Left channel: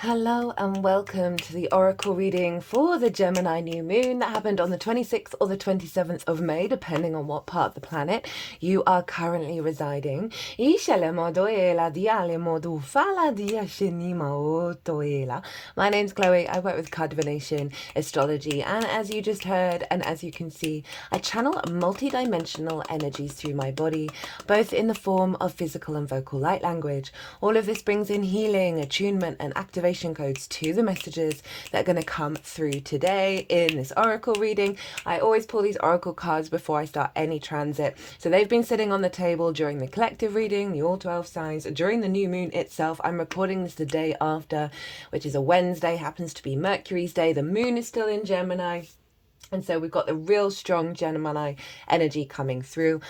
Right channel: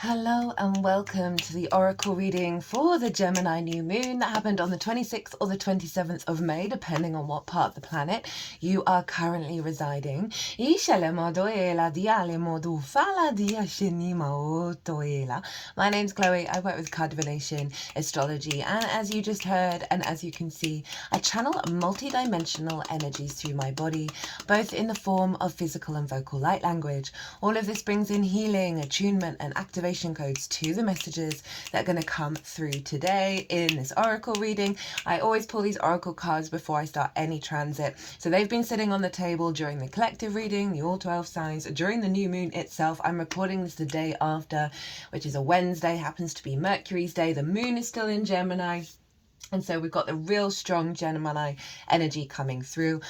Hello and welcome to the Oracle reading for the Gemini new moon that happened on the 26th or the 27th of May, depending on what part of the planet you are currently residing. My name's Chloe. I work with card divination, astrology, and as you just heard, and as you can see, I channel multi-dimensional energies through my body, both in the form of physical and vocal light language. All of this brings in healing, attunement, and activation codes to the messages that are going to come through today in this oracle reading. I always pull these oracle cards before I start any transit, so they've been sitting on the table during the collective reading, the all 12 signs, during the new moon itself. I'm recording this the day after, which is a Wednesday, happens to be Mercury's day. The moon is still in Gemini, and so we've got the real strong Gemini energy coming through.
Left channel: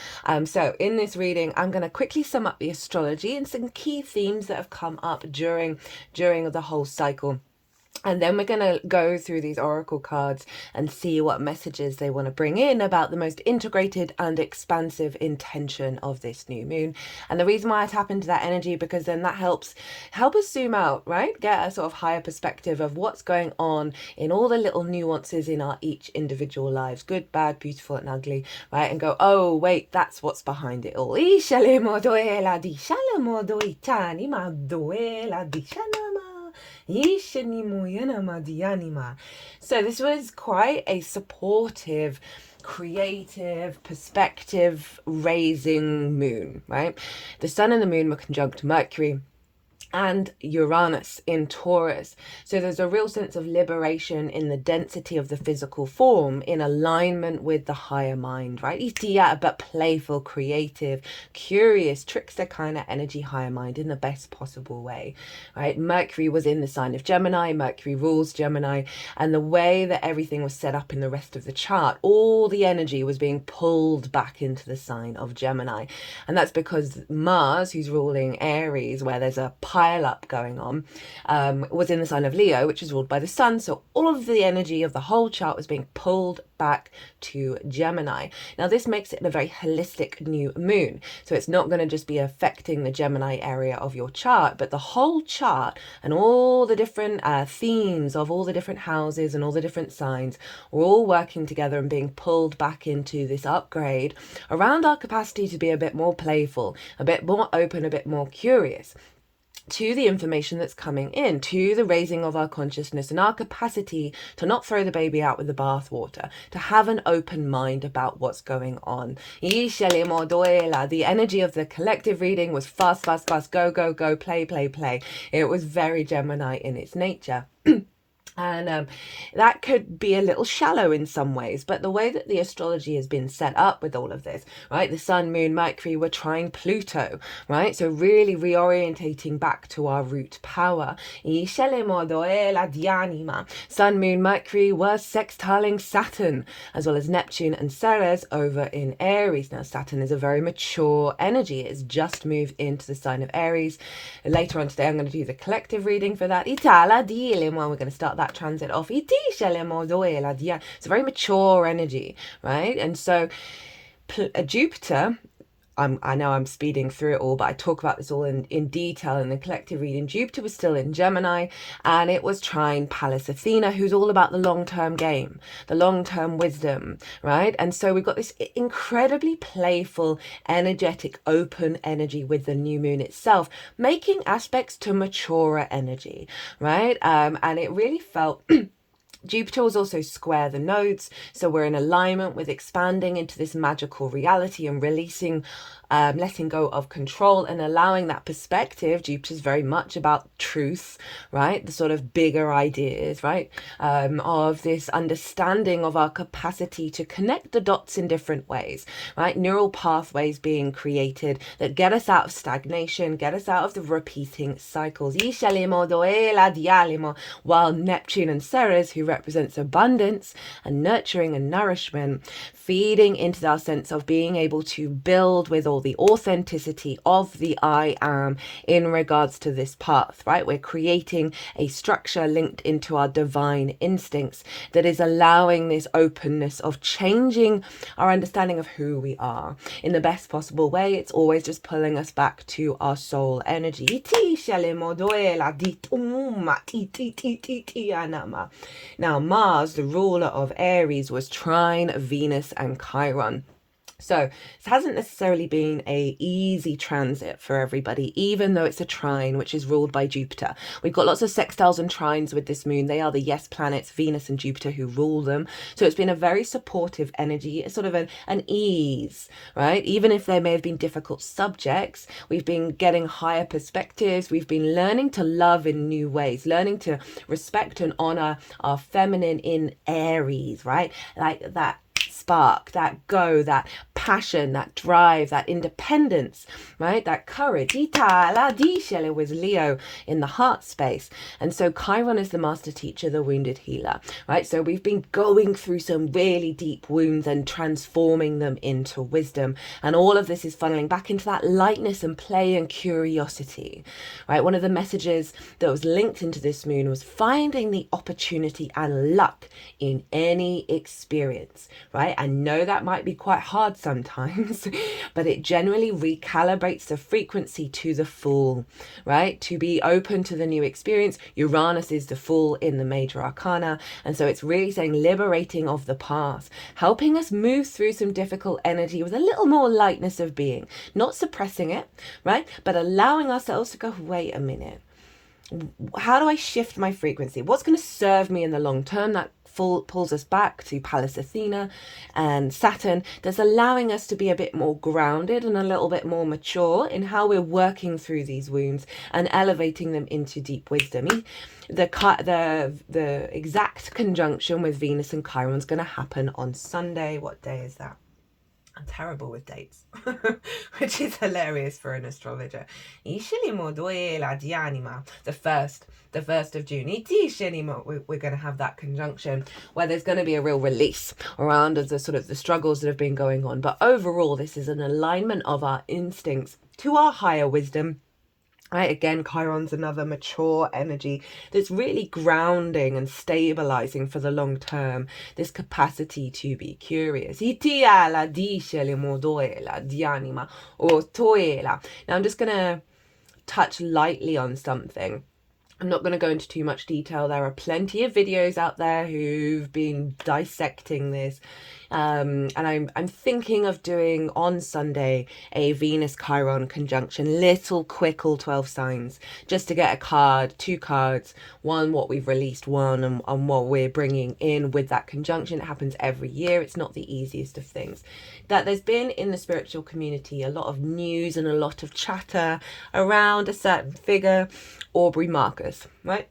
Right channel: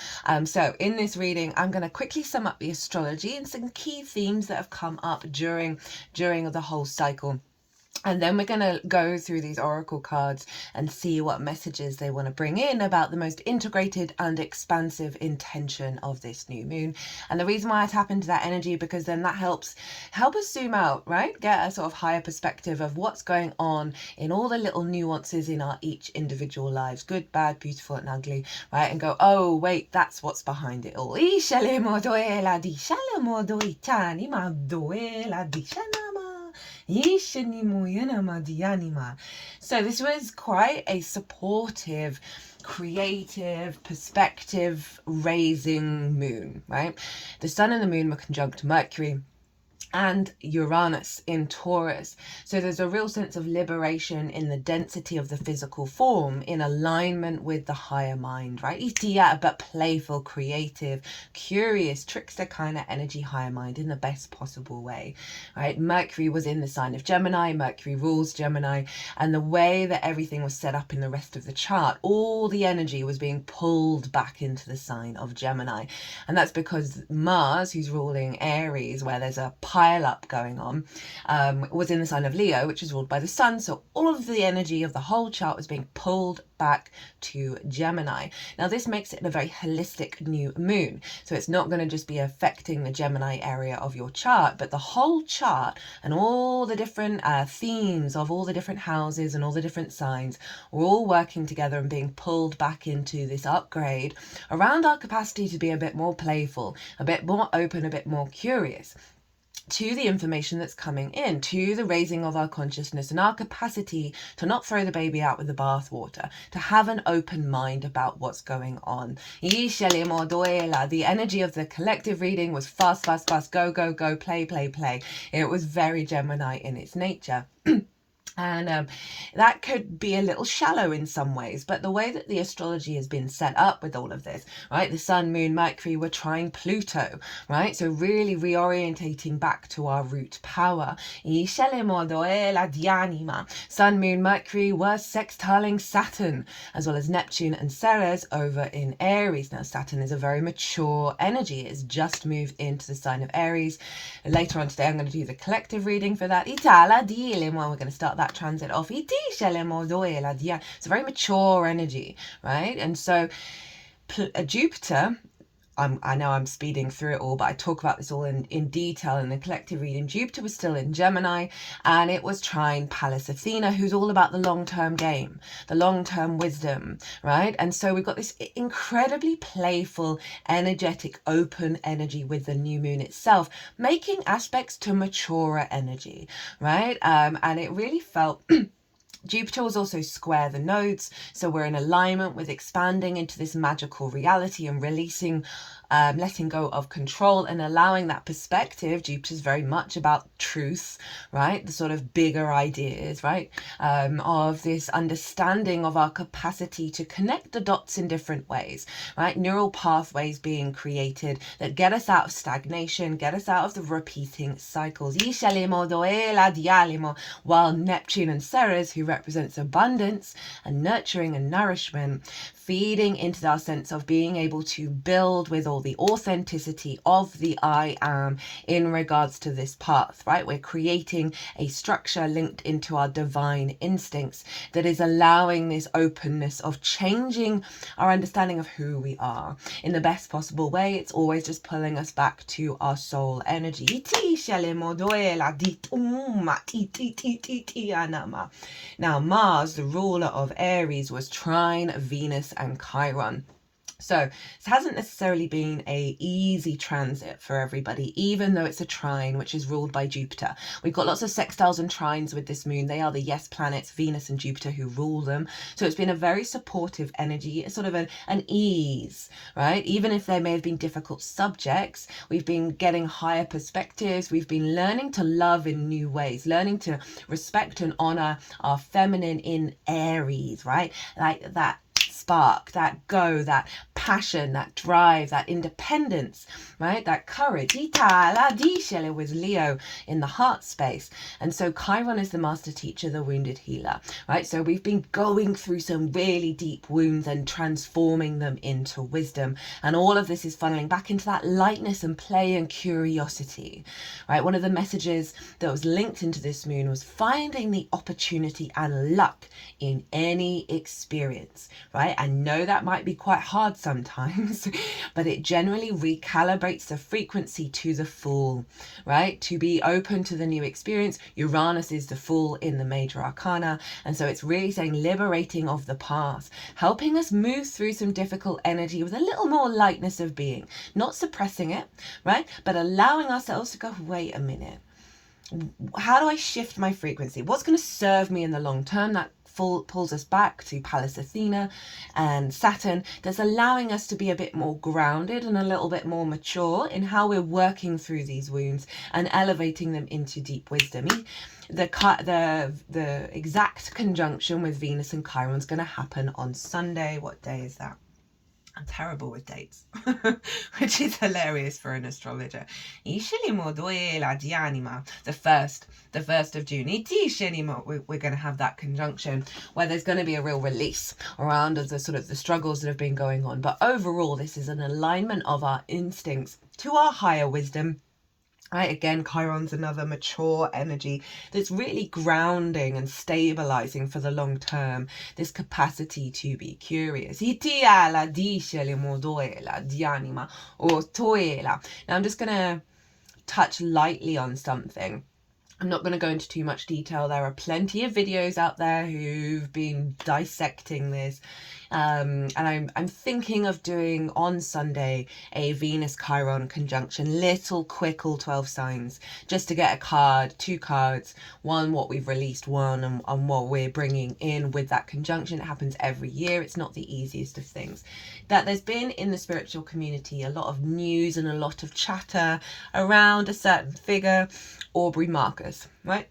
So in this reading, I'm going to quickly sum up the astrology and some key themes that have come up during the whole cycle. And then we're going to go through these oracle cards and see what messages they want to bring in about the most integrated and expansive intention of this new moon. And the reason why I tap into that energy, because then that help us zoom out, right? Get a sort of higher perspective of what's going on in all the little nuances in our each individual lives, good, bad, beautiful and ugly, right? And go, oh, wait, that's what's behind it all. So this was quite a supportive, creative, perspective raising moon, right? The sun and the moon were conjunct Mercury and Uranus in Taurus. So there's a real sense of liberation in the density of the physical form, in alignment with the higher mind, right? But playful, creative, curious, trickster kind of energy, higher mind in the best possible way, right? Mercury was in the sign of Gemini. Mercury rules Gemini, and the way that everything was set up in the rest of the chart, all the energy was being pulled back into the sign of Gemini. And that's because Mars, who's ruling Aries, where there's a pile up going on, was in the sign of Leo, which is ruled by the sun. So all of the energy of the whole chart was being pulled back to Gemini. Now this makes it a very holistic new moon. So it's not going to just be affecting the Gemini area of your chart, but the whole chart and all the different themes of all the different houses and all the different signs are all working together and being pulled back into this upgrade around our capacity to be a bit more playful, a bit more open, a bit more curious to the information that's coming in, to the raising of our consciousness and our capacity to not throw the baby out with the bathwater, to have an open mind about what's going on. The energy of the collective reading was fast, fast, fast, go, go, go, play, play, play. It was very Gemini in its nature. And that could be a little shallow in some ways, but the way that the astrology has been set up with all of this, right? The sun, moon, Mercury were trine Pluto, right? So really reorientating back to our root power. Sun, moon, Mercury were sextiling Saturn, as well as Neptune and Ceres over in Aries. Now Saturn is a very mature energy. It's just moved into the sign of Aries. Later on today, I'm going to do the collective reading for that. We're going to start that transit off. It's a very mature energy, right? And so Jupiter, I know I'm speeding through it all, but I talk about this all in detail in the collective reading. Jupiter was still in Gemini, and it was trine Pallas Athena, who's all about the long-term game, the long-term wisdom, right? And so we've got this incredibly playful, energetic, open energy with the new moon itself, making aspects to maturer energy, right? And it really felt... Jupiter was also square the nodes, so we're in alignment with expanding into this magical reality and releasing, letting go of control and allowing that perspective. Jupiter's very much about truth, right? The sort of bigger ideas, right? Of this understanding of our capacity to connect the dots in different ways, right? Neural pathways being created that get us out of stagnation, get us out of the repeating cycles. While Neptune and Ceres, who represents abundance and nurturing and nourishment, feeding into our sense of being able to build with all soul, the authenticity of the I am in regards to this path, right? We're creating a structure linked into our divine instincts that is allowing this openness of changing our understanding of who we are in the best possible way. It's always just pulling us back to our soul energy. Now, Mars, the ruler of Aries, was trine Venus and Chiron. So this hasn't necessarily been a easy transit for everybody, even though it's a trine, which is ruled by Jupiter. We've got lots of sextiles and trines with this moon. They are the yes planets, Venus and Jupiter, who rule them. So it's been a very supportive energy. It's sort of an ease, right? Even if there may have been difficult subjects, we've been getting higher perspectives. We've been learning to love in new ways, learning to respect and honor our feminine in Aries, right? Like that spark, that go, that passion, that drive, that independence, right? That courage. With Leo in the heart space. And so Chiron is the master teacher, the wounded healer, right? So we've been going through some really deep wounds and transforming them into wisdom. And all of this is funneling back into that lightness and play and curiosity, right? One of the messages that was linked into this moon was finding the opportunity and luck in any experience, right? I know that might be quite hard sometimes, but it generally recalibrates the frequency to the Fool, right? To be open to the new experience. Uranus is the Fool in the major arcana, and so it's really saying liberating of the past, helping us move through some difficult energy with a little more lightness of being, not suppressing it, right? But allowing ourselves to go, wait a minute, how do I shift my frequency? What's going to serve me in the long term? That pulls us back to Pallas Athena and Saturn. That's allowing us to be a bit more grounded and a little bit more mature in how we're working through these wounds and elevating them into deep wisdom. The exact conjunction with Venus and Chiron is going to happen on Sunday. What day is that? I'm terrible with dates, which is hilarious for an astrologer. The 1st of June. We're going to have that conjunction where there's going to be a real release around the sort of the struggles that have been going on. But overall, this is an alignment of our instincts to our higher wisdom. Right, again, Chiron's another mature energy that's really grounding and stabilizing for the long term, this capacity to be curious. Now I'm just going to touch lightly on something. I'm not going to go into too much detail. There are plenty of videos out there who've been dissecting this. And I'm thinking of doing on Sunday a Venus Chiron conjunction, little quick all 12 signs, just to get a card, 2 cards, one what we've released, one and what we're bringing in with that conjunction. It happens every year. It's not the easiest of things. That there's been in the spiritual community a lot of news and a lot of chatter around a certain figure, Aubrey Marcus, right?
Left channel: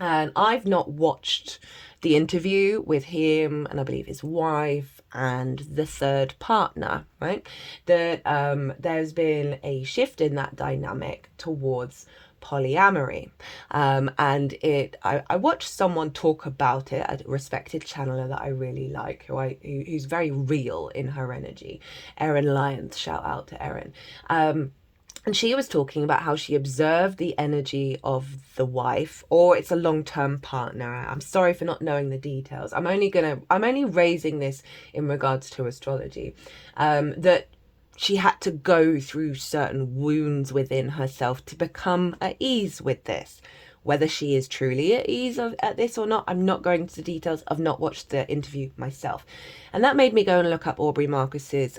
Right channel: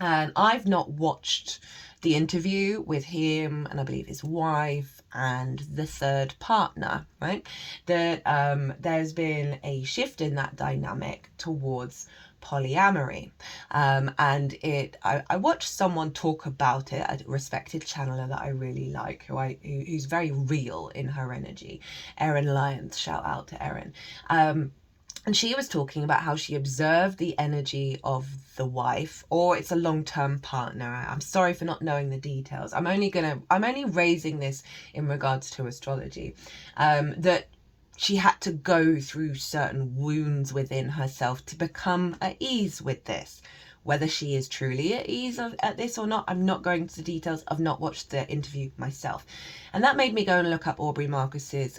And I've not watched the interview with him and I believe his wife and the third partner, right? That there's been a shift in that dynamic towards polyamory. And I watched someone talk about it, a respected channeler that I really like, who's very real in her energy. Erin Lyons, shout out to Erin. And she was talking about how she observed the energy of the wife, or it's a long-term partner. I'm sorry for not knowing the details. I'm only raising this in regards to astrology. That she had to go through certain wounds within herself to become at ease with this. Whether she is truly at ease at this or not, I'm not going into the details. I've not watched the interview myself. And that made me go and look up Aubrey Marcus's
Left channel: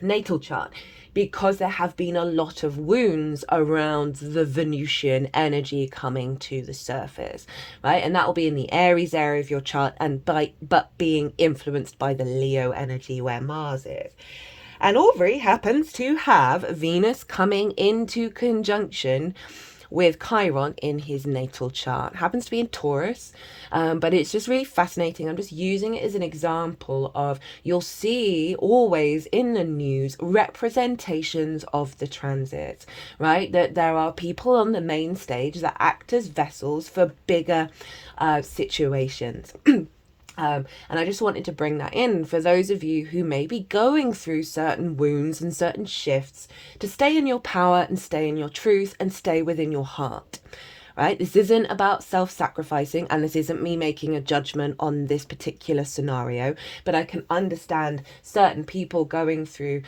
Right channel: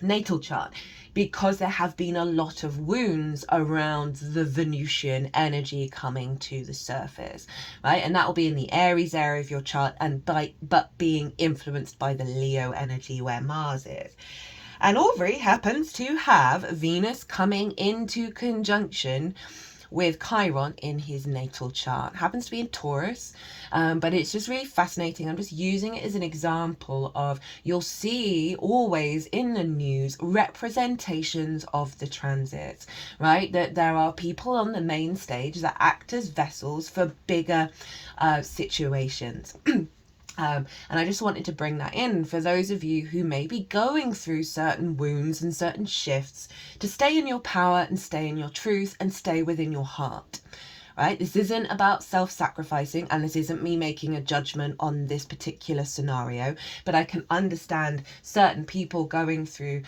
natal chart, because there have been a lot of wounds around the Venusian energy coming to the surface, right? And that will be in the Aries area of your chart, but being influenced by the Leo energy where Mars is. And Aubrey happens to have Venus coming into conjunction with Chiron in his natal chart. Happens to be in Taurus, but it's just really fascinating. I'm just using it as an example of, you'll see always in the news representations of the transits, right? That there are people on the main stage that act as vessels for bigger situations. And I just wanted to bring that in for those of you who may be going through certain wounds and certain shifts, to stay in your power and stay in your truth and stay within your heart. Right? This isn't about self-sacrificing, and this isn't me making a judgment on this particular scenario, but I can understand certain people going through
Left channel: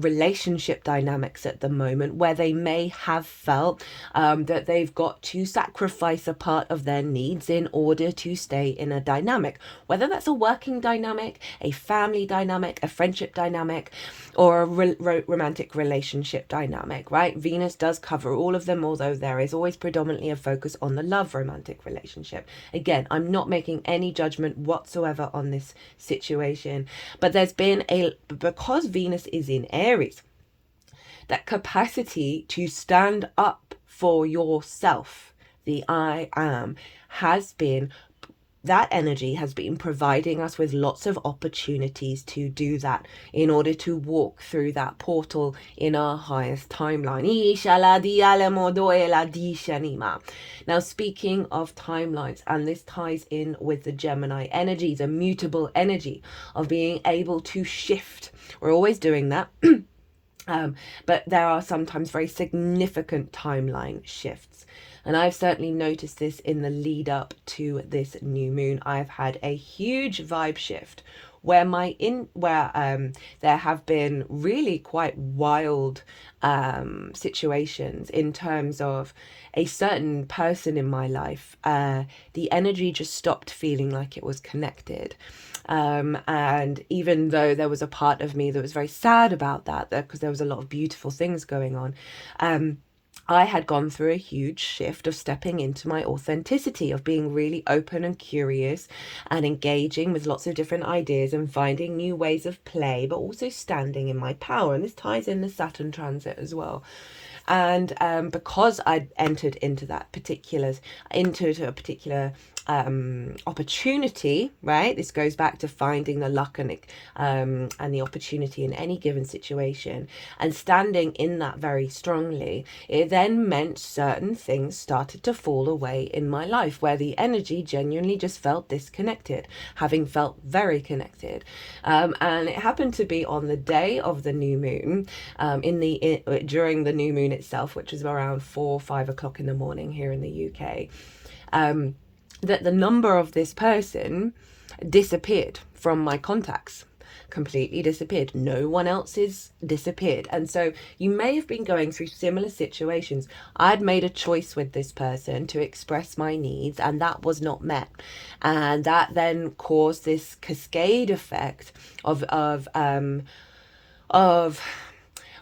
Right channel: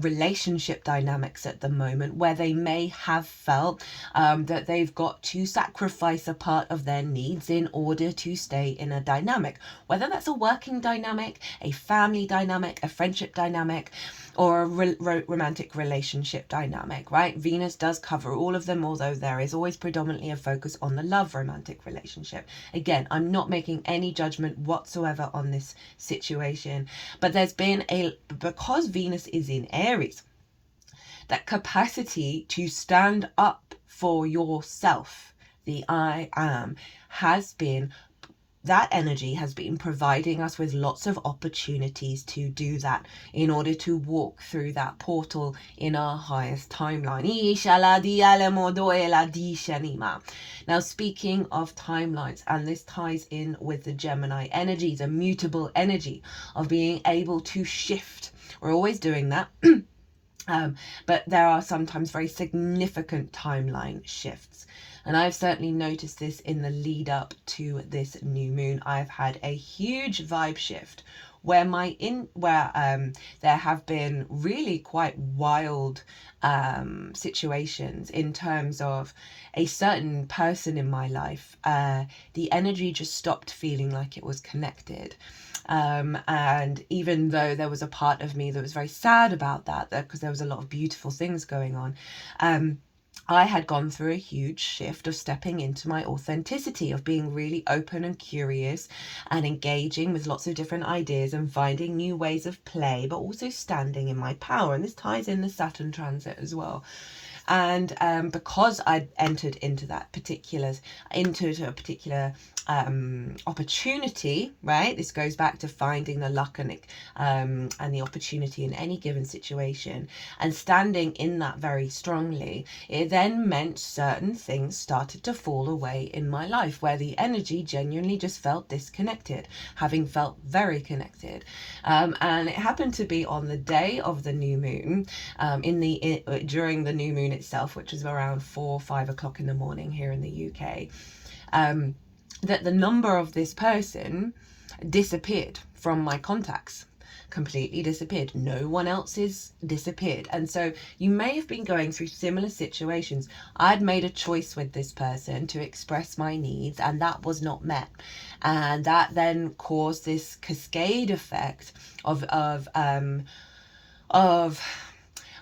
relationship dynamics at the moment where they may have felt that they've got to sacrifice a part of their needs in order to stay in a dynamic, whether that's a working dynamic, a family dynamic, a friendship dynamic, or a romantic relationship dynamic, right? Venus does cover all of them, although there is always predominantly a focus on the love romantic relationship. Again, I'm not making any judgment whatsoever on this situation, but there's been because Venus is in Aries, that capacity to stand up for yourself, the I am, that energy has been providing us with lots of opportunities to do that in order to walk through that portal in our highest timeline. Now, speaking of timelines, and this ties in with the Gemini energy, the mutable energy of being able to shift. We're always doing that. But there are sometimes very significant timeline shifts. And I've certainly noticed this in the lead up to this new moon. I've had a huge vibe shift where there have been really quite wild situations in terms of a certain person in my life. The energy just stopped feeling like it was connected. And even though there was a part of me that was very sad about that, because there was a lot of beautiful things going on, I had gone through a huge shift of stepping into my authenticity, of being really open and curious and engaging with lots of different ideas and finding new ways of play, but also standing in my power. And this ties in the Saturn transit as well. And because I'd entered into a particular opportunity, right? This goes back to finding the luck and the opportunity in any given situation, and standing in that very strongly. It then meant certain things started to fall away in my life where the energy genuinely just felt disconnected, having felt very connected. And it happened to be on the day of the new moon, during the new moon itself, which was around 4 or 5 o'clock in the morning here in the UK, that the number of this person disappeared from my contacts, completely disappeared. No one else's disappeared. And so you may have been going through similar situations. I'd made a choice with this person to express my needs, and that was not met. And that then caused this cascade effect of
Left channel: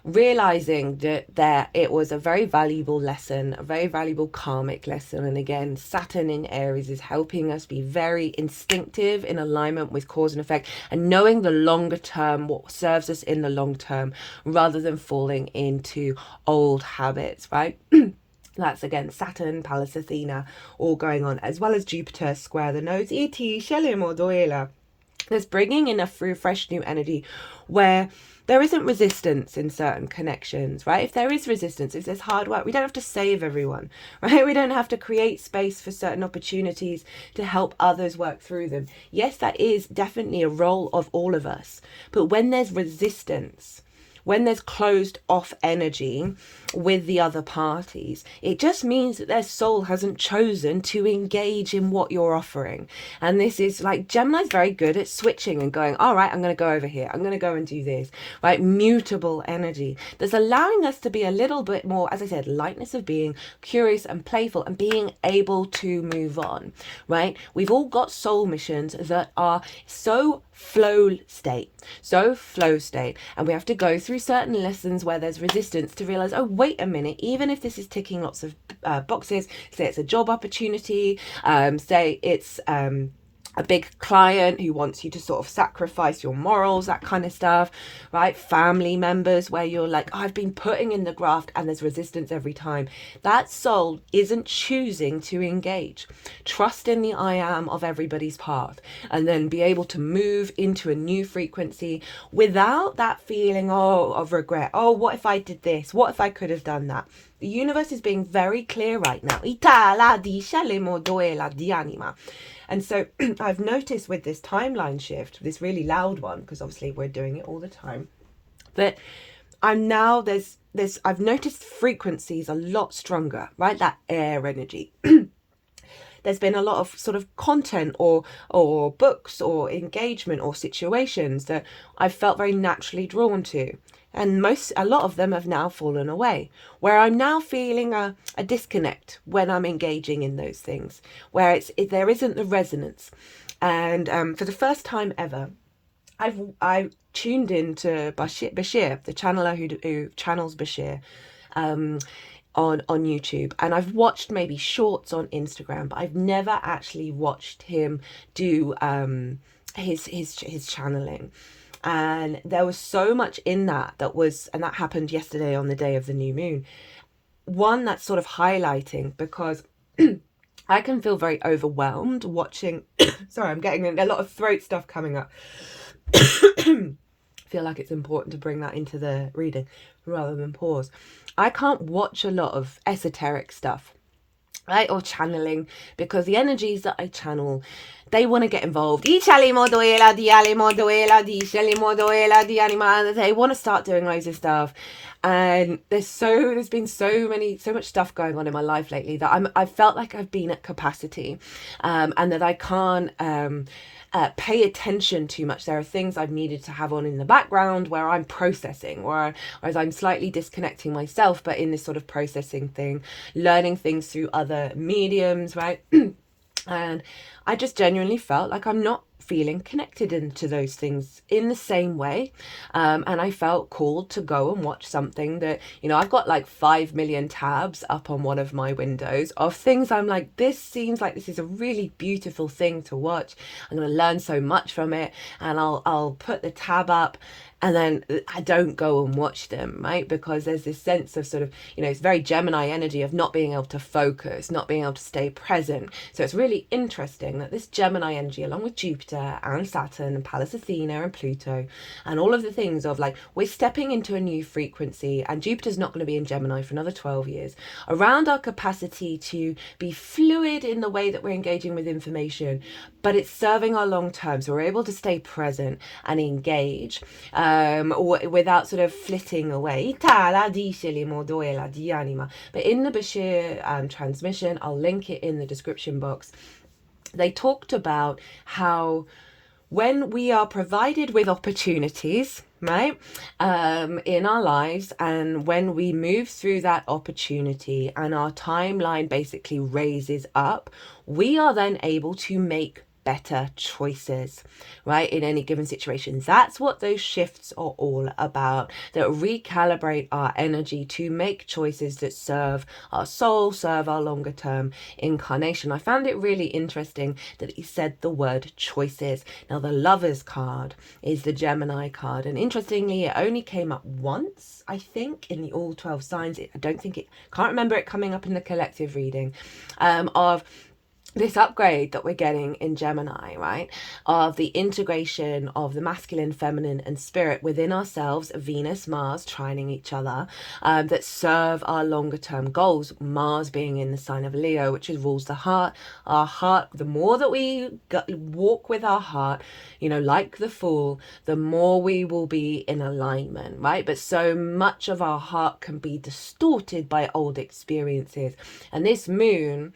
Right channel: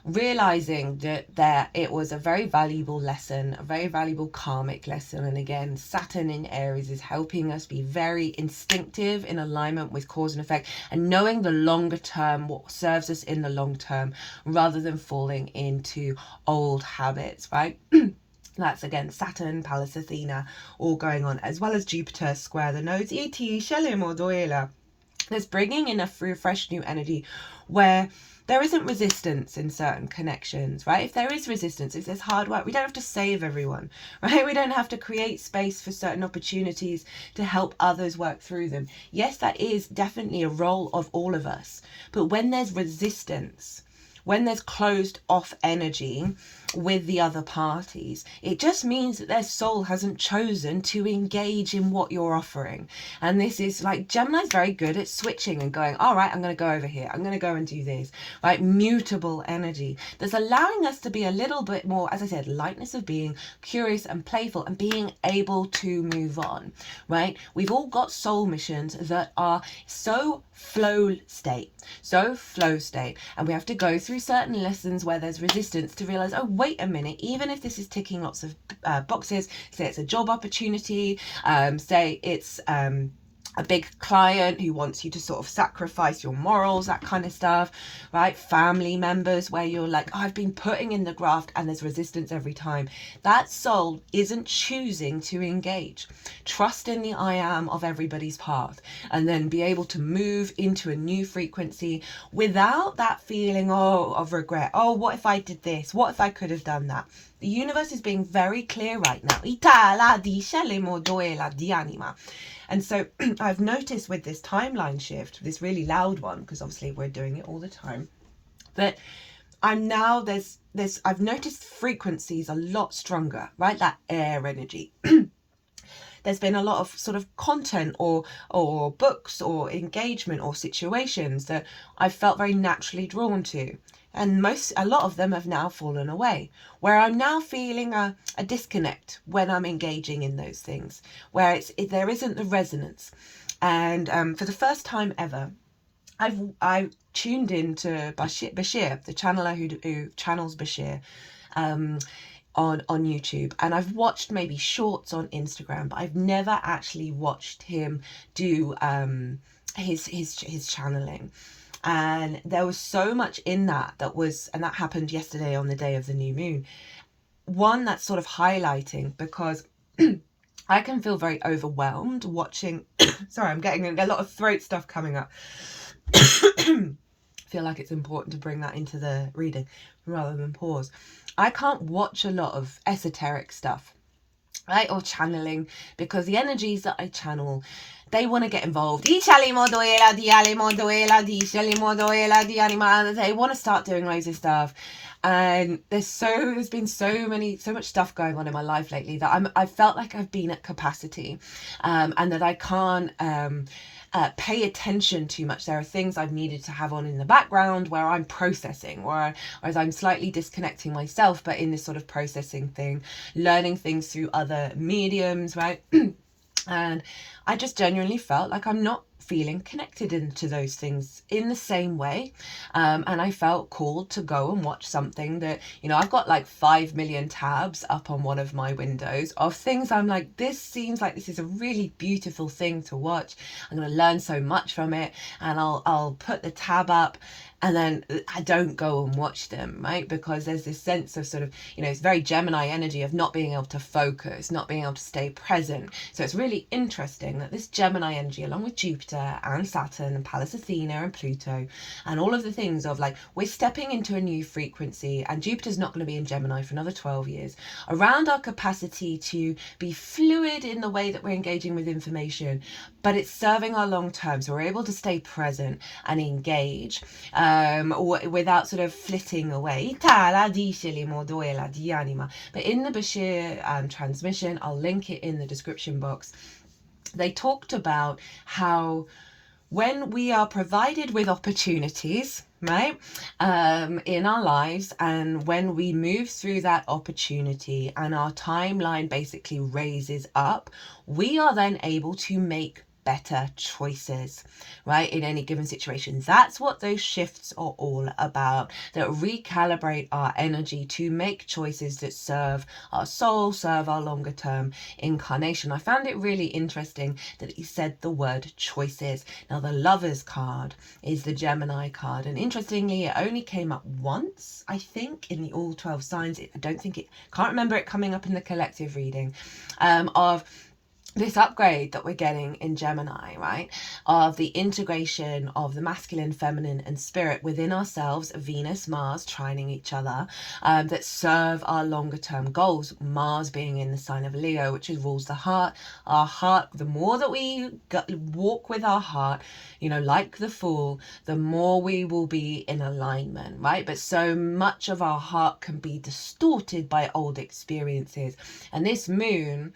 realizing that it was a very valuable lesson, a very valuable karmic lesson. And again, Saturn in Aries is helping us be very instinctive in alignment with cause and effect, and knowing the longer term, what serves us in the long term, rather than falling into old habits, right? That's again Saturn, Pallas Athena, all going on, as well as Jupiter square the nodes. There's bringing in a fresh new energy where there isn't resistance in certain connections, right? If there is resistance, if there's hard work, we don't have to save everyone, right? We don't have to create space for certain opportunities to help others work through them. Yes, that is definitely a role of all of us. But when there's resistance, when there's closed off energy with the other parties, it just means that their soul hasn't chosen to engage in what you're offering. And this is like, Gemini's very good at switching and going, all right, I'm going to go over here, I'm going to go and do this, right? Mutable energy that's allowing us to be a little bit more, as I said, lightness of being, curious and playful, and being able to move on, right? We've all got soul missions that are so flow state, and we have to go through certain lessons where there's resistance to realize, oh, wait a minute, even if this is ticking lots of boxes, say it's a job opportunity, say it's a big client who wants you to sort of sacrifice your morals, that kind of stuff, right? Family members where you're like, oh, I've been putting in the graft and there's resistance every time. That soul isn't choosing to engage. Trust in the I am of everybody's path, and then be able to move into a new frequency without that feeling, of regret. Oh, what if I did this? What if I could have done that? the universe is being very clear right now. Itala dice le moduela di anima. And so I've noticed with this timeline shift, this really loud one, because obviously we're doing it all the time, that I'm now, I've noticed frequencies a lot stronger, right? That air energy. There's been a lot of sort of content or books or engagement or situations that I've felt very naturally drawn to. And a lot of them have now fallen away, where I'm now feeling a disconnect when I'm engaging in those things, where there isn't the resonance. And for the first time ever, I tuned into Bashir, the channeler who channels Bashir, on YouTube, and I've watched maybe shorts on Instagram, but I've never actually watched him do his channeling. And there was so much in that and that happened yesterday on the day of the new moon. One that's sort of highlighting, because I can feel very overwhelmed watching. Sorry, I'm getting a lot of throat stuff coming up. Feel like it's important to bring that into the reading rather than pause. I can't watch a lot of esoteric stuff, right, or channeling, because the energies that I channel, they want to get involved. They want to start doing loads of stuff, and there's been so much stuff going on in my life lately that I felt like I've been at capacity, and that I can't pay attention too much. There are things I've needed to have on in the background where I'm processing, whereas I'm slightly disconnecting myself, but in this sort of processing thing, learning things through other mediums, right? And I just genuinely felt like I'm not feeling connected into those things in the same way, and I felt called to go and watch something that, I've got like 5 million tabs up on one of my windows of things I'm like, this seems like this is a really beautiful thing to watch. I'm going to learn so much from it, and I'll put the tab up, and then I don't go and watch them, right? Because there's this sense of sort of, it's very Gemini energy of not being able to focus, not being able to stay present. So it's really interesting that this Gemini energy, along with Jupiter and Saturn and Pallas Athena and Pluto and all of the things of like, we're stepping into a new frequency, and Jupiter's not going to be in Gemini for another 12 years, around our capacity to be fluid in the way that we're engaging with information, but it's serving our long term. So we're able to stay present and engage, without sort of flitting away. But in the Bashir transmission, I'll link it in the description box, they talked about how when we are provided with opportunities, right, in our lives, and when we move through that opportunity and our timeline basically raises up, we are then able to make better choices, right, in any given situation. That's what those shifts are all about, that recalibrate our energy to make choices that serve our soul, serve our longer term incarnation. I found it really interesting that he said the word choices. Now, the Lovers card is the Gemini card, and interestingly, it only came up once, I think, in the all 12 signs. Can't remember it coming up in the collective reading, of this upgrade that we're getting in Gemini, right, of the integration of the masculine, feminine and spirit within ourselves, Venus, Mars trining each other, that serve our longer term goals. Mars being in the sign of Leo, which rules the heart. Our heart, the more that we walk with our heart, like the Fool, the more we will be in alignment, right? But so much of our heart can be distorted by old experiences, and this moon,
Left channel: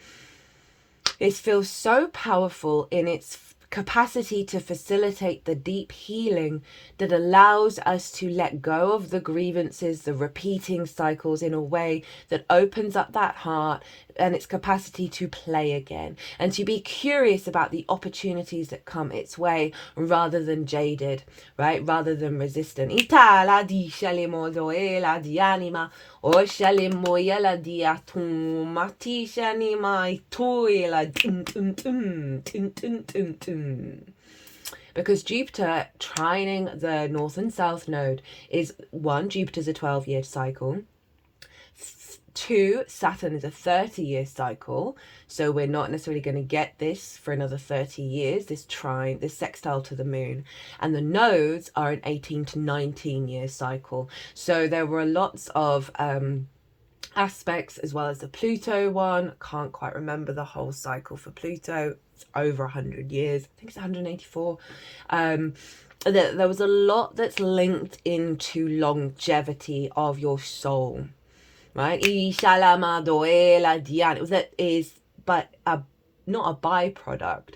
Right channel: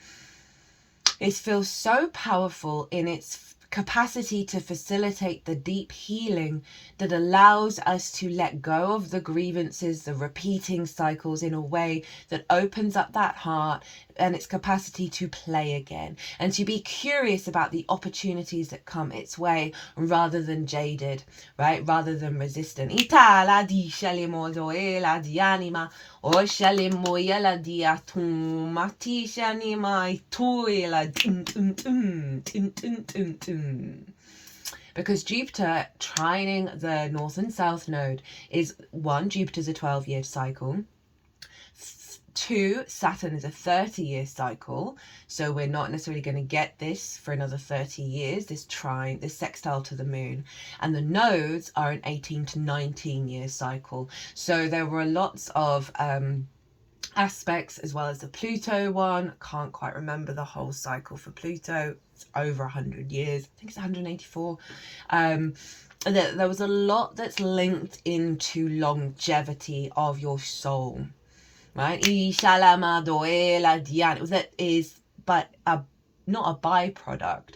it feels so powerful in its capacity to facilitate the deep healing that allows us to let go of the grievances, the repeating cycles, in a way that opens up that heart and its capacity to play again, and to be curious about the opportunities that come its way, rather than jaded, right, rather than resistant. Because Jupiter trining the North and South node is, 1, Jupiter's a 12-year cycle. 2, Saturn is a 30-year cycle, so we're not necessarily going to get this for another 30 years, this sextile to the moon. And the nodes are an 18 to 19-year cycle. So there were lots of aspects, as well as the Pluto one. Can't quite remember the whole cycle for Pluto. It's over 100 years. I think it's 184. There was a lot that's linked into longevity of your soul, right? That is but not a byproduct,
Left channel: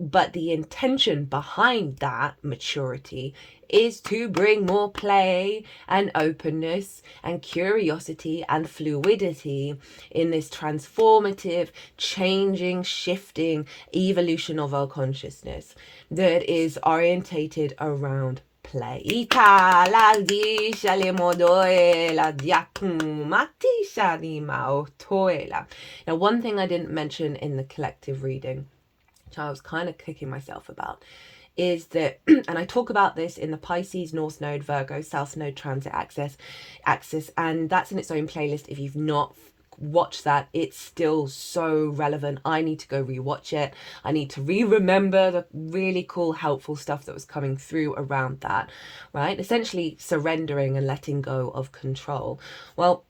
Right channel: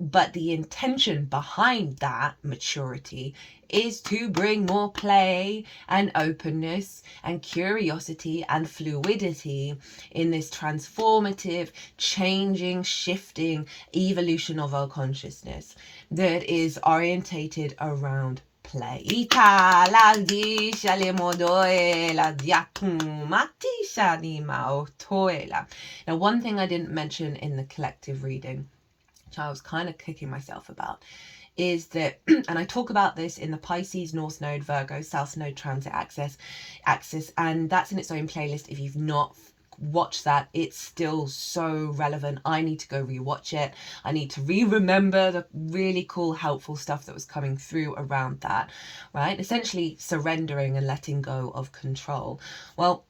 but the intention behind that maturity is to bring more play and openness and curiosity and fluidity in this transformative, changing, shifting evolution of our consciousness that is orientated around play. Now, one thing I didn't mention in the collective reading, which I was kind of kicking myself about, is that, and I talk about this in the Pisces, North Node, Virgo, South Node transit axis, and that's in its own playlist. If you've not watched that, it's still so relevant. I need to go rewatch it. I need to remember the really cool, helpful stuff that was coming through around that, right? Essentially surrendering and letting go of control. Well,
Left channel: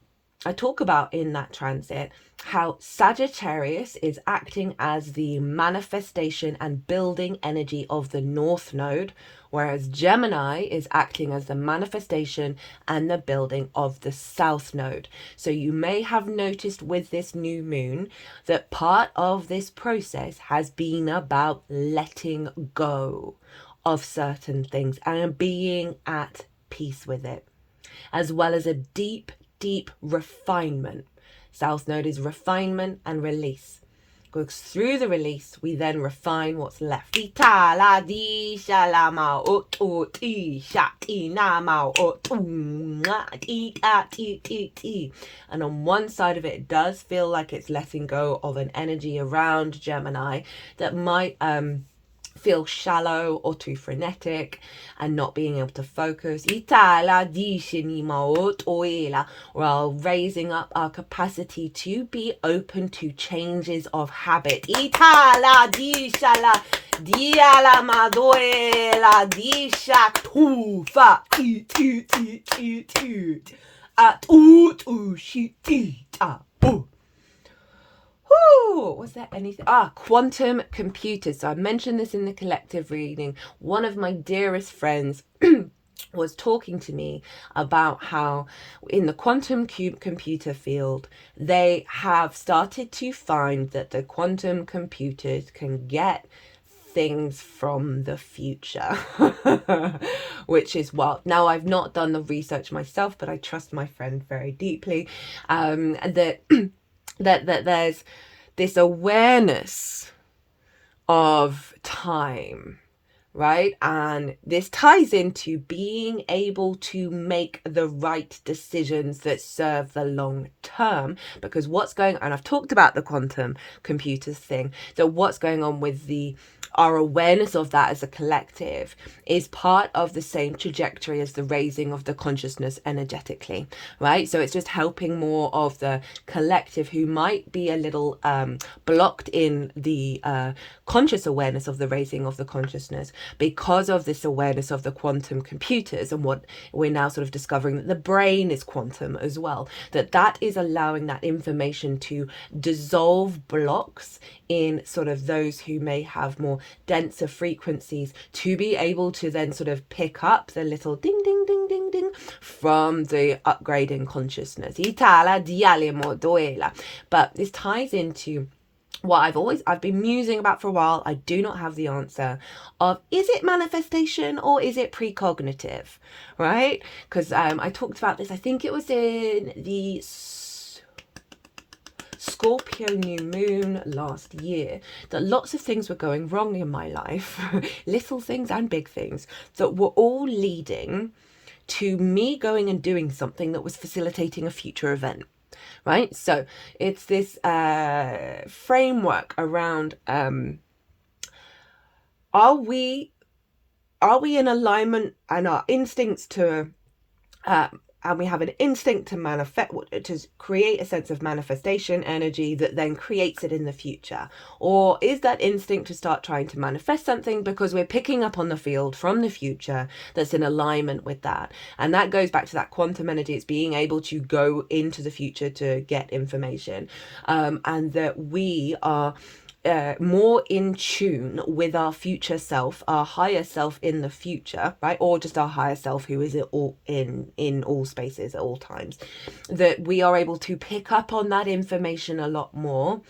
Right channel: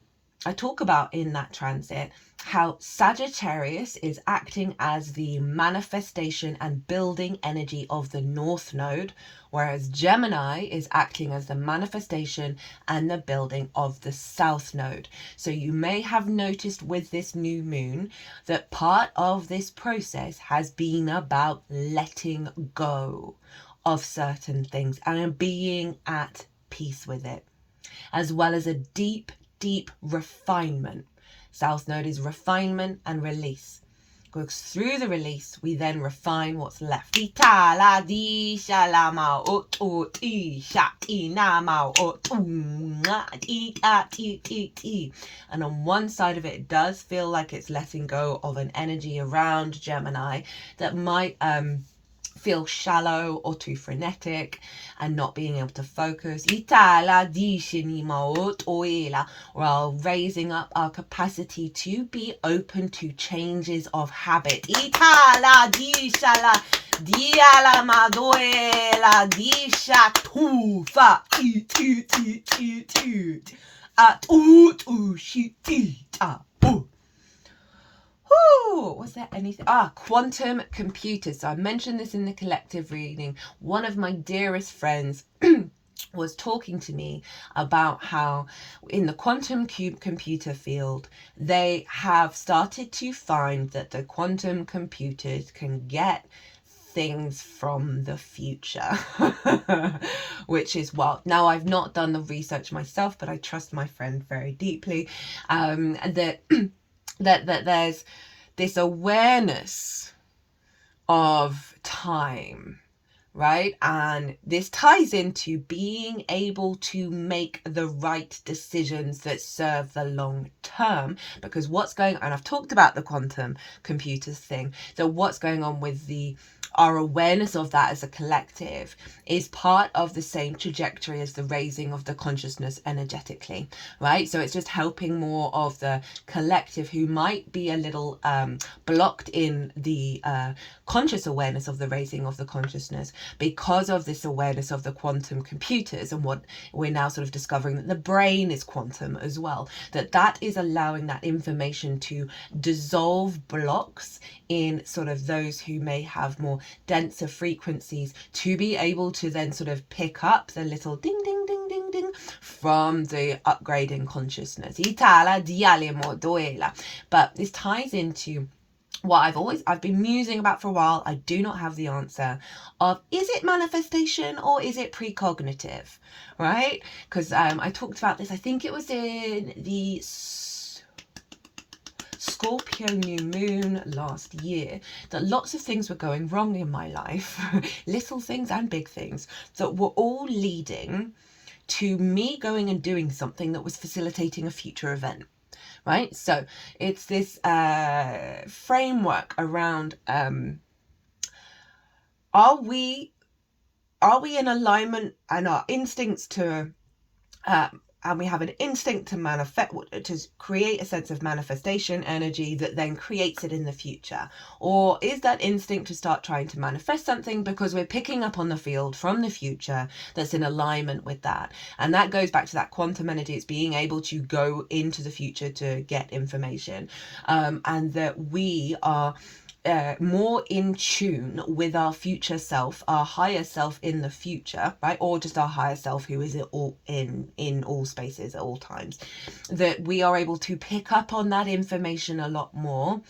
I talk about in that transit how Sagittarius is acting as the manifestation and building energy of the North Node, whereas Gemini is acting as the manifestation and the building of the South Node. So you may have noticed with this new moon that part of this process has been about letting go of certain things and being at peace with it, as well as a deep refinement. South Node is refinement and release. Goes through the release, we then refine what's left. And on one side of it, it does feel like it's letting go of an energy around Gemini that might feel shallow or too frenetic and not being able to focus, while raising up our capacity to be open to changes of habit. Was there anything? Quantum computers. So I mentioned this in the collective reading. One of my dearest friends was talking to me about how in the quantum computer field, they have started to find that the quantum computers can get things from the future, which is wild. Now, I've not done the research myself, but I trust my friend very deeply, that there's this awareness of time, right? And this ties into being able to make the right decisions that serve the long term, because what's going on, and I've talked about the quantum computers thing, that what's going on with our awareness of that as a collective is part of the same trajectory as the raising of the consciousness energetically, right? So it's just helping more of the collective who might be a little blocked in the conscious awareness of the raising of the consciousness because of this awareness of the quantum computers, and what we're now sort of discovering, that the brain is quantum as well, that is allowing that information to dissolve blocks in sort of those who may have more denser frequencies, to be able to then sort of pick up the little ding ding ding ding ding from the upgrading consciousness. But this ties into what I've been musing about for a while. I do not have the answer of, is it manifestation or is it precognitive, right? Because I talked about this, I think it was in the Scorpio new moon last year, that lots of things were going wrong in my life, little things and big things, that were all leading to me going and doing something that was facilitating a future event. Right, so it's this framework around are we in alignment, and our instincts to and we have an instinct to manifest, to create a sense of manifestation energy that then creates it in the future? Or is that instinct to start trying to manifest something because we're picking up on the field from the future that's in alignment with that? And that goes back to that quantum energy. It's being able to go into the future to get information, and that we are more in tune with our future self, our higher self in the future, right? Or just our higher self who is all in all spaces at all times, that we are able to pick up on that information a lot more,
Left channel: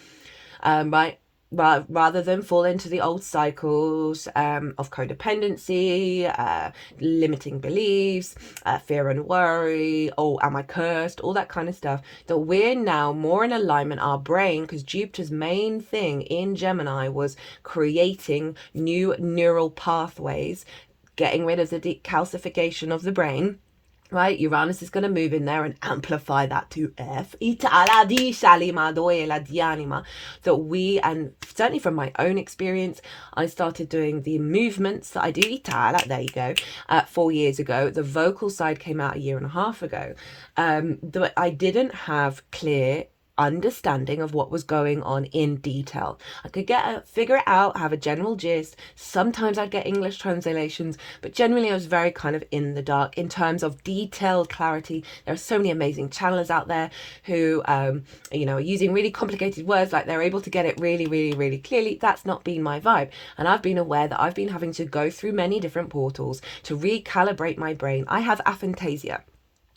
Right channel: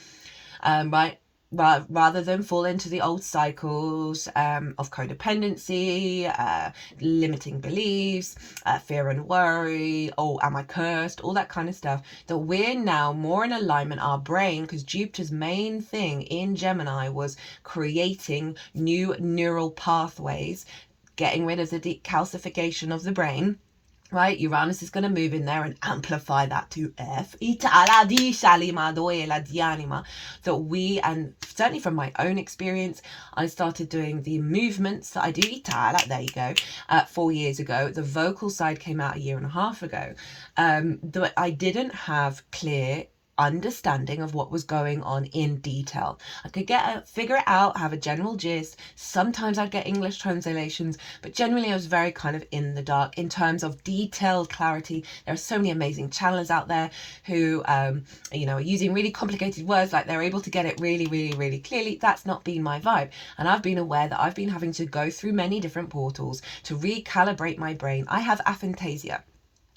right? Rather than fall into the old cycles of codependency, limiting beliefs, fear and worry, oh, am I cursed, all that kind of stuff, that we're now more in alignment, our brain, because Jupiter's main thing in Gemini was creating new neural pathways, getting rid of the decalcification of the brain. Right, Uranus is going to move in there and amplify that to F. That we, and certainly from my own experience, I started doing the movements that I do. There you go. 4 years ago. The vocal side came out a year and a half ago. That I didn't have clear understanding of what was going on in detail. I could figure it out, have a general gist. Sometimes I'd get English translations, but generally I was very kind of in the dark in terms of detailed clarity. There are so many amazing channelers out there who are using really complicated words, like they're able to get it really, really, really clearly. That's not been my vibe, and I've been aware that I've been having to go through many different portals to recalibrate my brain. I have aphantasia.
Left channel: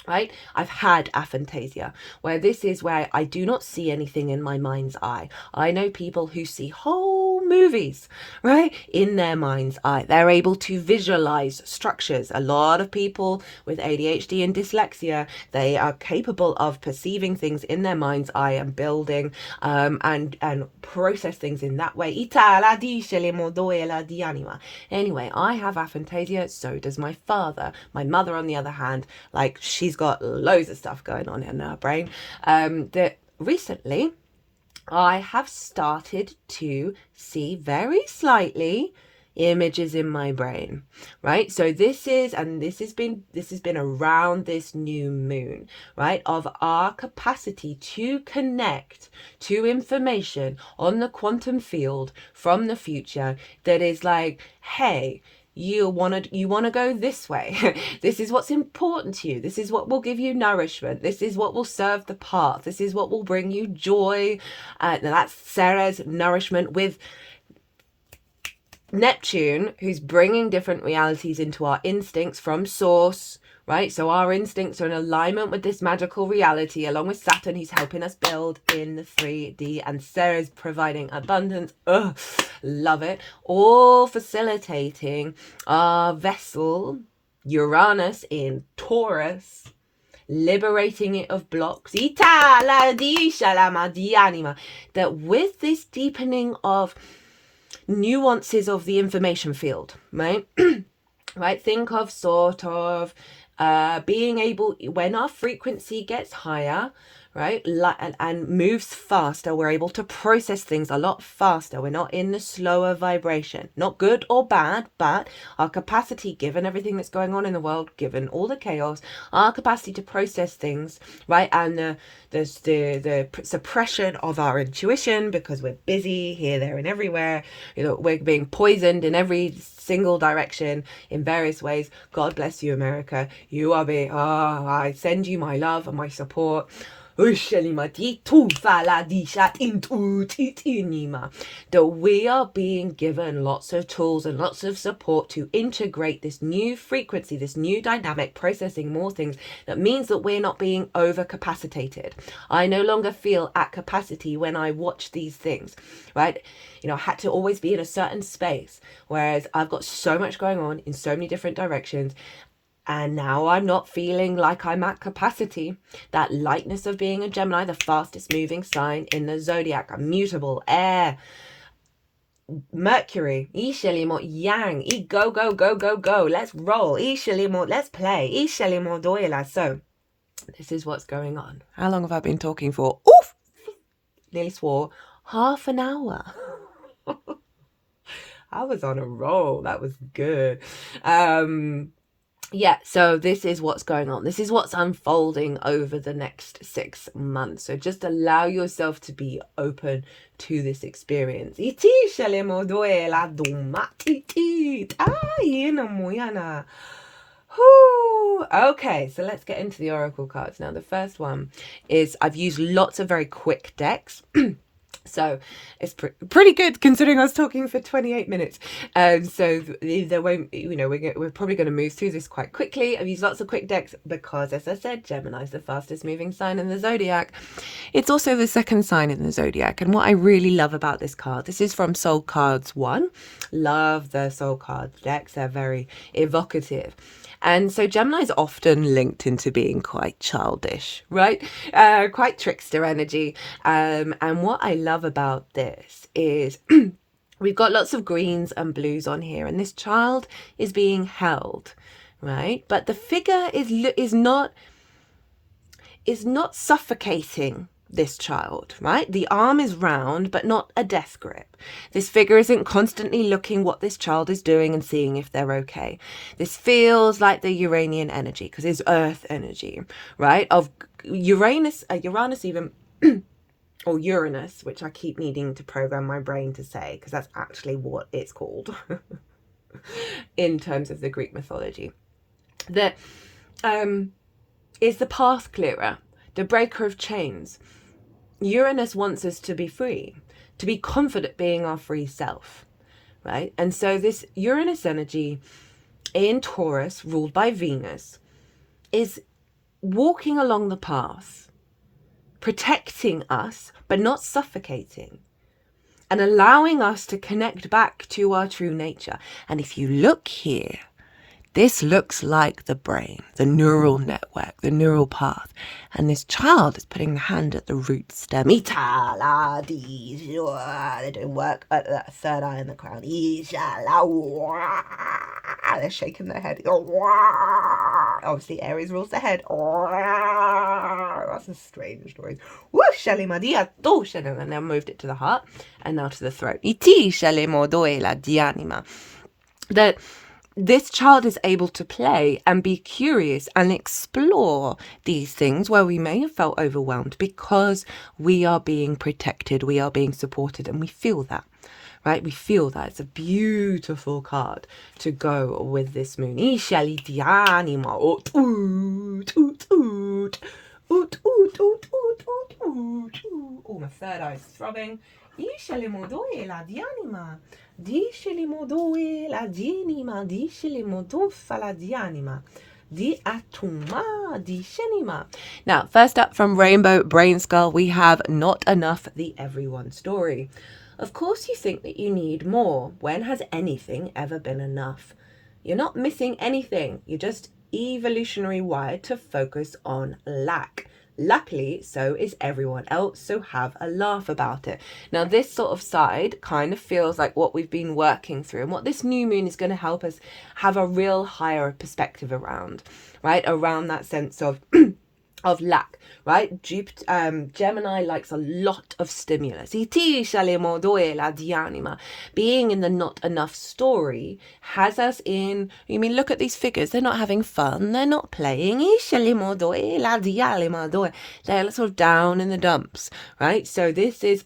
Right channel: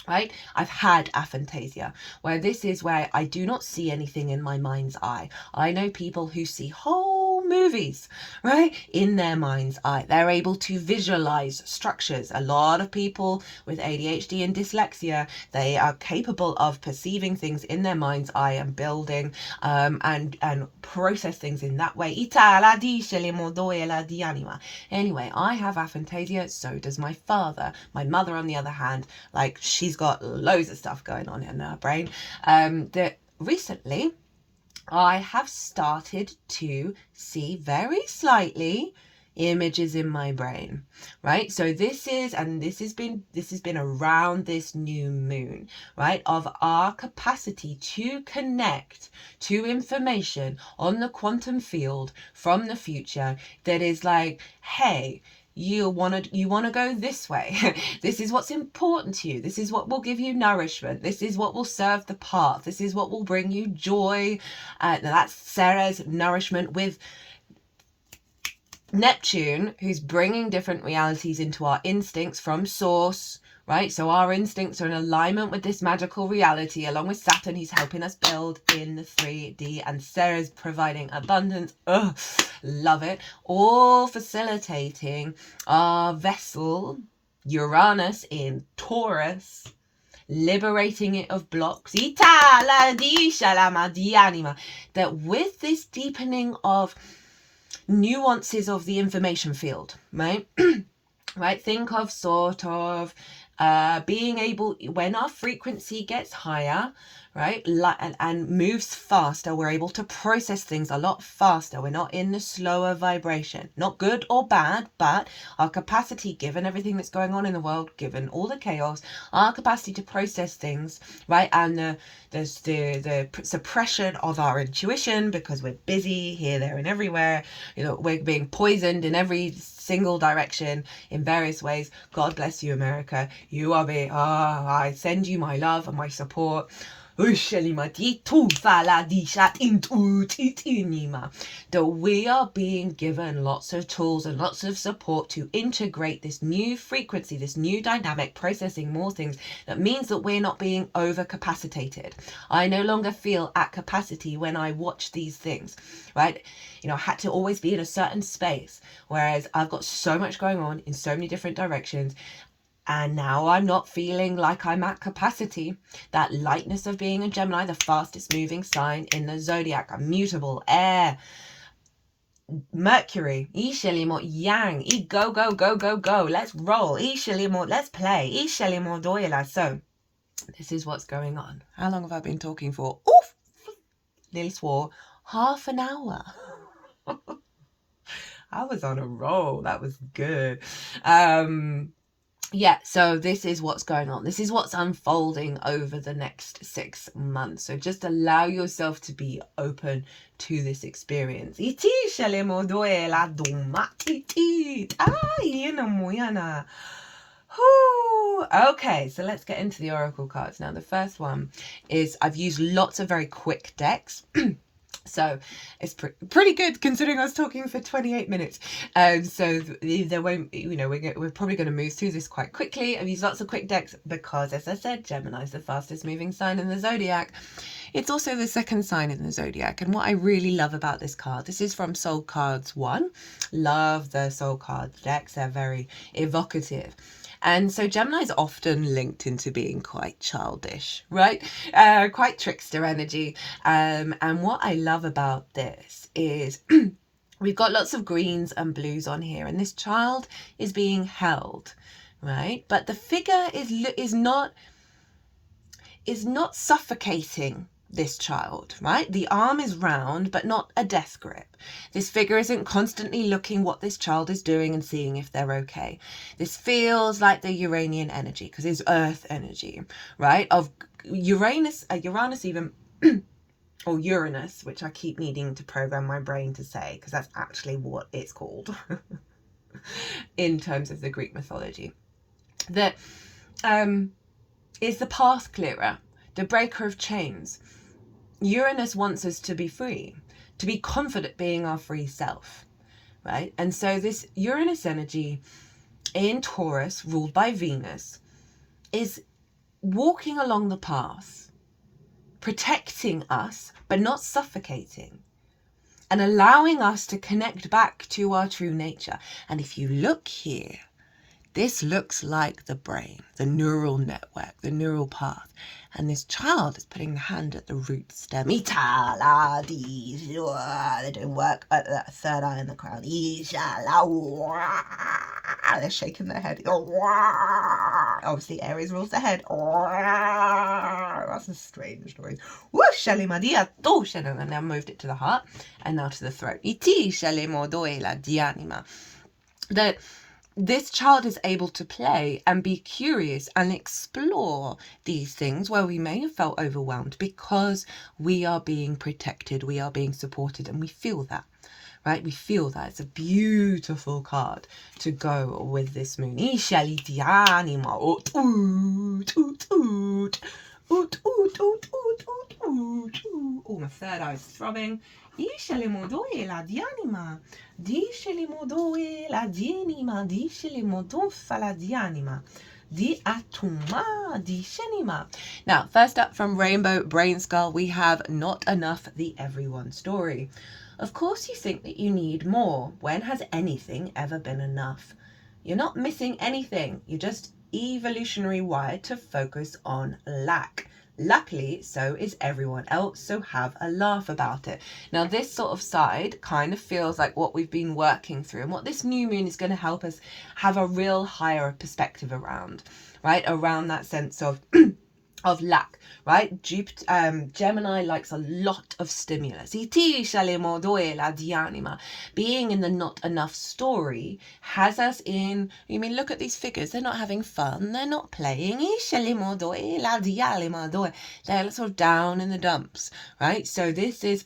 Right? I've had aphantasia, where this is where I do not see anything in my mind's eye. I know people who see whole movies, right, in their mind's eye. They're able to visualize structures. A lot of people with ADHD and dyslexia, they are capable of perceiving things in their mind's eye and building and process things in that way. Anyway, I have aphantasia, so does my father. My mother, on the other hand, like, she's got loads of stuff going on in her brain. That recently I have started to see very slightly images in my brain, right? So this has been around this new moon, right, of our capacity to connect to information on the quantum field from the future that is like, hey, you want to go this way. This is what's important to you. This is what will give you nourishment. This is what will serve the path. This is what will bring you joy. That's Sarah's nourishment with Neptune, who's bringing different realities into our instincts from source, right? So our instincts are in alignment with this magical reality, along with Saturn, who's helping us build in the 3D, and Sarah's providing abundance. Ugh, love it. All facilitating our vessel, Uranus in Taurus, liberating it of blocks. That with this deepening of nuances of the information field, right? Right, think of sort of being able, when our frequency gets higher, right, and moves faster, we're able to process things a lot faster. We're not in the slower vibration. Not good or bad, but our capacity, given everything that's going on in the world, given all the chaos, our capacity to process things, right, and the suppression of our intuition, because we're busy here, there, and everywhere. We're being poisoned in every single direction in various ways. God bless you, America. You are I send you my love and my support. That we are being given lots of tools and lots of support to integrate this new frequency, this new dynamic, processing more things. That means that we're not being overcapacitated. I no longer feel at capacity when I watch these things, right? I had to always be in a certain space, whereas I've got so much going on in so many different directions. And now I'm not feeling like I'm at capacity. That lightness of being a Gemini, the fastest moving sign in the zodiac, immutable, air, Mercury, yang, go, go, go, go, go, let's roll, let's play, so this is what's going on. How long have I been talking for? Oof! Nearly swore. Half an hour. I was on a roll. That was good. yeah, so this is what's going on. This is what's unfolding over the next 6 months. So just allow yourself to be open to this experience. Okay, so let's get into the oracle cards now. The first one is, I've used lots of very quick decks. So it's pretty good considering I was talking for 28 minutes. So there won't, we're probably going to move through this quite quickly. I've used lots of quick decks because, as I said, Gemini is the fastest moving sign in the zodiac. It's also the second sign in the zodiac. And what I really love about this card, this is from Soul Cards 1. Love the Soul Cards decks. They're very evocative. And so Gemini is often linked into being quite childish, right? Quite trickster energy. And what I love about this is we've got lots of greens and blues on here, and this child is being held, right? But the figure is not suffocating this child, right? The arm is round, but not a death grip. This figure isn't constantly looking what this child is doing and seeing if they're okay. This feels like the Uranian energy, because it's earth energy, right? Of Uranus even, or Uranus, which I keep needing to program my brain to say, because that's actually what it's called in terms of the Greek mythology. That is the path clearer, the breaker of chains. Uranus wants us to be free, to be confident being our free self, right? And so this Uranus energy in Taurus, ruled by Venus, is walking along the path, protecting us, but not suffocating, and allowing us to connect back to our true nature. And if you look here, this looks like the brain, the neural network, the neural path. And this child is putting the hand at the root stem. They're doing work at the third eye in the crown. They're shaking their head. Obviously, Aries rules the head. That's a strange noise. And then moved it to the heart and now to the throat. That this child is able to play and be curious and explore these things where we may have felt overwhelmed, because we are being protected, we are being supported, and we feel that, right? We feel that. It's a beautiful card to go with this moon. Oh, my third eye is throbbing. Disceli modoe la dienima, disceli modofa la dianima. Di atuma, di shenima. Now, first up from Rainbow Brainskull, we have Not Enough, the Everyone story. Of course you think that you need more. When has anything ever been enough? You're not missing anything. You're just evolutionary wired to focus on lack. Luckily, so is everyone else, so have a laugh about it. Now, this sort of side kind of feels like what we've been working through, and what this new moon is going to help us have a real higher perspective around, right? Around that sense of of lack, right? Gemini likes a lot of stimulus. Being in the not enough story has us in, look at these figures. They're not having fun. They're not playing. They're sort of down in the dumps, right? So this is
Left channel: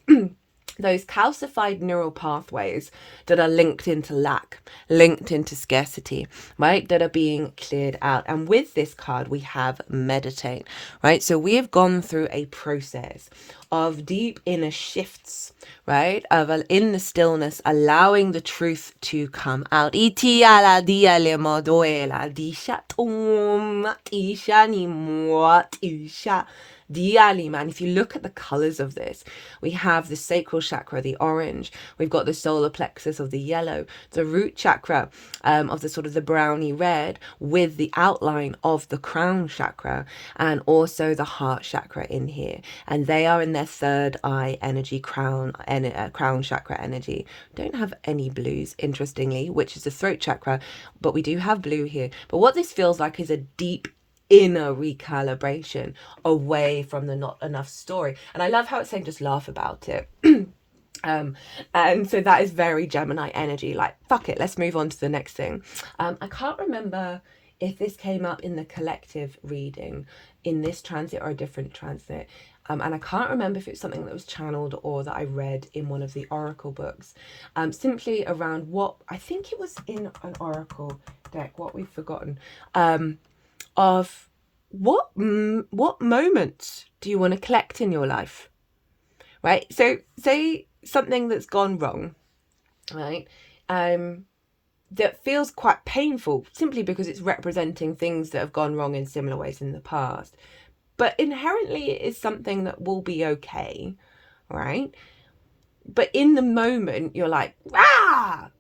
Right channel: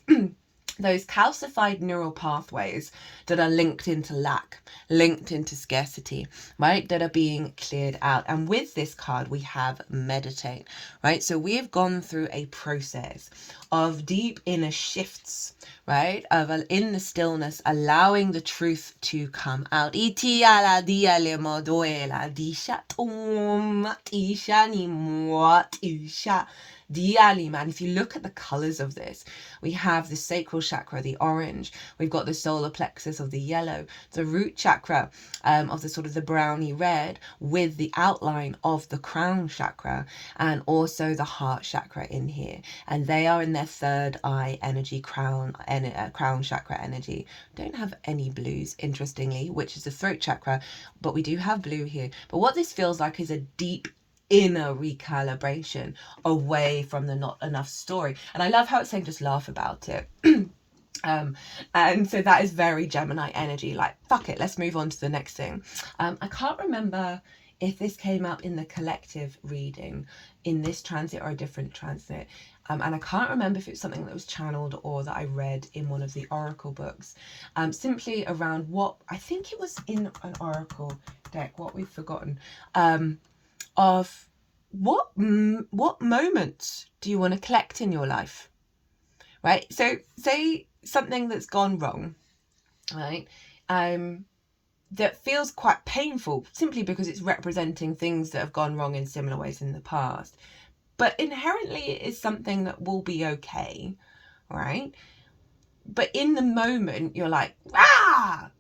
those calcified neural pathways that are linked into lack, linked into scarcity, right? That are being cleared out. And with this card, we have meditate, right? So we have gone through a process of deep inner shifts, right? Of in the stillness, allowing the truth to come out. And if you look at the colors of this, we have the sacral chakra, the orange. We've got the solar plexus of the yellow, the root chakra of the sort of the browny red, with the outline of the crown chakra, and also the heart chakra in here. And they are in their third eye energy, crown chakra energy. Don't have any blues, interestingly, which is the throat chakra, but we do have blue here. But what this feels like is a deep inner recalibration away from the not enough story. And I love how it's saying just laugh about it. And so that is very Gemini energy, like fuck it, let's move on to the next thing. I can't remember if this came up in the collective reading, in this transit or a different transit, and I can't remember if it's something that was channeled or that I read in one of the oracle books, simply around what, I think it was in an oracle deck, what we've forgotten, of what moments do you want to collect in your life, right? So say something that's gone wrong, right, that feels quite painful simply because it's representing things that have gone wrong in similar ways in the past, but inherently it is something that will be okay, right? But in the moment you're like, ah,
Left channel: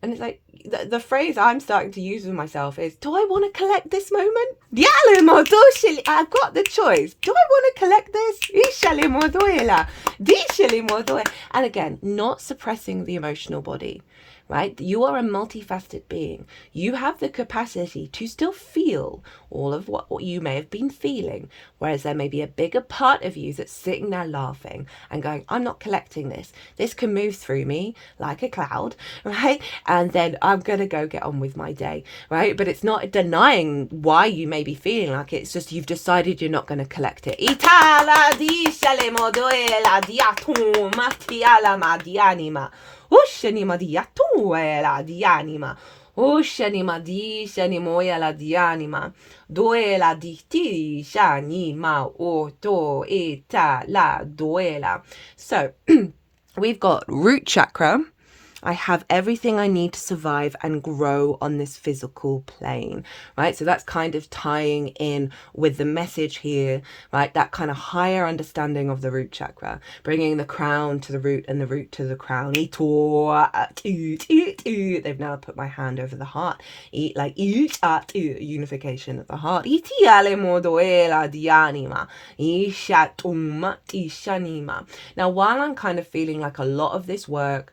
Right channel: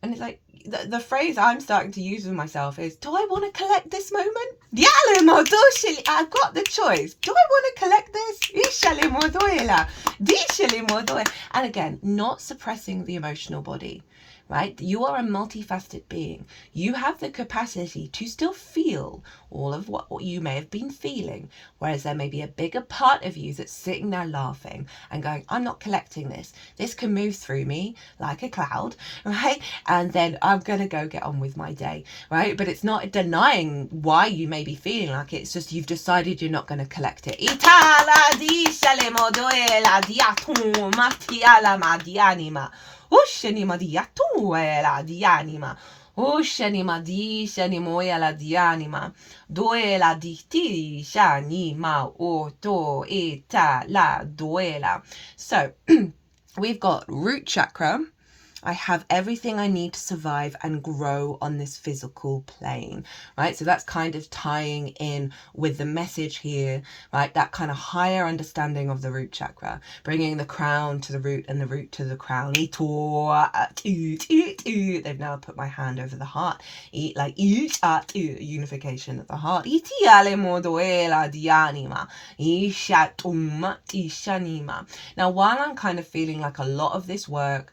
and it's like the phrase I'm starting to use with myself is, do I want to collect this moment? I've got the choice. Do I want to collect this? And again, not suppressing the emotional body, right? You are a multifaceted being. You have the capacity to still feel all of what you may have been feeling, whereas there may be a bigger part of you that's sitting there laughing and going, I'm not collecting this. This can move through me like a cloud, right? And then I'm going to go get on with my day, right? But it's not denying why you may be feeling like it. It's just you've decided you're not going to collect it. Ushanima diatuela di anima. Ushanima di shanimoya di anima. Duela di ti shanima oto eta la duela. So we've got root chakra. I have everything I need to survive and grow on this physical plane, right? So that's kind of tying in with the message here, right? That kind of higher understanding of the root chakra, bringing the crown to the root and the root to the crown. They've now put my hand over the heart, unification of the heart. Now, while I'm kind of feeling like a lot of this work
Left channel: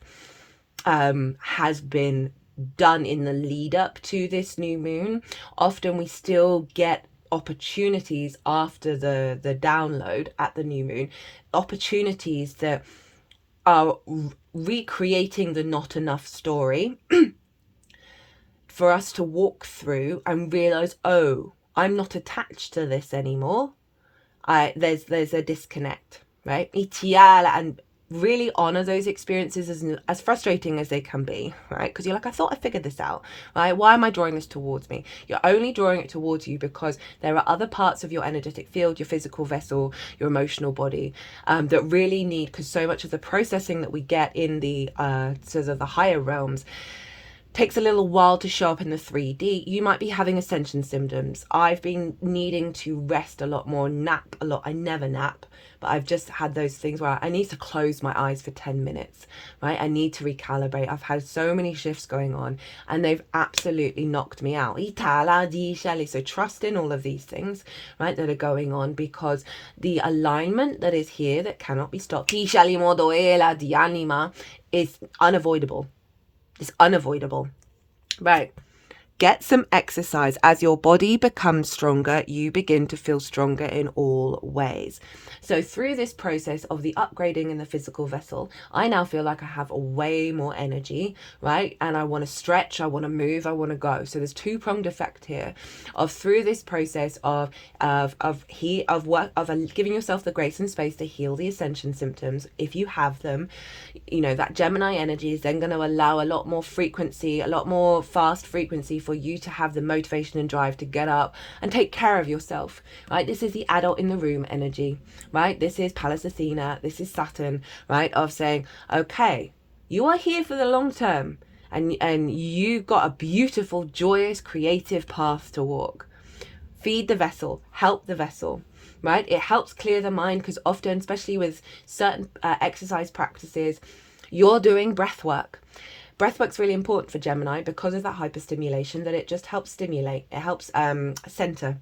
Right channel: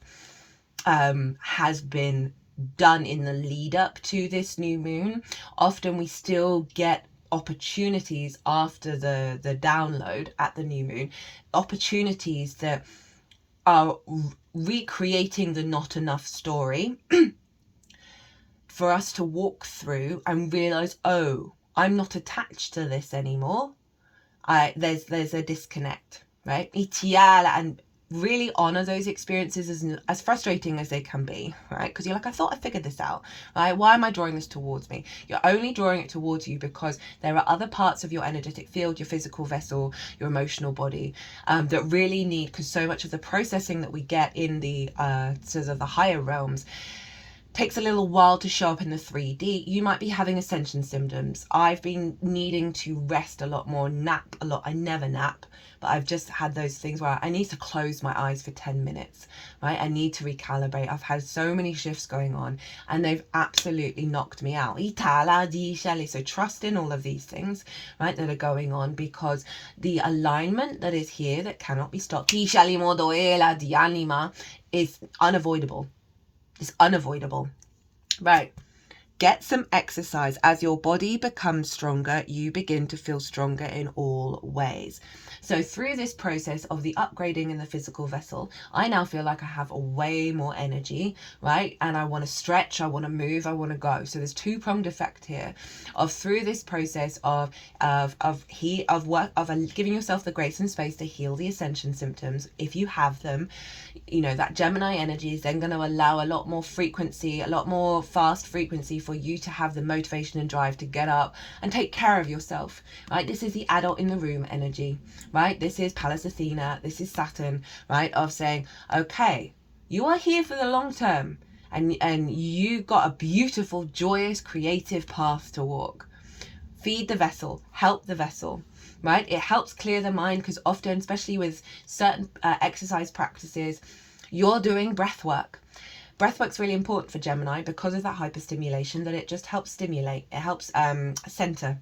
has been done in the lead up to this new moon, often we still get opportunities after the download at the new moon, opportunities that are recreating the not enough story for us to walk through and realize, oh, I'm not attached to this anymore. There's a disconnect, right? And really honor those experiences as frustrating as they can be, right? Because you're like, I thought I figured this out, right? Why am I drawing this towards me? You're only drawing it towards you because there are other parts of your energetic field, your physical vessel, your emotional body, that really need, because so much of the processing that we get in the sort of the higher realms takes a little while to show up in the 3D. You might be having ascension symptoms. I've been needing to rest a lot more, nap a lot. I never nap, but I've just had those things where I need to close my eyes for 10 minutes, right? I need to recalibrate. I've had so many shifts going on and they've absolutely knocked me out. So trust in all of these things, right, that are going on, because the alignment that is here that cannot be stopped is unavoidable. It's unavoidable, right? Get some exercise. As your body becomes stronger, you begin to feel stronger in all ways. So through this process of the upgrading in the physical vessel, I now feel like I have way more energy, right? And I want to stretch, I want to move, I want to go. So there's two-pronged effect here of through this process of giving yourself the grace and space to heal the ascension symptoms. If you have them, you know, that Gemini energy is then going to allow a lot more frequency, a lot more fast frequency for you to have the motivation and drive to get up and take care of yourself, right? This is the adult in the room energy, right? This is Pallas Athena, this is Saturn, right? Of saying, okay, you are here for the long term and you got a beautiful, joyous, creative path to walk. Feed the vessel, help the vessel, right? It helps clear the mind, because often, especially with certain exercise practices, you're doing breath work. Breath work's really important for Gemini because of that hyperstimulation, that it just helps stimulate. It helps center.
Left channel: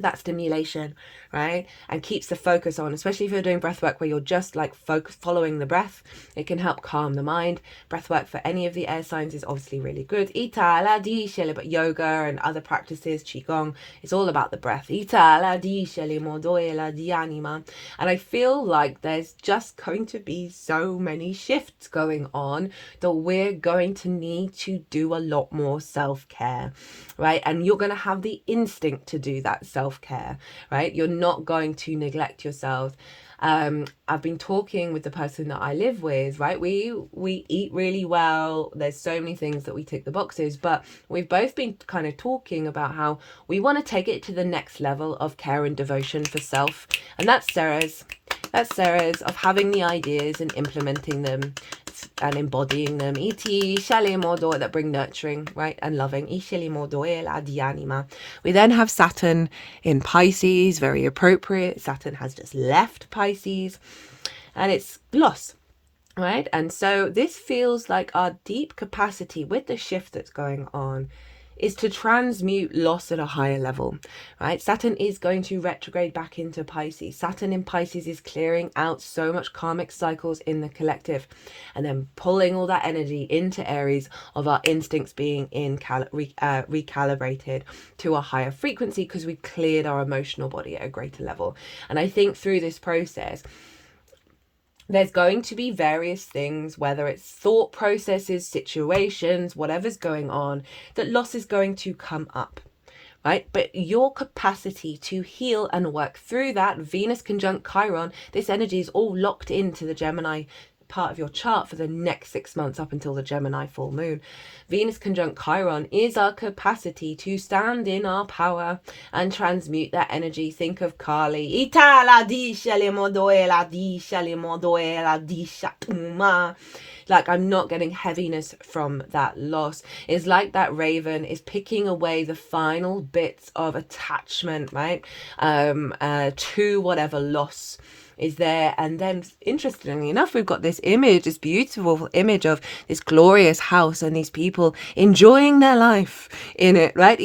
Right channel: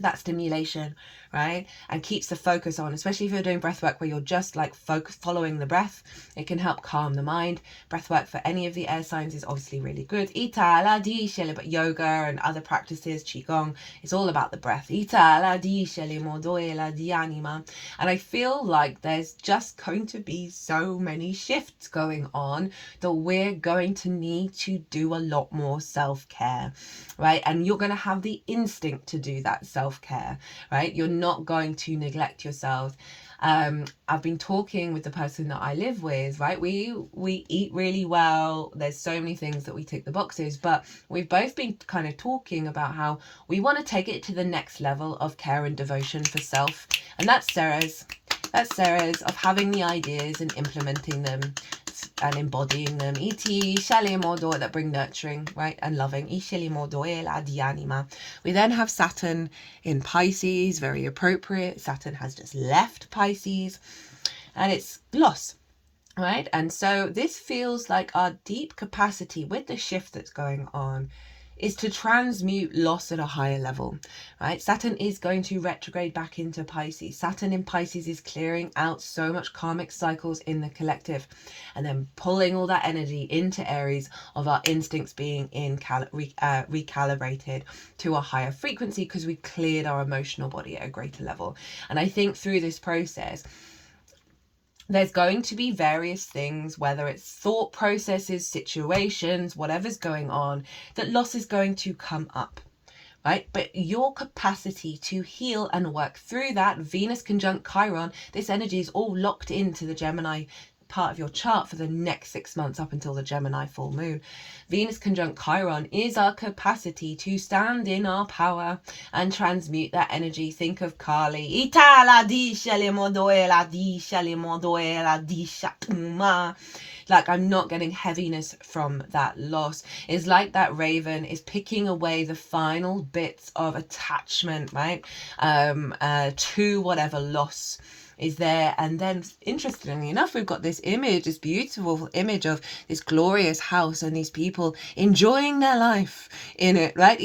that stimulation, right? And keeps the focus on, especially if you're doing breath work where you're just like following the breath. It can help calm the mind. Breath work for any of the air signs is obviously really good. But yoga and other practices, qigong, it's all about the breath. And I feel like there's just going to be so many shifts going on that we're going to need to do a lot more self-care, right? And you're going to have the instinct to do that self-care, right? You're not going to neglect yourself. I've been talking with the person that I live with, right? We eat really well. There's so many things that we tick the boxes, but we've both been kind of talking about how we want to take it to the next level of care and devotion for self. And that's Sarah's. That's Sarah's, of having the ideas and implementing them and embodying them. That bring nurturing, right, and loving. We then have Saturn in Pisces, very appropriate. Saturn has just left Pisces, and it's loss, right? And so this feels like our deep capacity with the shift that's going on is to transmute loss at a higher level, right? Saturn is going to retrograde back into Pisces. Saturn in Pisces is clearing out so much karmic cycles in the collective and then pulling all that energy into Aries of our instincts being recalibrated to a higher frequency because we cleared our emotional body at a greater level. And I think through this process, there's going to be various things, whether it's thought processes, situations, whatever's going on, that loss is going to come up, right? But your capacity to heal and work through that, Venus conjunct Chiron, this energy is all locked into the Gemini part of your chart for the next 6 months up until the Gemini full moon. Venus conjunct Chiron is our capacity to stand in our power and transmute that energy. Think of Kali. Like, I'm not getting heaviness from that loss. It's like that raven is picking away the final bits of attachment, right? To whatever loss is there. And then interestingly enough, we've got this image, this beautiful image of this glorious house and these people enjoying their life in it, right?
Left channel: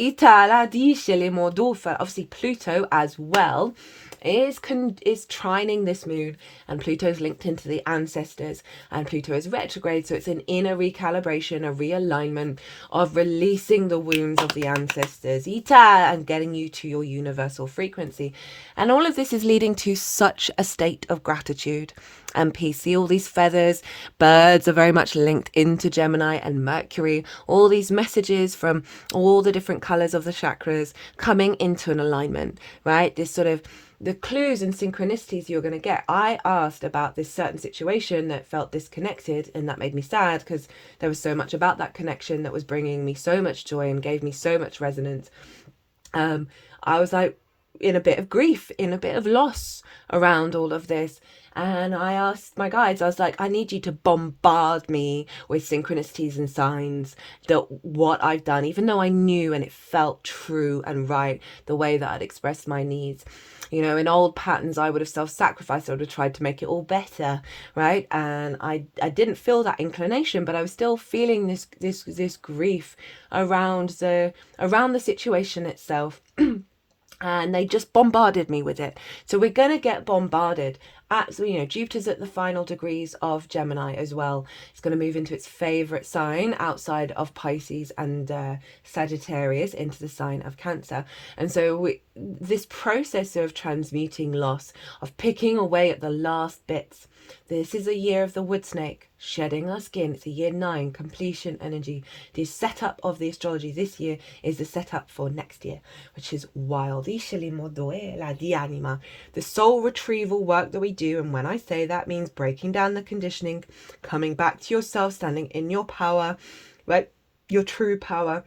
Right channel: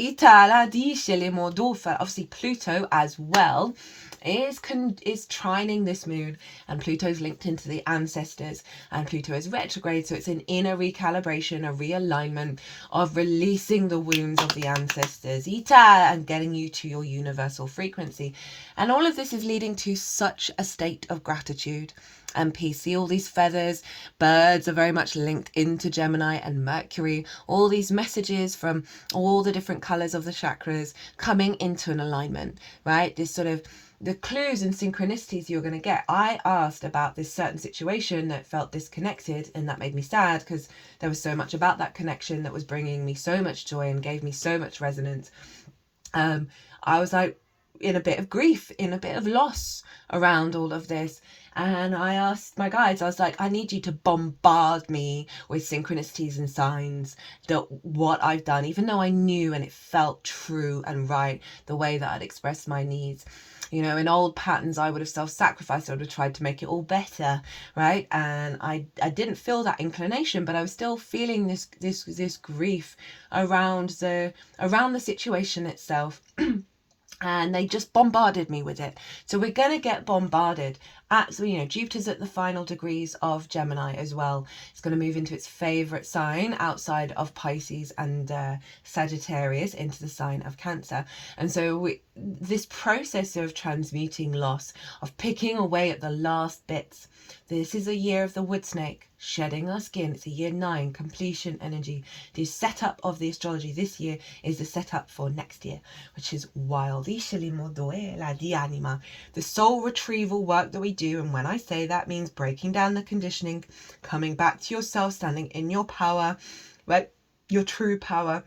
Obviously Pluto as well is trining this moon, and Pluto's linked into the ancestors, and Pluto is retrograde, so it's an inner recalibration, a realignment of releasing the wounds of the ancestors and getting you to your universal frequency. And all of this is leading to such a state of gratitude and peace. See, all these feathers, birds are very much linked into Gemini and Mercury. All these messages from all the different colors of the chakras coming into an alignment, right? This sort of the clues and synchronicities you're going to get. I asked about this certain situation that felt disconnected, and that made me sad because there was so much about that connection that was bringing me so much joy and gave me so much resonance. I was like in a bit of grief, in a bit of loss around all of this. And I asked my guides, I was like, I need you to bombard me with synchronicities and signs that what I've done, even though I knew and it felt true and right, the way that I'd expressed my needs. You know, in old patterns, I would have self-sacrificed. I would have tried to make it all better, right? And I didn't feel that inclination, but I was still feeling this grief around the situation itself. And they just bombarded me with it. So we're going to get bombarded. Jupiter's at the final degrees of Gemini as well. It's going to move into its favorite sign outside of Pisces and Sagittarius into the sign of Cancer. And so this process of transmuting loss, of picking away at the last bits. This is a year of the wood snake, shedding our skin. It's a year 9, completion energy. The setup of the astrology this year is the setup for next year, which is wild. The soul retrieval work that we do, and when I say that, means breaking down the conditioning, coming back to yourself, standing in your power, right? Your true power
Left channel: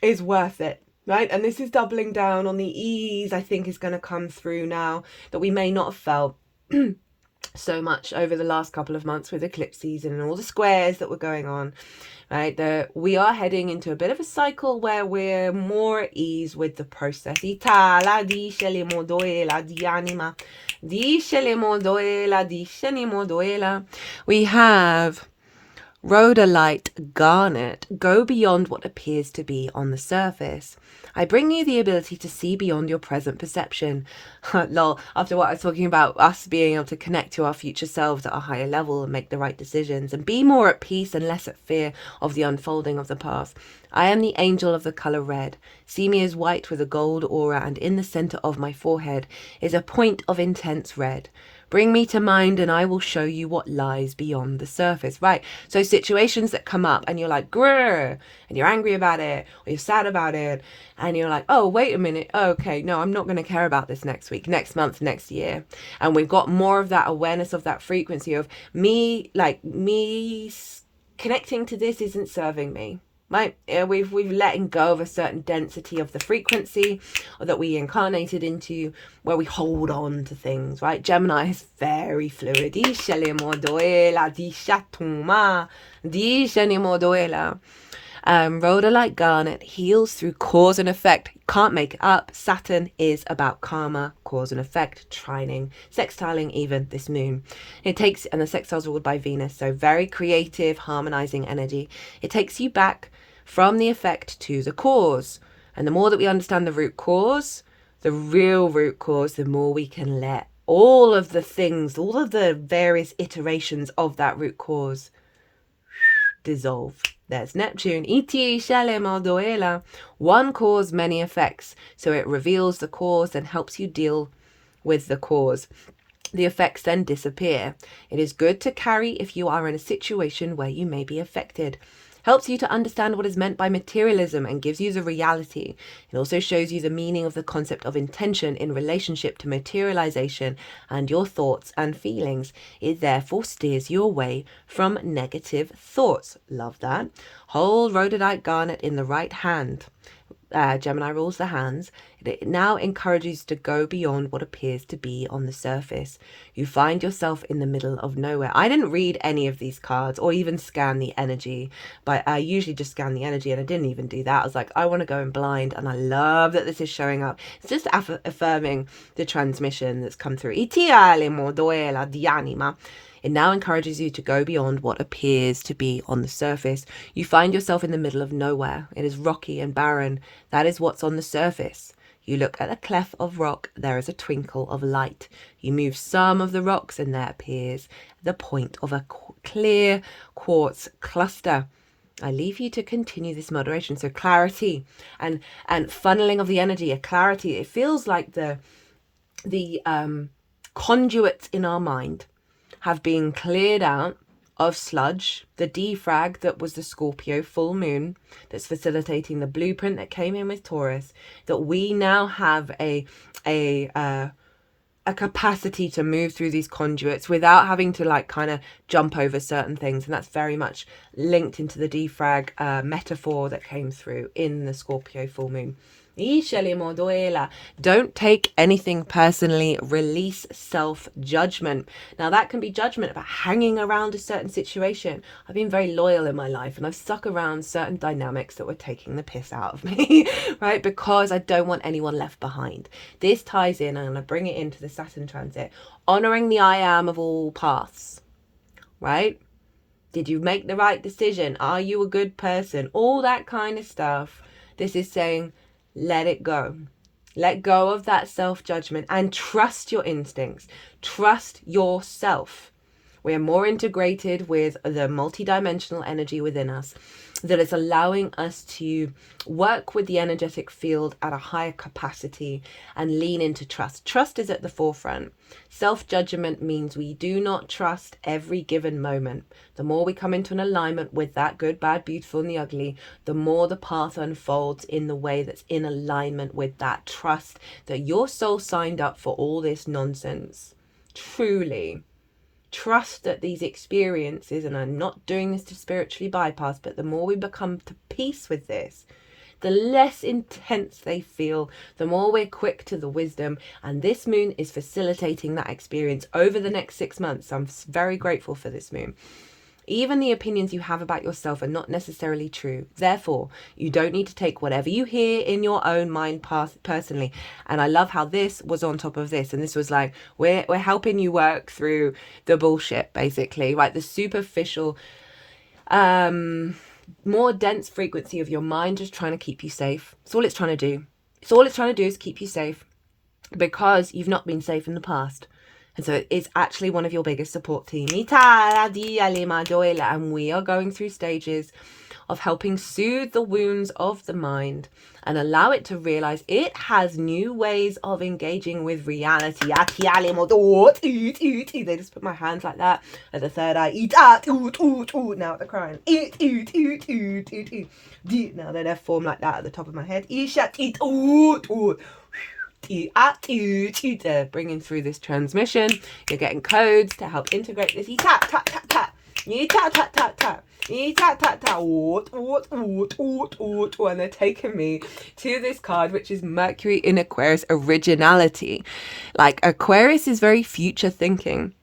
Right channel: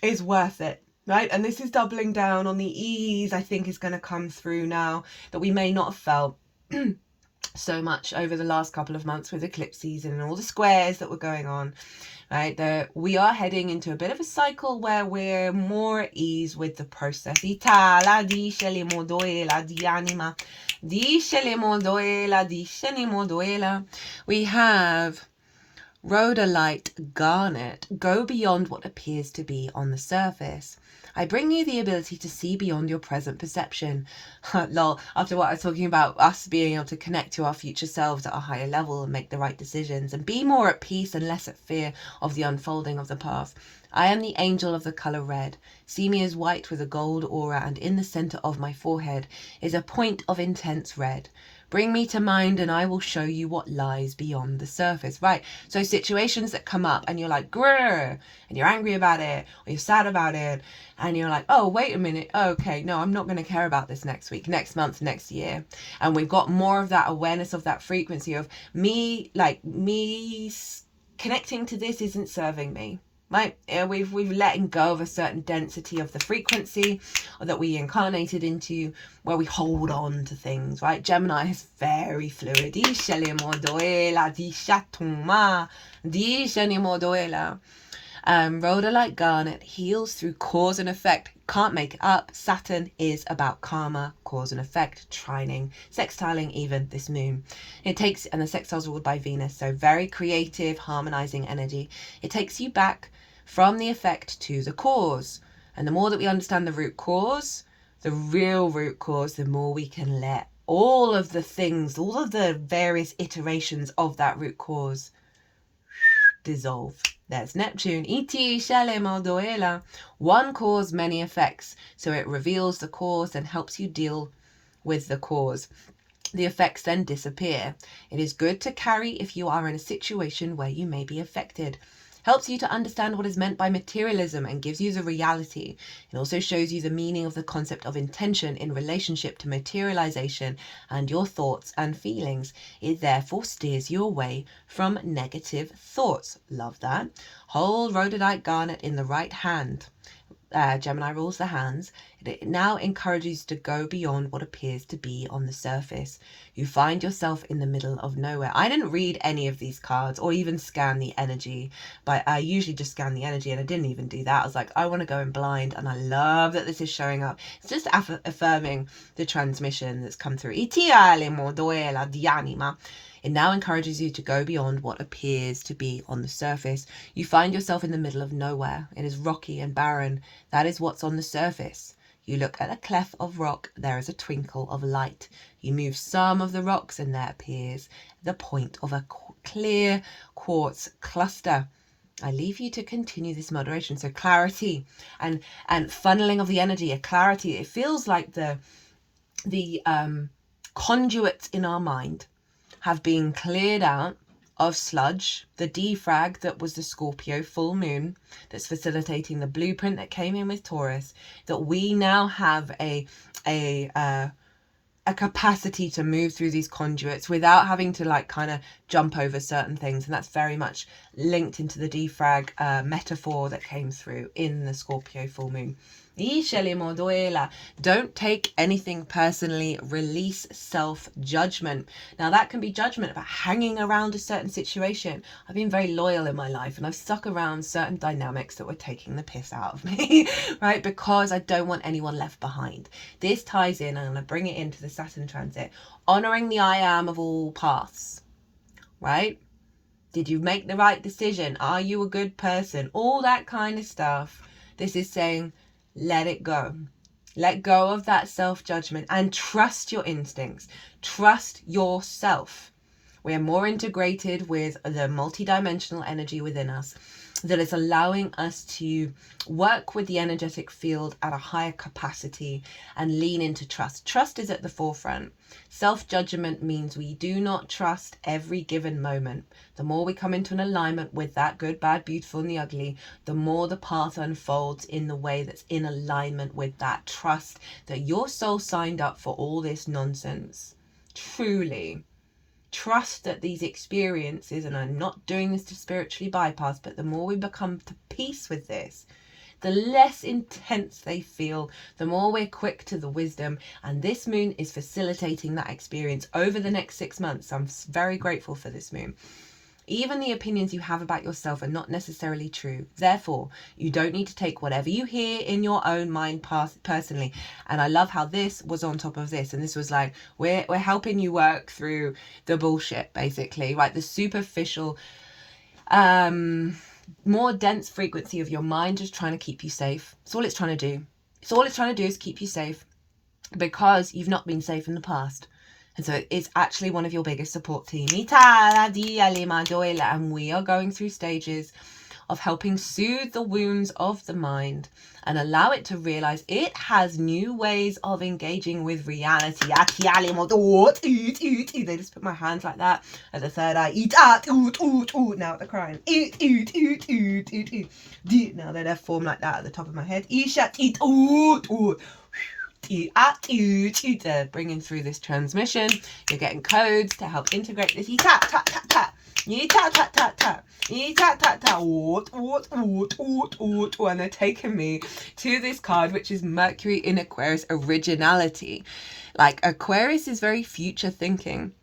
is worth it, right? And this is doubling down on the ease I think is going to come through now that we may not have felt so much over the last couple of months with eclipse season and all the squares that were going on, right? We are heading into a bit of a cycle where we're more at ease with the process. We have Rhodolite garnet, go beyond what appears to be on the surface. I bring you the ability to see beyond your present perception. Lol, after what I was talking about, us being able to connect to our future selves at a higher level and make the right decisions and be more at peace and less at fear of the unfolding of the path. I am the angel of the colour red. See me as white with a gold aura, and in the centre of my forehead is a point of intense red. Bring me to mind and I will show you what lies beyond the surface. Right, so situations that come up and you're like, grrr, and you're angry about it, or you're sad about it, and you're like, oh, wait a minute, okay, no, I'm not going to care about this next week, next month, next year. And we've got more of that awareness of that frequency of me connecting to this isn't serving me. Right, we've letting go of a certain density of the frequency that we incarnated into, where we hold on to things. Right, Gemini is very fluid. Rhodolite garnet heals through cause and effect. Can't make it up. Saturn is about karma, cause and effect, trining, sextiling even this moon. And the sextiles are ruled by Venus, so very creative, harmonizing energy. It takes you back from the effect to the cause. And the more that we understand the root cause, the real root cause, the more we can let all of the things, all of the various iterations of that root cause dissolve. There's Neptune. One cause, many effects. So it reveals the cause and helps you deal with the cause. The effects then disappear. It is good to carry if you are in a situation where you may be affected. Helps you to understand what is meant by materialism and gives you the reality. It also shows you the meaning of the concept of intention in relationship to materialization and your thoughts and feelings. It therefore steers you away from negative thoughts. Love that. Hold rhodolite garnet in the right hand. Gemini rules the hands. It now encourages you to go beyond what appears to be on the surface. You find yourself in the middle of nowhere. I didn't read any of these cards or even scan the energy, but I usually just scan the energy, and I didn't even do that. I was like, I want to go in blind, and I love that this is showing up. It's just affirming the transmission that's come through. It now encourages you to go beyond what appears to be on the surface. You find yourself in the middle of nowhere. It is rocky and barren. That is what's on the surface. You look at a cleft of rock, there is a twinkle of light. You move some of the rocks and there appears the point of a clear quartz cluster. I leave you to continue this moderation. So clarity and funneling of the energy, a clarity. It feels like the conduits in our mind have been cleared out of sludge, the defrag that was the Scorpio full moon that's facilitating the blueprint that came in with Taurus, that we now have a capacity to move through these conduits without having to kind of jump over certain things. And that's very much linked into the defrag metaphor that came through in the Scorpio full moon. Don't take anything personally. Release self-judgment. Now that can be judgment about hanging around a certain situation. I've been very loyal in my life and I've stuck around certain dynamics that were taking the piss out of me, right? Because I don't want anyone left behind. This ties in, I'm going to bring it into the Saturn transit, honoring the I am of all paths, right? Did you make the right decision? Are you a good person? All that kind of stuff. This is saying, let it go. Let go of that self-judgment and trust your instincts. Trust yourself. We're more integrated with the multidimensional energy within us that is allowing us to work with the energetic field at a higher capacity and lean into trust. Trust is at the forefront. Self-judgment means we do not trust every given moment. The more we come into an alignment with that good, bad, beautiful, and the ugly, the more the path unfolds in the way that's in alignment with that trust that your soul signed up for all this nonsense. Truly. Trust that these experiences, and I'm not doing this to spiritually bypass, but the more we become to peace with this, the less intense they feel, the more we're quick to the wisdom. And this moon is facilitating that experience over the next 6 months. I'm very grateful for this moon. Even the opinions you have about yourself are not necessarily true. Therefore, you don't need to take whatever you hear in your own mind personally. And I love how this was on top of this. And this was like, we're helping you work through the bullshit, basically, right? The superficial more dense frequency of your mind just trying to keep you safe. It's all it's trying to do. It's all it's trying to do is keep you safe because you've not been safe in the past. And so it's actually one of your biggest support team. And we are going through stages of helping soothe the wounds of the mind and allow it to realize it has new ways of engaging with reality. They just put my hands like that at the third eye. Now they're crying. Now they're formed like that at the top of my head. They're bringing through this transmission. You're getting codes to help integrate this. And they're taking me to this card, which is Mercury in Aquarius, originality. Like, Aquarius is very future thinking.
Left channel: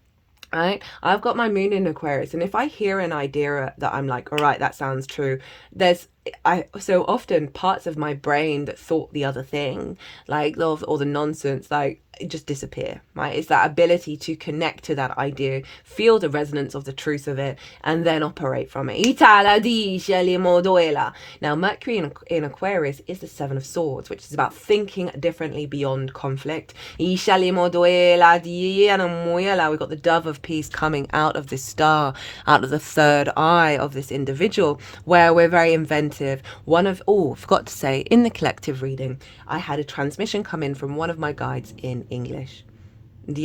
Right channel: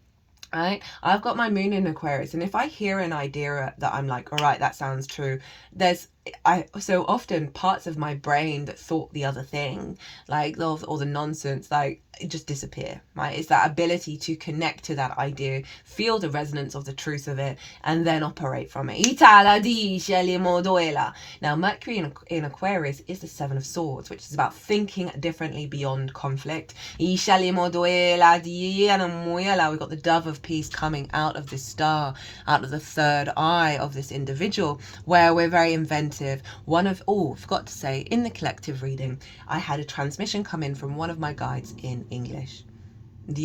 Right, I've got my moon in Aquarius, and if I hear an idea that I'm like, all right, that sounds true, so often parts of my brain that thought the other thing, like or the nonsense, like, it just disappear. Right, it's that ability to connect to that idea, feel the resonance of the truth of it, and then operate from it. Now, Mercury in Aquarius is the Seven of Swords, which is about thinking differently beyond conflict. We've got the Dove of Peace coming out of this star, out of the third eye of this individual, where we're very inventive. Forgot to say, in the collective reading, I had a transmission come in from one of my guides in English. And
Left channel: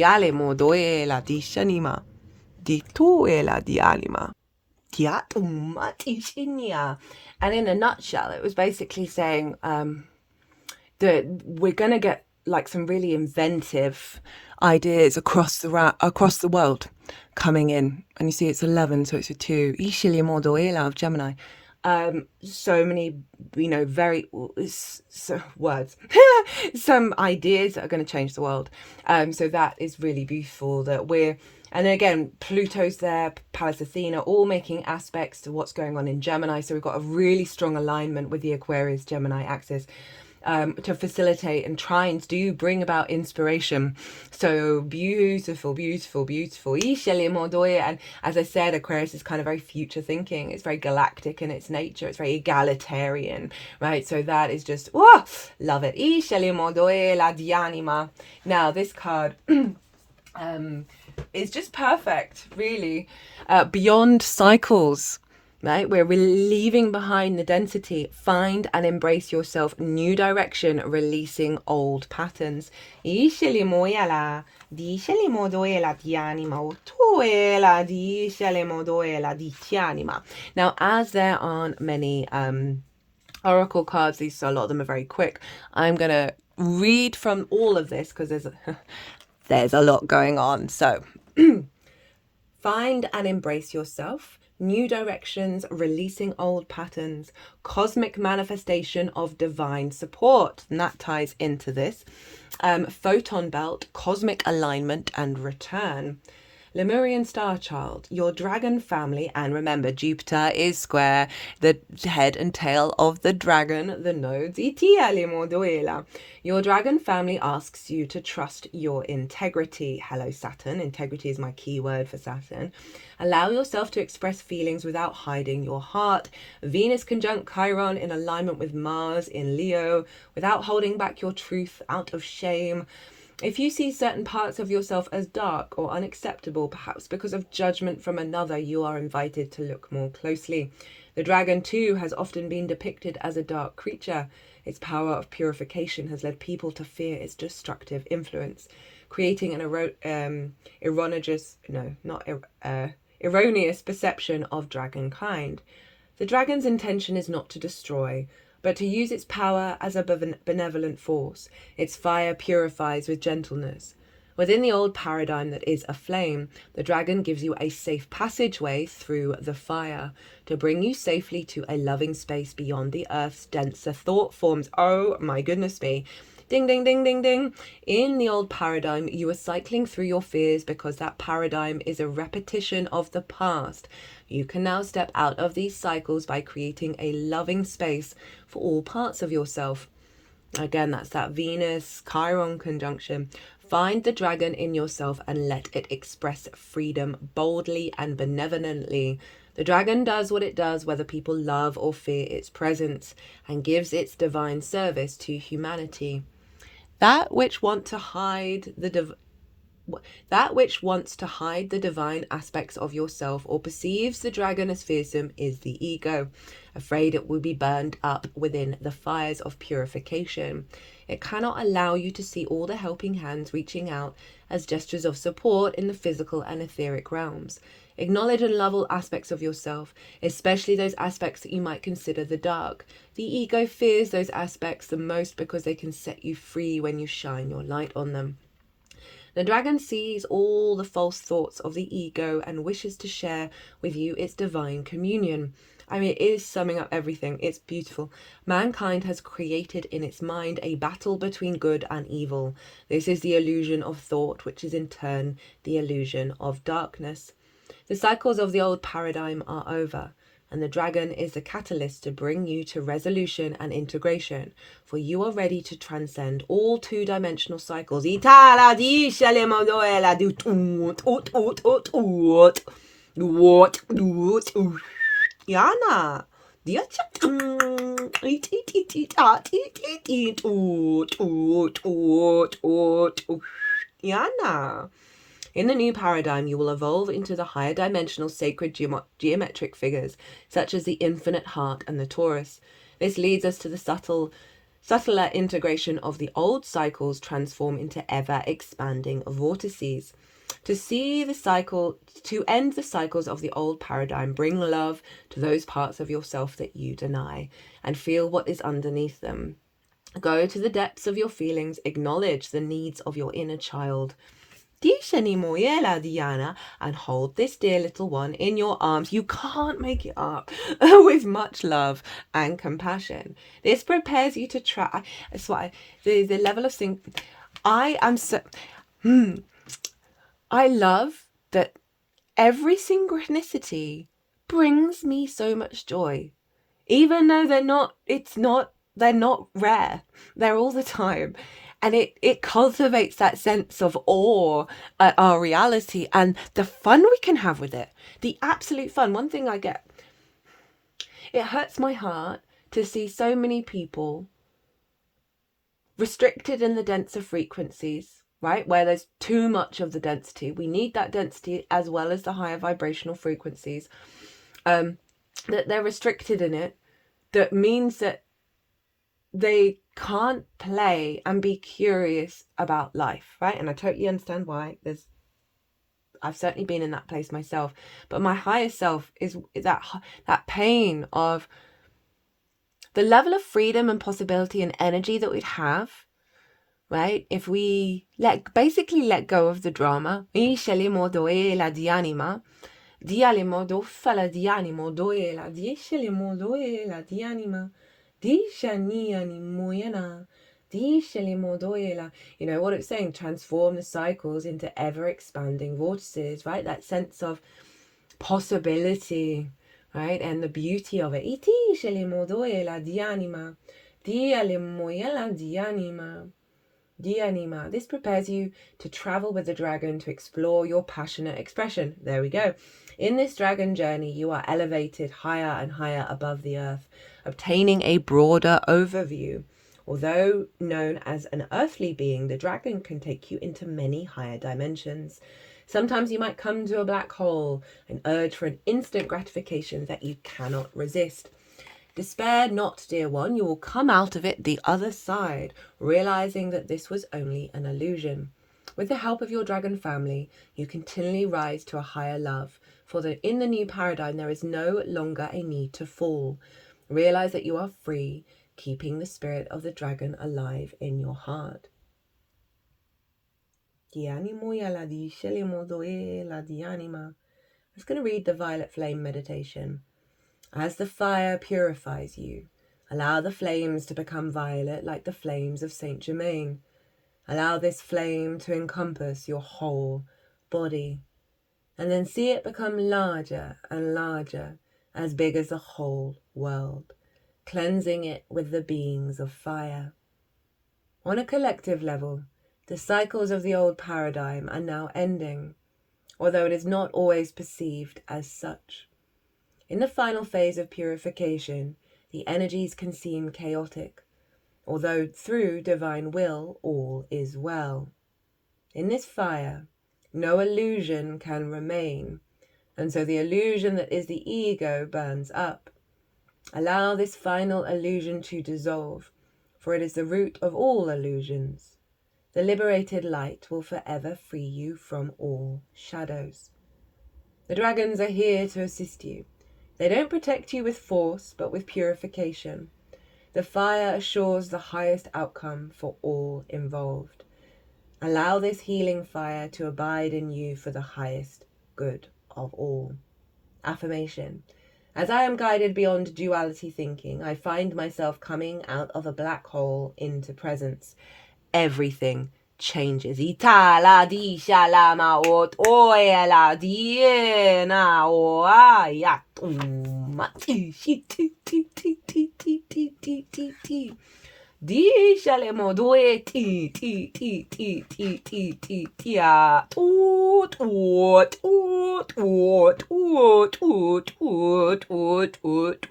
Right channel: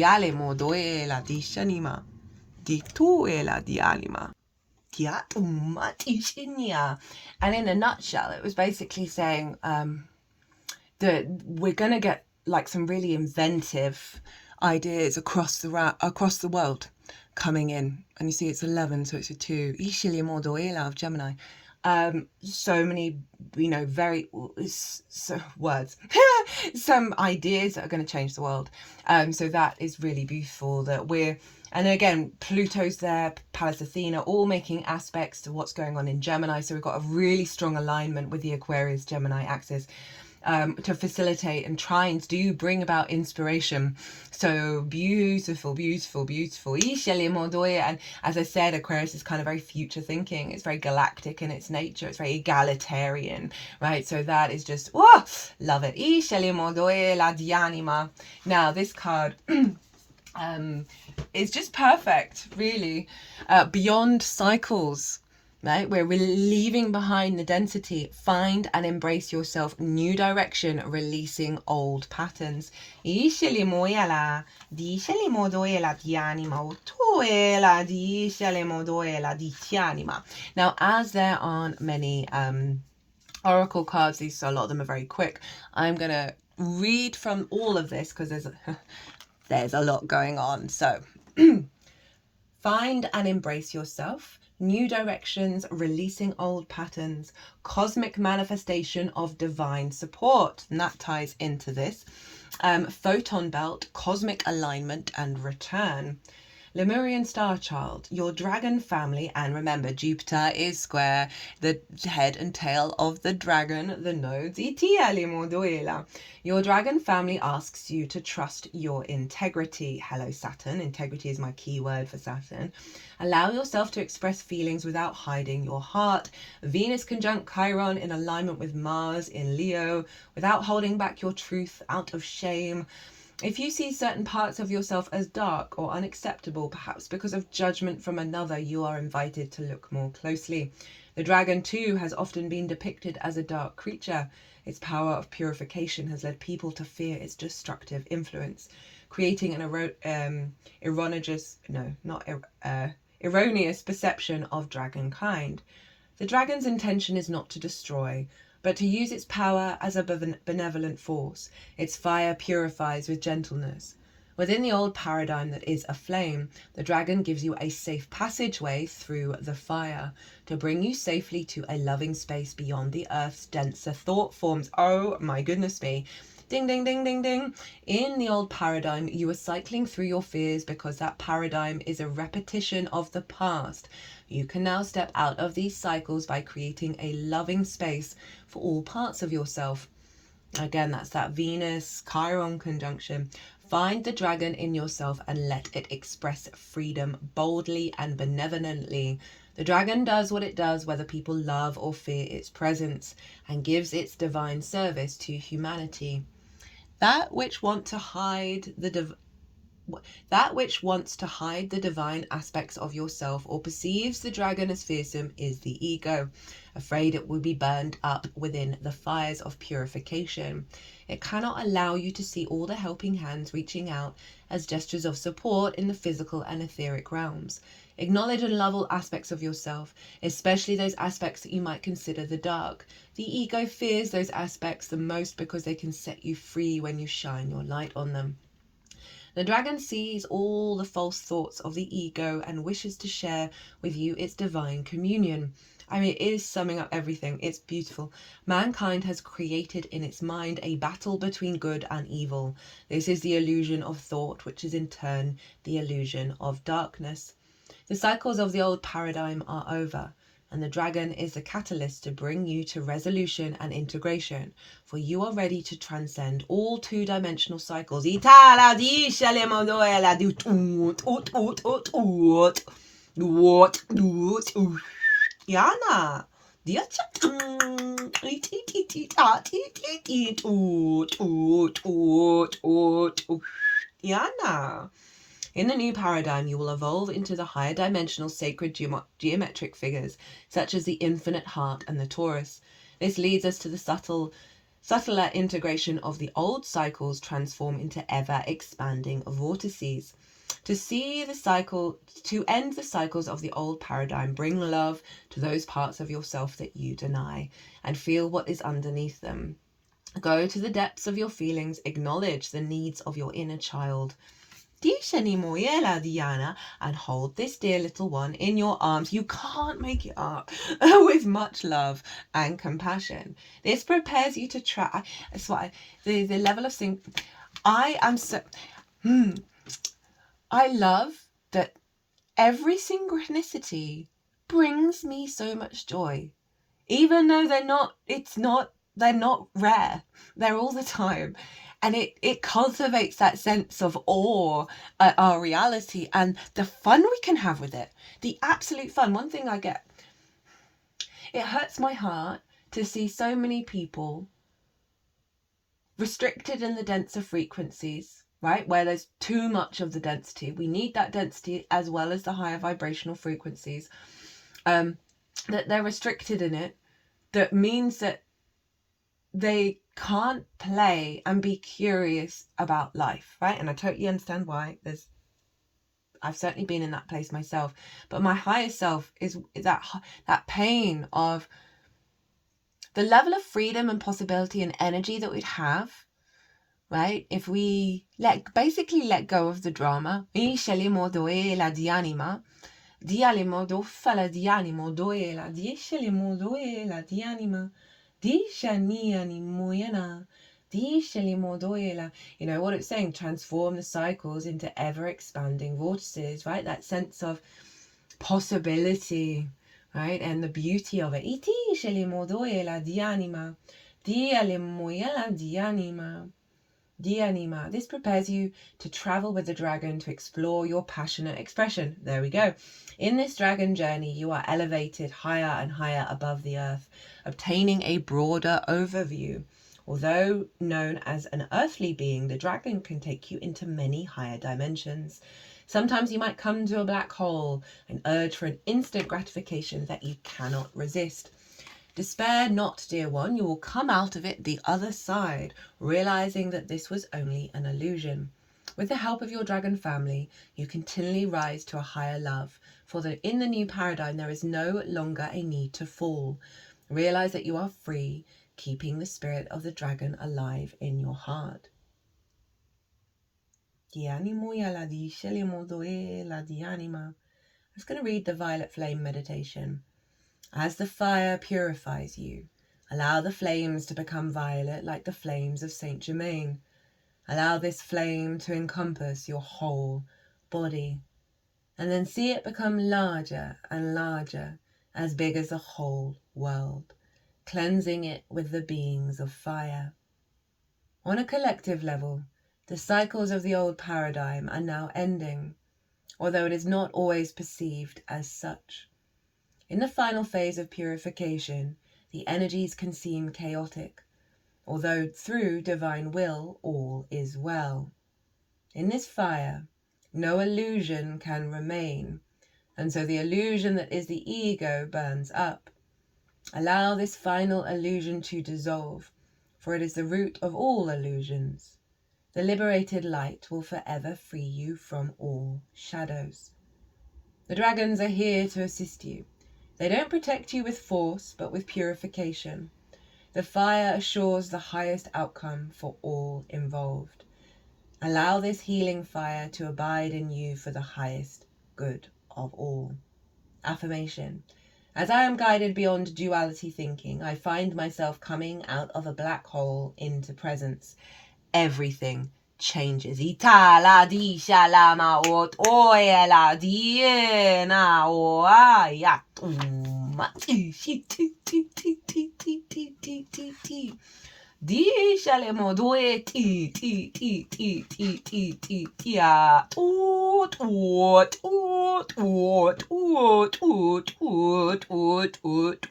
in a nutshell, it was basically saying that we're going to get like some really inventive ideas across the world coming in. And you see it's 11, so it's a 2. Of Gemini. So many, very words, some ideas that are going to change the world. So that is really beautiful that and then again, Pluto's there, Pallas Athena, all making aspects to what's going on in Gemini. So we've got a really strong alignment with the Aquarius Gemini axis. To facilitate and try and bring about inspiration. So beautiful. And as I said, Aquarius is kind of very future thinking. It's very galactic in its nature. It's very egalitarian, right? So that is just, love it. Now, this card is just perfect, really. Beyond cycles. Right, we're leaving behind the density. Find and embrace yourself. New direction, releasing old patterns. Now, as there aren't many oracle cards, a lot of them are very quick. I'm gonna read from all of this because there's a lot going on. So, find and embrace yourself. New directions, releasing old patterns, cosmic manifestation of divine support. And that ties into this. Photon belt, cosmic alignment and return. Lemurian star child, your dragon family, and remember, Jupiter is square, the head and tail of the dragon, the nodes. Your dragon family asks you to trust your integrity. Hello, Saturn. Integrity is my key word for Saturn. Allow yourself to express feelings without hiding your heart. Venus conjunct Chiron in alignment with Mars in Leo, without holding back your truth out of shame. If you see certain parts of yourself as dark or unacceptable, perhaps because of judgment from another, you are invited to look more closely. The dragon, too, has often been depicted as a dark creature. Its power of purification has led people to fear its destructive influence, creating an erroneous perception of dragonkind. The dragon's intention is not to destroy, but to use its power as a benevolent force. Its fire purifies with gentleness. Within the old paradigm that is a flame, the dragon gives you a safe passageway through the fire to bring you safely to a loving space beyond the earth's denser thought forms. Oh my goodness me. Ding, ding, ding, ding, ding. In the old paradigm, you are cycling through your fears because that paradigm is a repetition of the past. You can now step out of these cycles by creating a loving space for all parts of yourself. Again, that's that Venus-Chiron conjunction. Find the dragon in yourself and let it express freedom boldly and benevolently. The dragon does what it does whether people love or fear its presence, and gives its divine service to humanity. That which wants to hide the divine aspects of yourself or perceives the dragon as fearsome is the ego, afraid it will be burned up within the fires of purification. It cannot allow you to see all the helping hands reaching out as gestures of support in the physical and etheric realms. Acknowledge and love all aspects of yourself, especially those aspects that you might consider the dark. The ego fears those aspects the most because they can set you free when you shine your light on them. The dragon sees all the false thoughts of the ego and wishes to share with you its divine communion. I mean, it is summing up everything. It's beautiful. Mankind has created in its mind a battle between good and evil. This is the illusion of thought, which is in turn the illusion of darkness. The cycles of the old paradigm are over, and the dragon is the catalyst to bring you to resolution and integration, for you are ready to transcend all two-dimensional cycles. Yana. Yana. In the new paradigm, you will evolve into the higher dimensional sacred geometric figures, such as the infinite heart and the Taurus. This leads us to the subtler integration of the old cycles transform into ever-expanding vortices. To end the cycles of the old paradigm, bring love to those parts of yourself that you deny, and feel what is underneath them. Go to the depths of your feelings, acknowledge the needs of your inner child. Diana, and hold this dear little one in your arms. You can't make it up. With much love and compassion. This prepares you to try. That's why the level of I am so. I love that every synchronicity brings me so much joy, even though they're not rare. They're all the time. And it cultivates that sense of awe at our reality and the fun we can have with it. The absolute fun. One thing I get, it hurts my heart to see so many people restricted in the denser frequencies, right? Where there's too much of the density. We need that density as well as the higher vibrational frequencies. That they're restricted in it. That means that they can't play and be curious about life, right? And I totally understand why. I've certainly been in that place myself, but my higher self is that pain of the level of freedom and possibility and energy that we'd have, right? If we basically let go of the drama. You know what it's saying? Transform the cycles into ever-expanding vortices, right? That sense of possibility, right? And the beauty of it. This prepares you to travel with the dragon to explore your passionate expression. There we go. In this dragon journey, you are elevated higher and higher above the earth, obtaining a broader overview. Although known as an earthly being, the dragon can take you into many higher dimensions. Sometimes you might come to a black hole, an urge for an instant gratification that you cannot resist. Despair not, dear one, you will come out of it the other side, realizing that this was only an illusion. With the help of your dragon family, you continually rise to a higher love, for in the new paradigm there is no longer a need to fall. Realize that you are free, keeping the spirit of the dragon alive in your heart. I'm just going to read the Violet Flame meditation. As the fire purifies you, allow the flames to become violet like the flames of Saint Germain. Allow this flame to encompass your whole body, and then see it become larger and larger, as big as the whole world, cleansing it with the beings of fire. On a collective level, the cycles of the old paradigm are now ending, although it is not always perceived as such. In the final phase of purification, the energies can seem chaotic, although through divine will all is well. In this fire, no illusion can remain, and so the illusion that is the ego burns up. Allow this final illusion to dissolve, for it is the root of all illusions. The liberated light will forever free you from all shadows. The dragons are here to assist you. They don't protect you with force, but with purification. The fire assures the highest outcome for all involved. Allow this healing fire to abide in you for the highest good of all. Affirmation. As I am guided beyond duality thinking, I find myself coming out of a black hole into presence. Everything changes. Itala di shalama ot oela di na o ya mati ti ti ti ti ti ti ti ti ti di shalemo doe ti ti ti ti ti ti ti ti a ot ot ot ot ot ot ot ot ot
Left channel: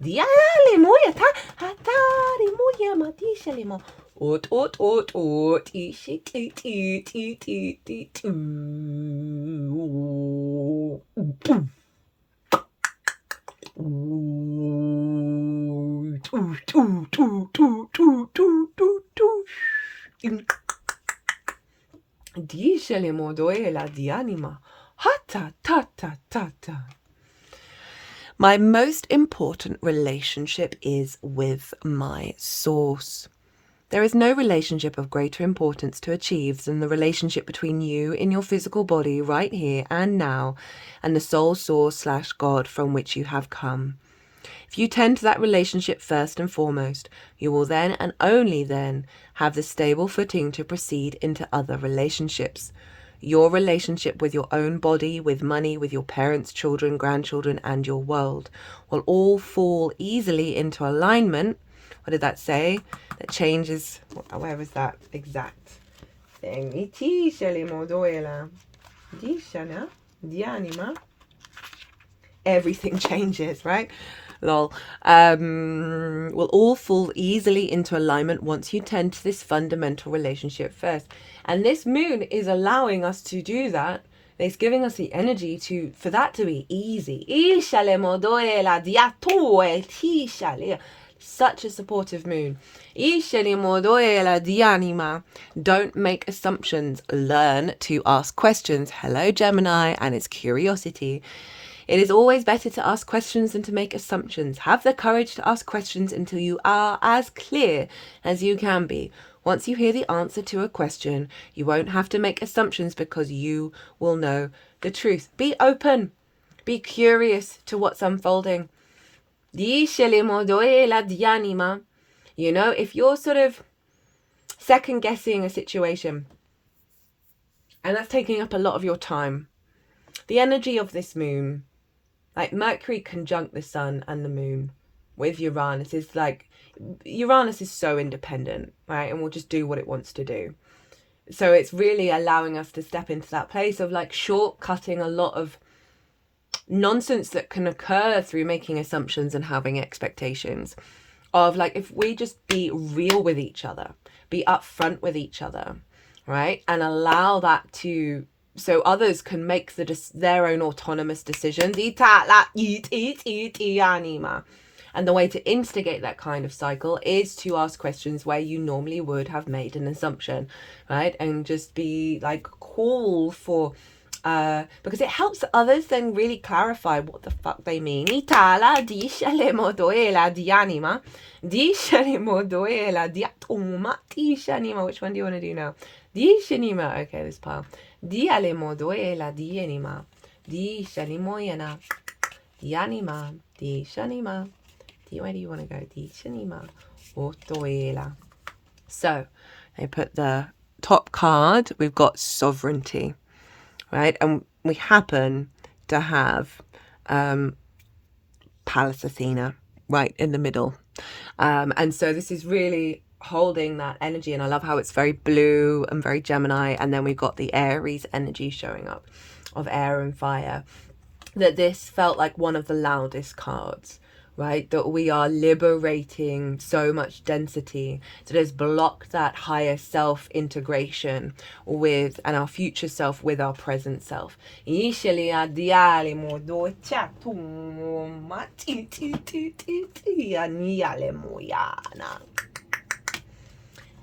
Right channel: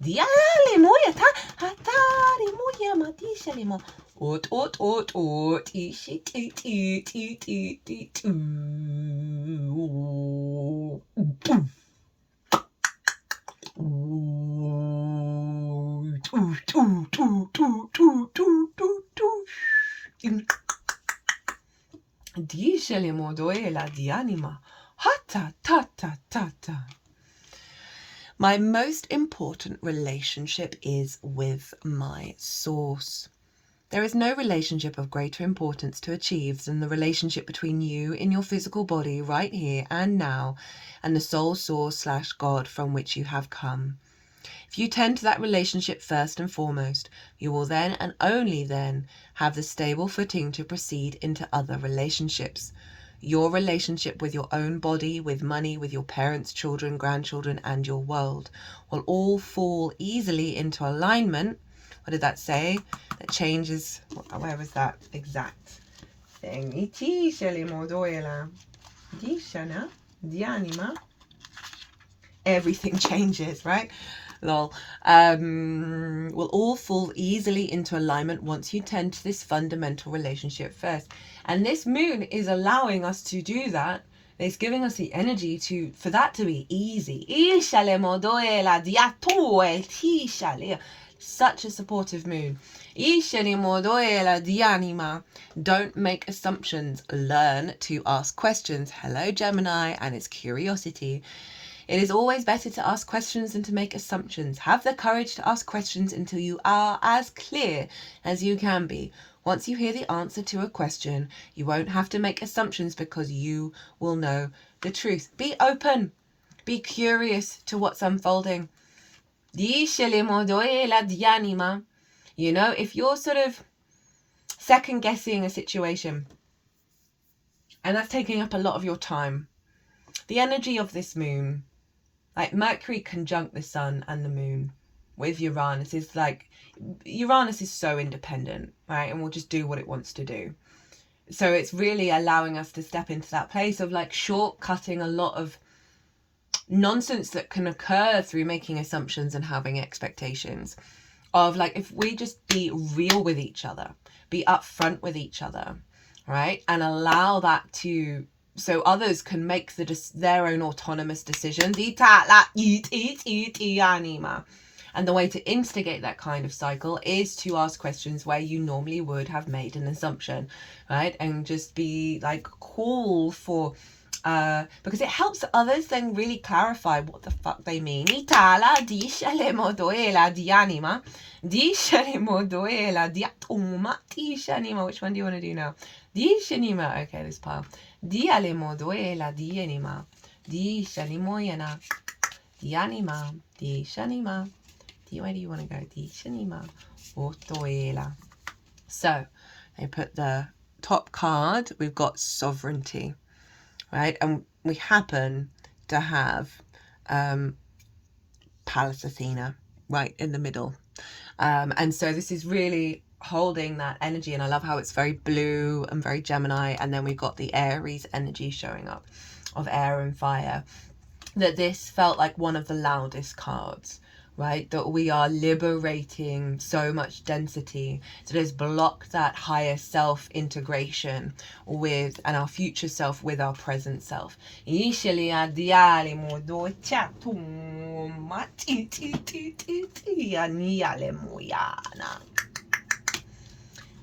diale moya ta hatari moya mati shalemo ot ot ot ot ishi ti ti ti ti ti ti Dicele modoe la dianima. Hata ta ta ta ta. My most important relationship is with my source. There is no relationship of greater importance to achieve than the relationship between you in your physical body right here and now and the soul source / God from which you have come. If you tend to that relationship first and foremost, you will then and only then have the stable footing to proceed into other relationships. Your relationship with your own body, with money, with your parents, children, grandchildren, and your world will all fall easily into alignment. What did that say? That changes. Where was that exact thing? Everything changes, right? Lol. Will all fall easily into alignment once you tend to this fundamental relationship first. And this moon is allowing us to do that. It's giving us the energy for that to be easy. Such a supportive moon. Don't make assumptions. Learn to ask questions. Hello, Gemini, and its curiosity. It is always better to ask questions than to make assumptions. Have the courage to ask questions until you are as clear as you can be. Once you hear the answer to a question, you won't have to make assumptions because you will know the truth. Be open. Be curious to what's unfolding. You know, if you're sort of second guessing a situation and that's taking up a lot of your time, the energy of this moon, like Mercury conjunct the sun and the moon with Uranus, is like, Uranus is so independent, right? And will just do what it wants to do. So it's really allowing us to step into that place of like shortcutting a lot of nonsense that can occur through making assumptions and having expectations. Of like, if we just be real with each other, be upfront with each other, right? And allow that to, so others can make their own autonomous decisions. And the way to instigate that kind of cycle is to ask questions where you normally would have made an assumption, right? And just be like, call for, because it helps others then really clarify what the fuck they mean. Which one do you want to do now? Okay, this part. Dialemo doela dienima. Di shanimoyana. Dianima. Di shanima. Where do you want to go? Di shanima. Otoela. So, I put the top card. We've got sovereignty, right? And we happen to have Pallas Athena right in the middle. And so this is really holding that energy, and I love how it's very blue and very Gemini, and then we've got the Aries energy showing up of air and fire. that this felt like one of the loudest cards, right? That we are liberating so much density to just block that higher self integration with, and our future self with our present self.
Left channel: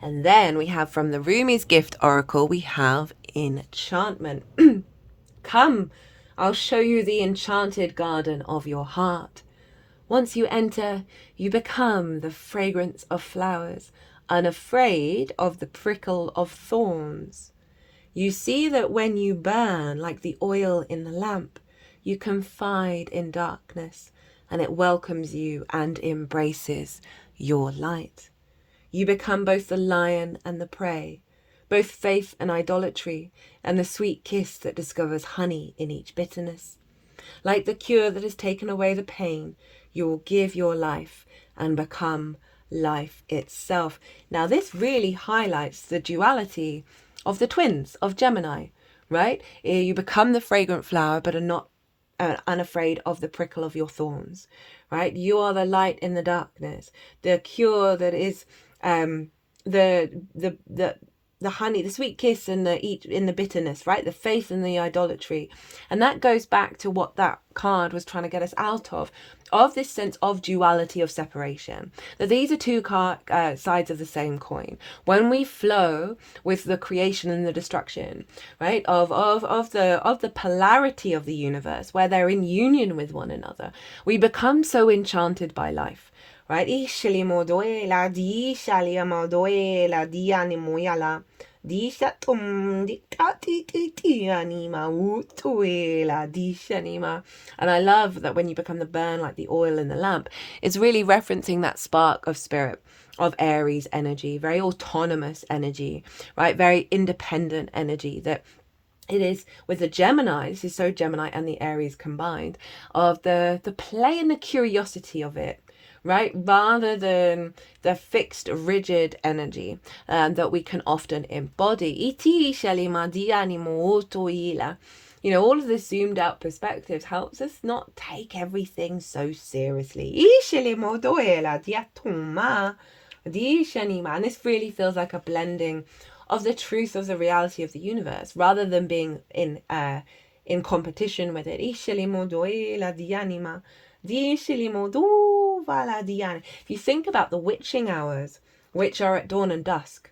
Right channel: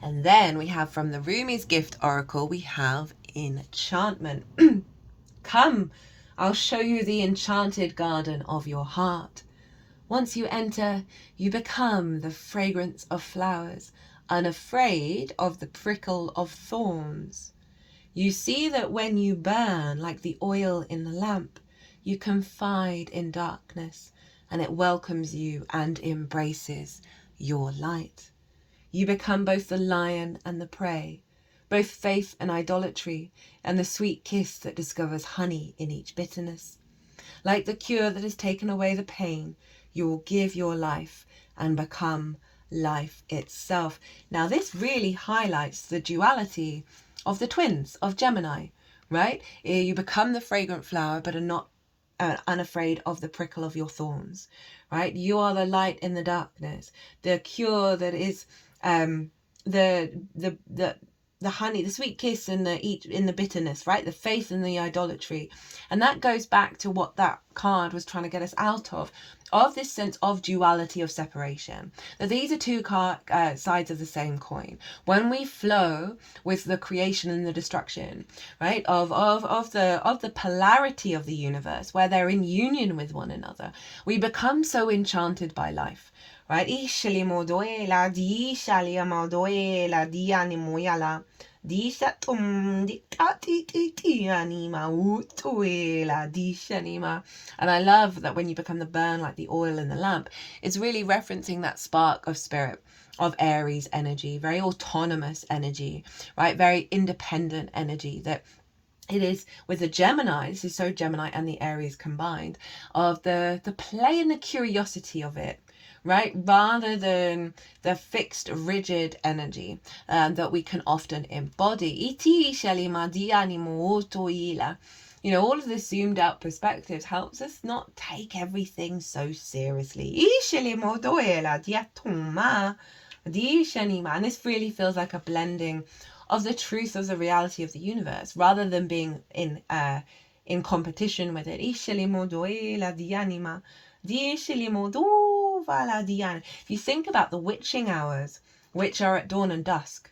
And then we have from the Rumi's Gift Oracle, we have enchantment. Come, I'll show you the enchanted garden of your heart. Once you enter, you become the fragrance of flowers, unafraid of the prickle of thorns. You see that when you burn like the oil in the lamp, you confide in darkness, and it welcomes you and embraces your light. You become both the lion and the prey, both faith and idolatry, and the sweet kiss that discovers honey in each bitterness. Like the cure that has taken away the pain, you will give your life and become life itself. Now, this really highlights the duality of the twins of Gemini, right? You become the fragrant flower, but are not unafraid of the prickle of your thorns, right? You are the light in the darkness, the cure that is the honey, the sweet kiss, and in the bitterness, right? The faith and the idolatry. And that goes back to what that card was trying to get us out of this sense of duality, of separation. That these are two sides of the same coin. When we flow with the creation and the destruction, right, of the polarity of the universe, where they're in union with one another, we become so enchanted by life. Right? Ishali modoela di shali modoela di animoyala di shatum di tati anima utuela di shanima. And I love that when you become the burn like the oil in the lamp, it's really referencing that spark of spirit, of Aries energy, very autonomous energy, right? Very independent energy that it is with the Gemini. This is so Gemini and the Aries combined, of the play and the curiosity of it, right? Rather than the fixed, rigid energy that we can often embody. You know, all of this zoomed out perspectives helps us not take everything so seriously. And this really feels like a blending of the truth of the reality of the universe, rather than being in competition with it. If you think about the witching hours, which are at dawn and dusk,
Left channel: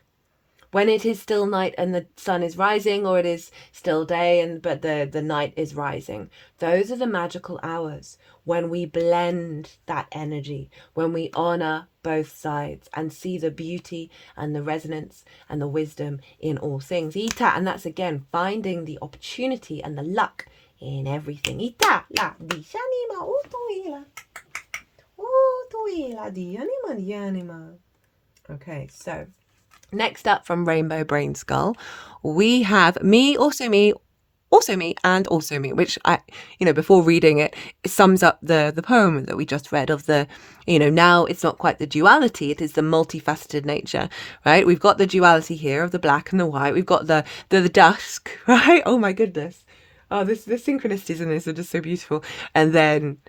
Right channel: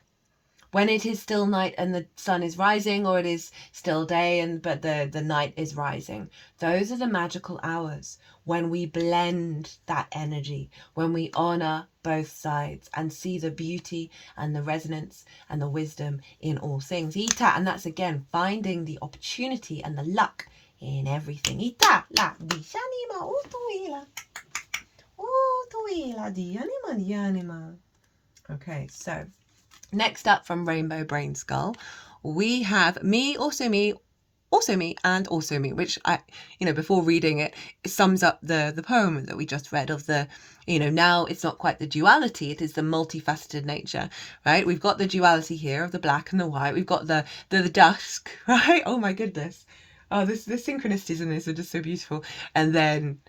when it is still night and the sun is rising, or it is still day but the night is rising, those are the magical hours when we blend that energy, when we honor both sides and see the beauty and the resonance and the wisdom in all things. Ita, and that's again finding the opportunity and the luck in everything. Ita la di shanima utuila di anima. Okay, so next up from Rainbow Brainskull, we have me, also me, also me, and also me, which I, before reading it sums up the poem that we just read of the, now it's not quite the duality, it is the multifaceted nature, right? We've got the duality here of the black and the white. We've got the dusk, right? Oh my goodness. Oh, the synchronicities in this are just so beautiful. And then,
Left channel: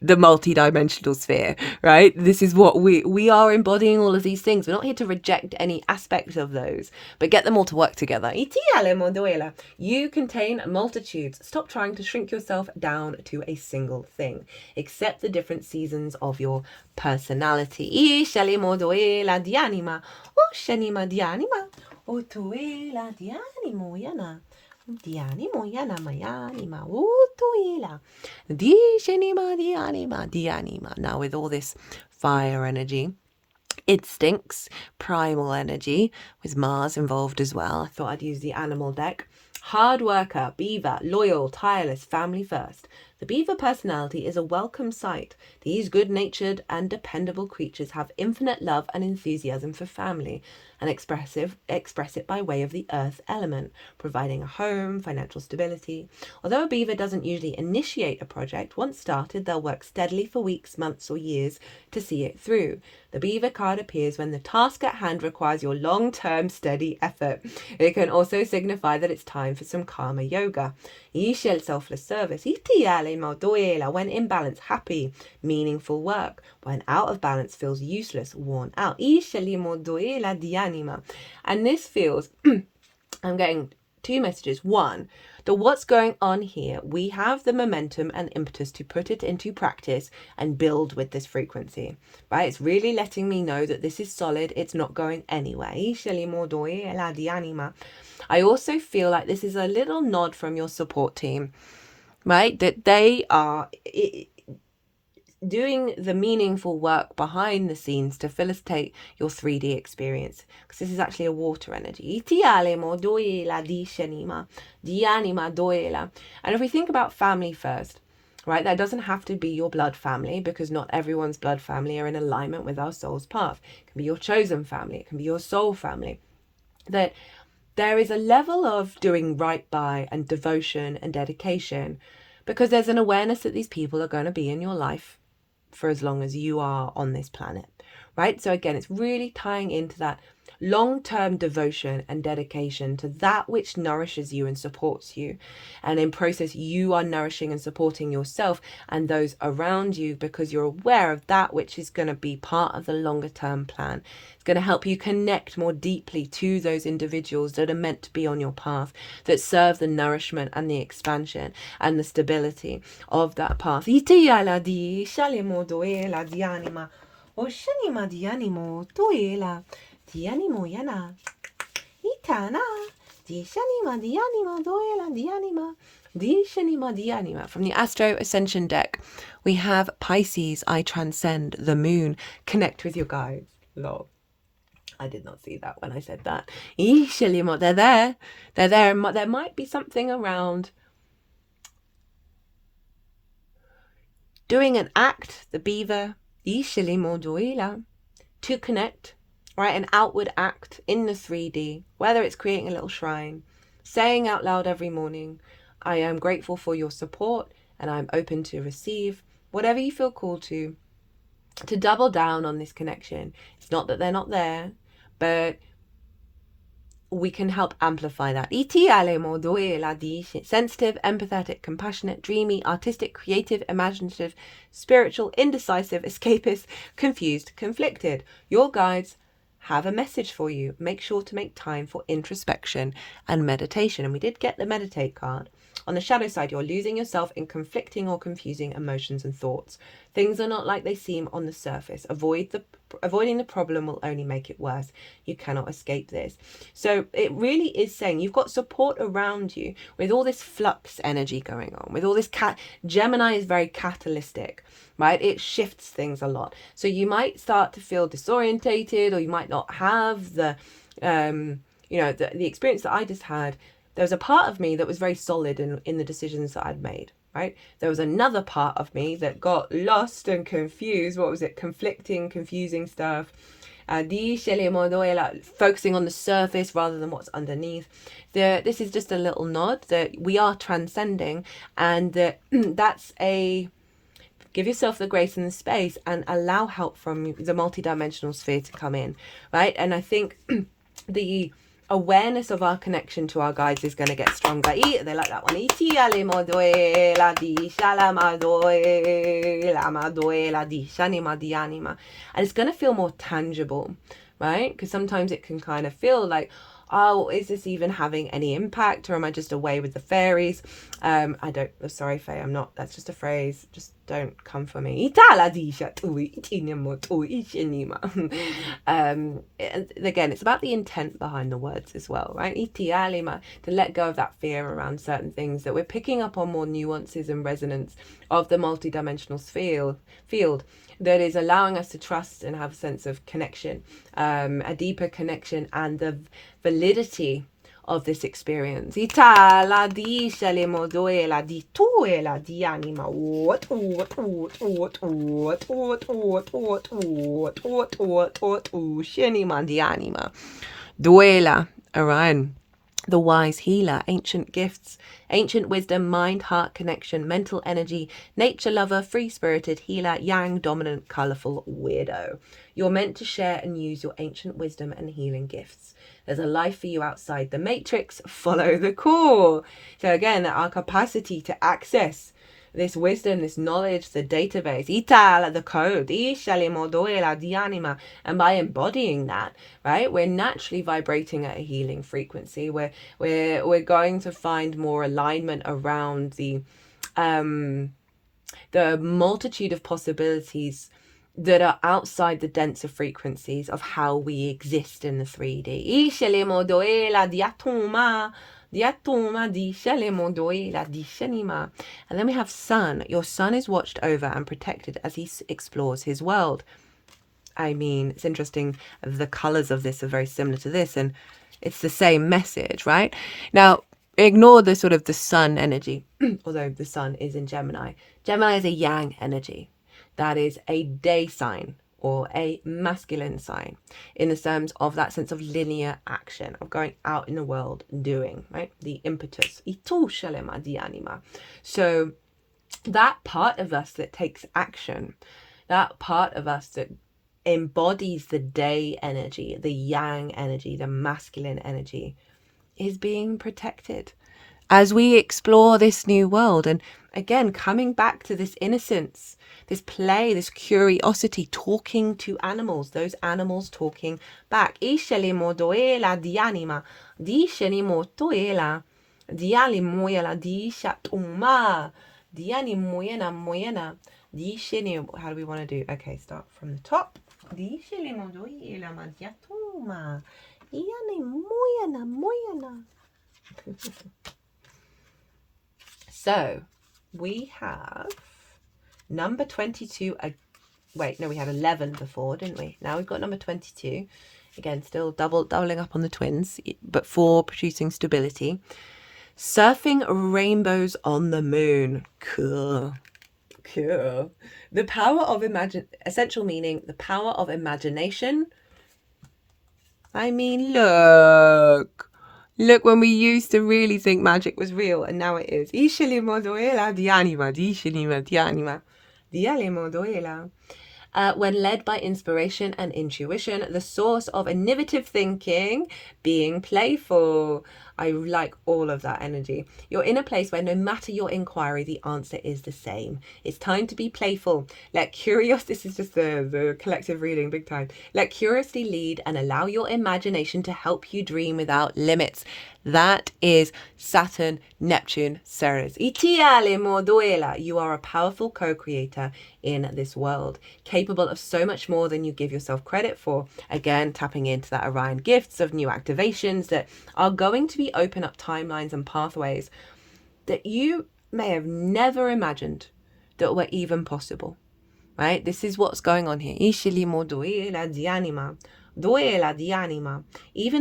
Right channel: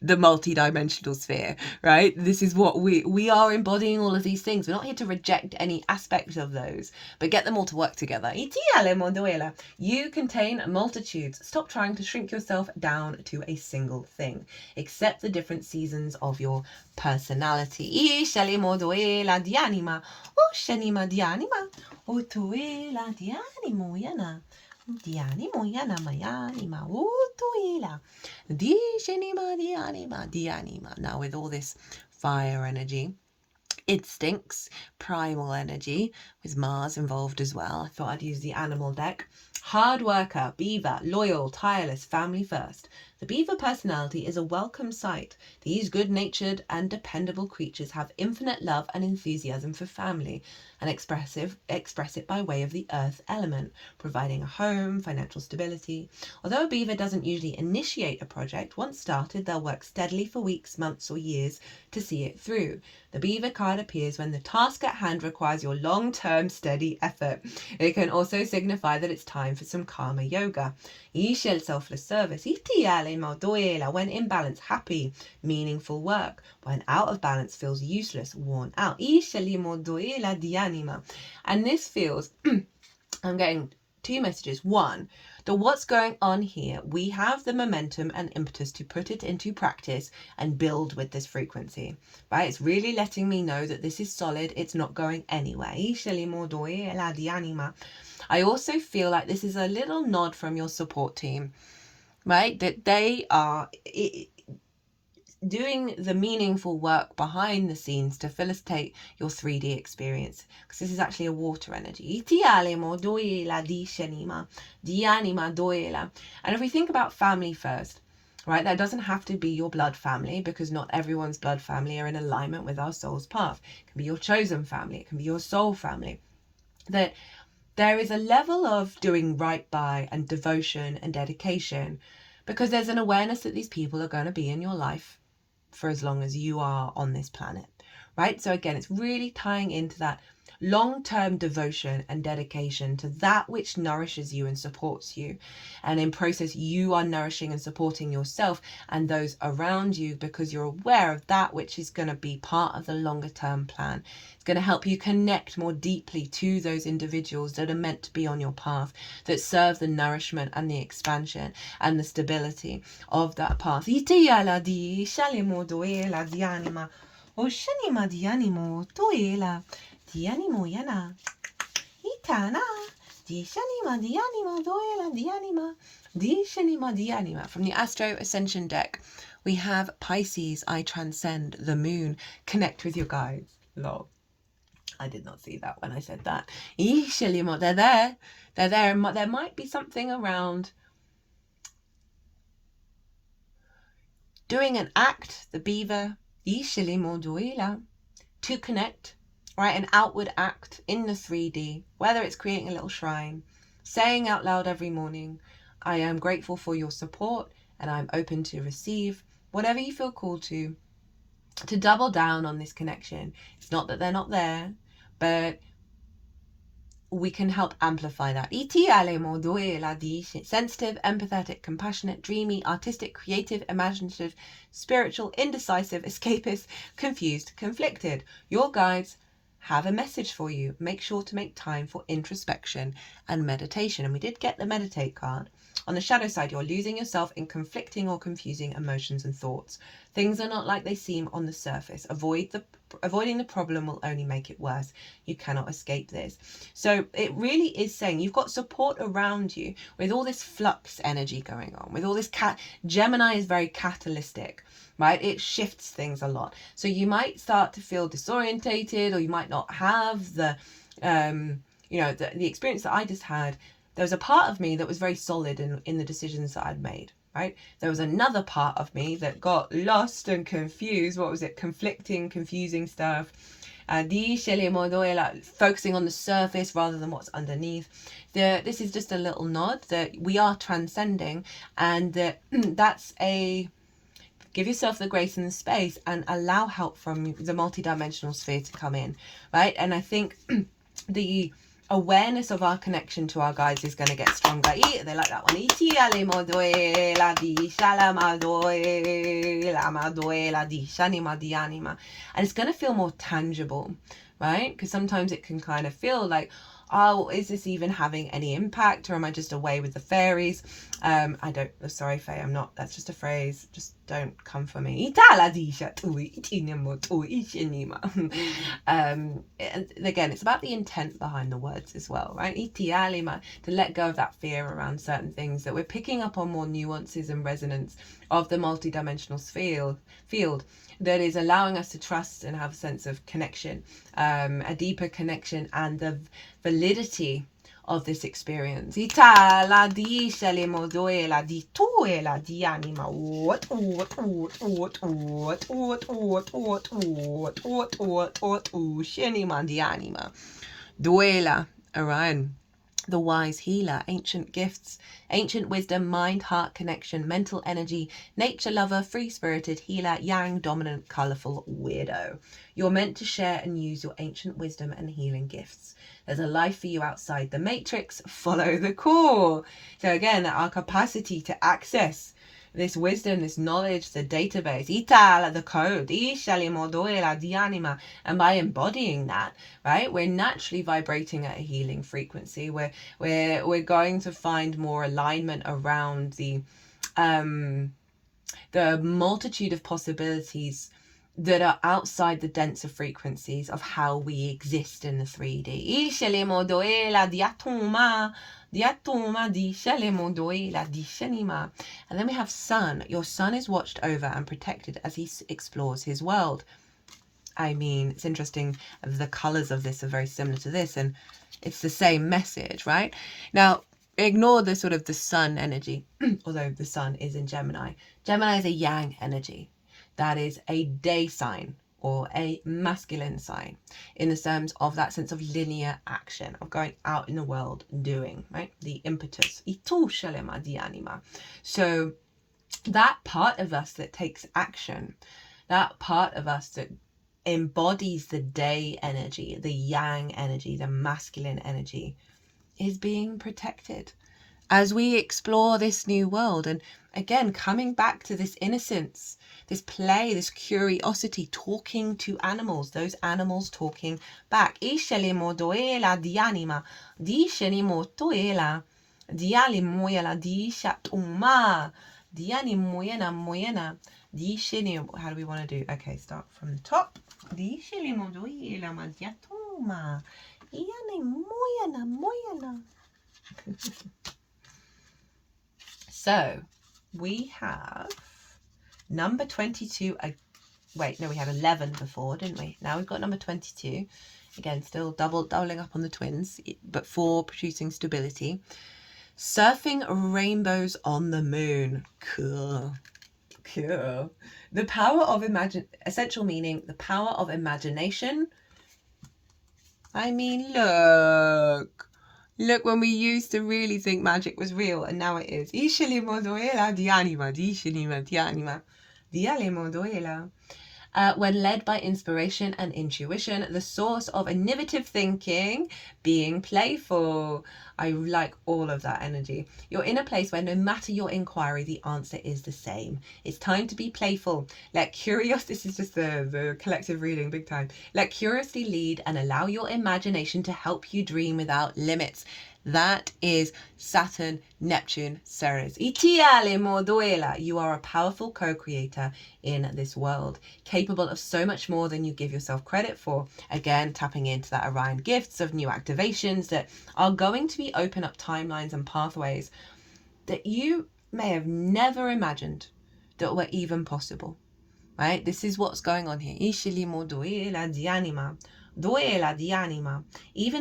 the multi-dimensional sphere, right? This is what we are embodying all of these things. We're not here to reject any aspect of those, but get them all to work together. You contain multitudes. Stop trying to shrink yourself down to a single thing. Accept the different seasons of your personality. Now with all this fire energy, instincts, primal energy, with Mars involved as well, I thought I'd use the animal deck. Hard worker, beaver, loyal, tireless, family first, The beaver personality is a welcome sight. These good-natured and dependable creatures have infinite love and enthusiasm for family and express it by way of the earth element, providing a home, financial stability. Although a beaver doesn't usually initiate a project, once started, they'll work steadily for weeks, months, or years to see it through. The beaver card appears when the task at hand requires your long-term steady effort. It can also signify that it's time for some karma yoga. Selfless service. When in balance, happy, meaningful work. When out of balance, feels useless, worn out. And this feels, I'm getting two messages. One, that what's going on here, we have the momentum and impetus to put it into practice and build with this frequency, right? It's really letting me know that this is solid. It's not going anywhere. I also feel like this is a little nod from your support team, right? That they are doing the meaningful work behind the scenes to facilitate your 3D experience, because this is actually a water energy. And if we think about family first, right, that doesn't have to be your blood family, because not everyone's blood family are in alignment with our soul's path. It can be your chosen family, it can be your soul family. That there is a level of doing right by and devotion and dedication, because there's an awareness that these people are going to be in your life for as long as you are on this planet, right? So again, it's really tying into that long-term devotion and dedication to that which nourishes you and supports you. And in process, you are nourishing and supporting yourself and those around you, because you're aware of that which is going to be part of the longer term plan. It's going to help you connect more deeply to those individuals that are meant to be on your path, that serve the nourishment and the expansion and the stability of that path. Dianimo yana. Itana. Dishanima dianima doela dianima. Dishanima dianima. From the Astro Ascension deck, we have Pisces, I transcend the moon. Connect with your guides. Lol. I did not see that when I said that. They're there. They're there. There might be something around doing an act, the beaver, to connect. Right, an outward act in the 3D, whether it's creating a little shrine, saying out loud every morning, I am grateful for your support and I'm open to receive, whatever you feel called to double down on this connection. It's not that they're not there, but we can help amplify that. Sensitive, empathetic, compassionate, dreamy, artistic, creative, imaginative, spiritual, indecisive, escapist, confused, conflicted. Your guides have a message for you. Make sure to make time for introspection and meditation. And we did get the meditate card. On the shadow side, you're losing yourself in conflicting or confusing emotions and thoughts. Things are not like they seem on the surface. Avoiding the problem will only make it worse. You cannot escape this. So it really is saying you've got support around you with all this flux energy going on, with all this Gemini is very catalytic, right? It shifts things a lot. So you might start to feel disorientated, or you might not have the the experience that I just had. There was a part of me that was very solid in the decisions that I'd made, right? There was another part of me that got lost and confused. What was it? Conflicting, confusing stuff. Focusing on the surface rather than what's underneath. This is just a little nod that we are transcending, and that's give yourself the grace and the space and allow help from the multidimensional sphere to come in, right? And I think the awareness of our connection to our guides is going to get stronger. They like that one. And it's going to feel more tangible, right? Because sometimes it can kind of feel like, oh, is this even having any impact, or am I just away with the fairies? Sorry, Faye, I'm not. That's just a phrase. Just don't come for me. And again, it's about the intent behind the words as well, right? To let go of that fear around certain things, that we're picking up on more nuances and resonance of the multidimensional field that is allowing us to trust and have a sense of connection, a deeper connection, and the validity of this experience. Ita la di shale modoela di tuela di anima. What sheni di anima. Duela aran. The wise healer, ancient gifts, ancient wisdom, mind, heart connection, mental energy, nature lover, free-spirited healer, yang, dominant, colourful weirdo. You're meant to share and use your ancient wisdom and healing gifts. There's a life for you outside the matrix. Follow the call. So again, our capacity to access this wisdom, this knowledge, the database, Ital, the code, and by embodying that, right, we're naturally vibrating at a healing frequency. We're going to find more alignment around the multitude of possibilities that are outside the denser frequencies of how we exist in the 3D. And then we have sun. Your sun is watched over and protected as he explores his world. I mean, it's interesting, the colours of this are very similar to this, and it's the same message, right? Now, ignore the sort of the sun energy, although the sun is in Gemini. Gemini is a yang energy. That is a day sign or a masculine sign in the terms of that sense of linear action, of going out in the world doing, right? The impetus. So that part of us that takes action, that part of us that embodies the day energy, the yang energy, the masculine energy, is being protected as we explore this new world. And again, coming back to this innocence, this play, this curiosity, talking to animals, those animals talking back. How do we want to do? Okay, start from the top. So we have number 22. Wait, no, we had 11 before, didn't we? Now we've got number 22. Again, still doubling up on the twins, but 4 producing stability. Surfing rainbows on the moon. Cool. The power of essential meaning, the power of imagination. I mean, look when we used to really think magic was real, and now it is. When led by inspiration and intuition, the source of innovative thinking, being playful. I like all of that energy. You're in a place where no matter your inquiry, the answer is the same. It's time to be playful. Let curiosity, this is just the collective reading, big time. Let curiosity lead and allow your imagination to help you dream without limits. That is Saturn, Neptune, Ceres. You are a powerful co-creator in this world, capable of so much more than you give yourself credit for. Again, tapping into that Orion gifts of new activations that are going to be open up timelines and pathways that you may have never imagined that were even possible, right? This is what's going on here. Even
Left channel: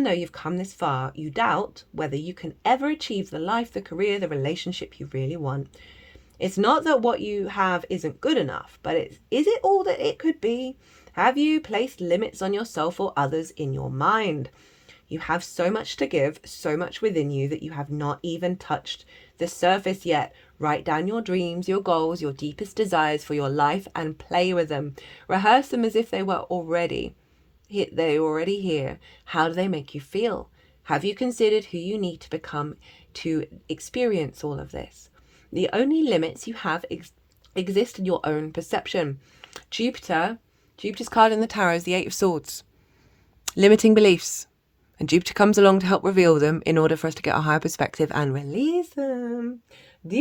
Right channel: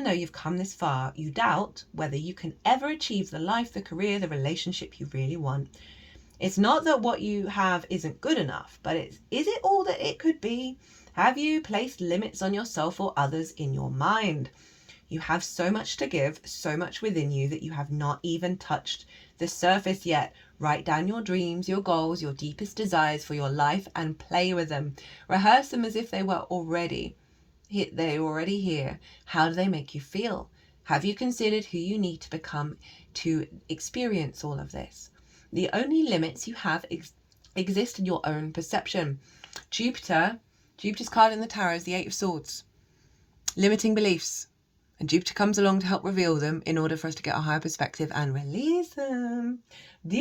though you've come this far, you doubt whether you can ever achieve the life, the career, the relationship you really want. It's not that what you have isn't good enough, but is it all that it could be? Have you placed limits on yourself or others in your mind? You have so much to give, so much within you that you have not even touched the surface yet. Write down your dreams, your goals, your deepest desires for your life and play with them. Rehearse them as if they were already here. How do they make you feel? Have you considered who you need to become to experience all of this? The only limits you have exist in your own perception. Jupiter's card in the tarot is the 8 of Swords. Limiting beliefs. And Jupiter comes along to help reveal them in order for us to get a higher perspective and release them. Have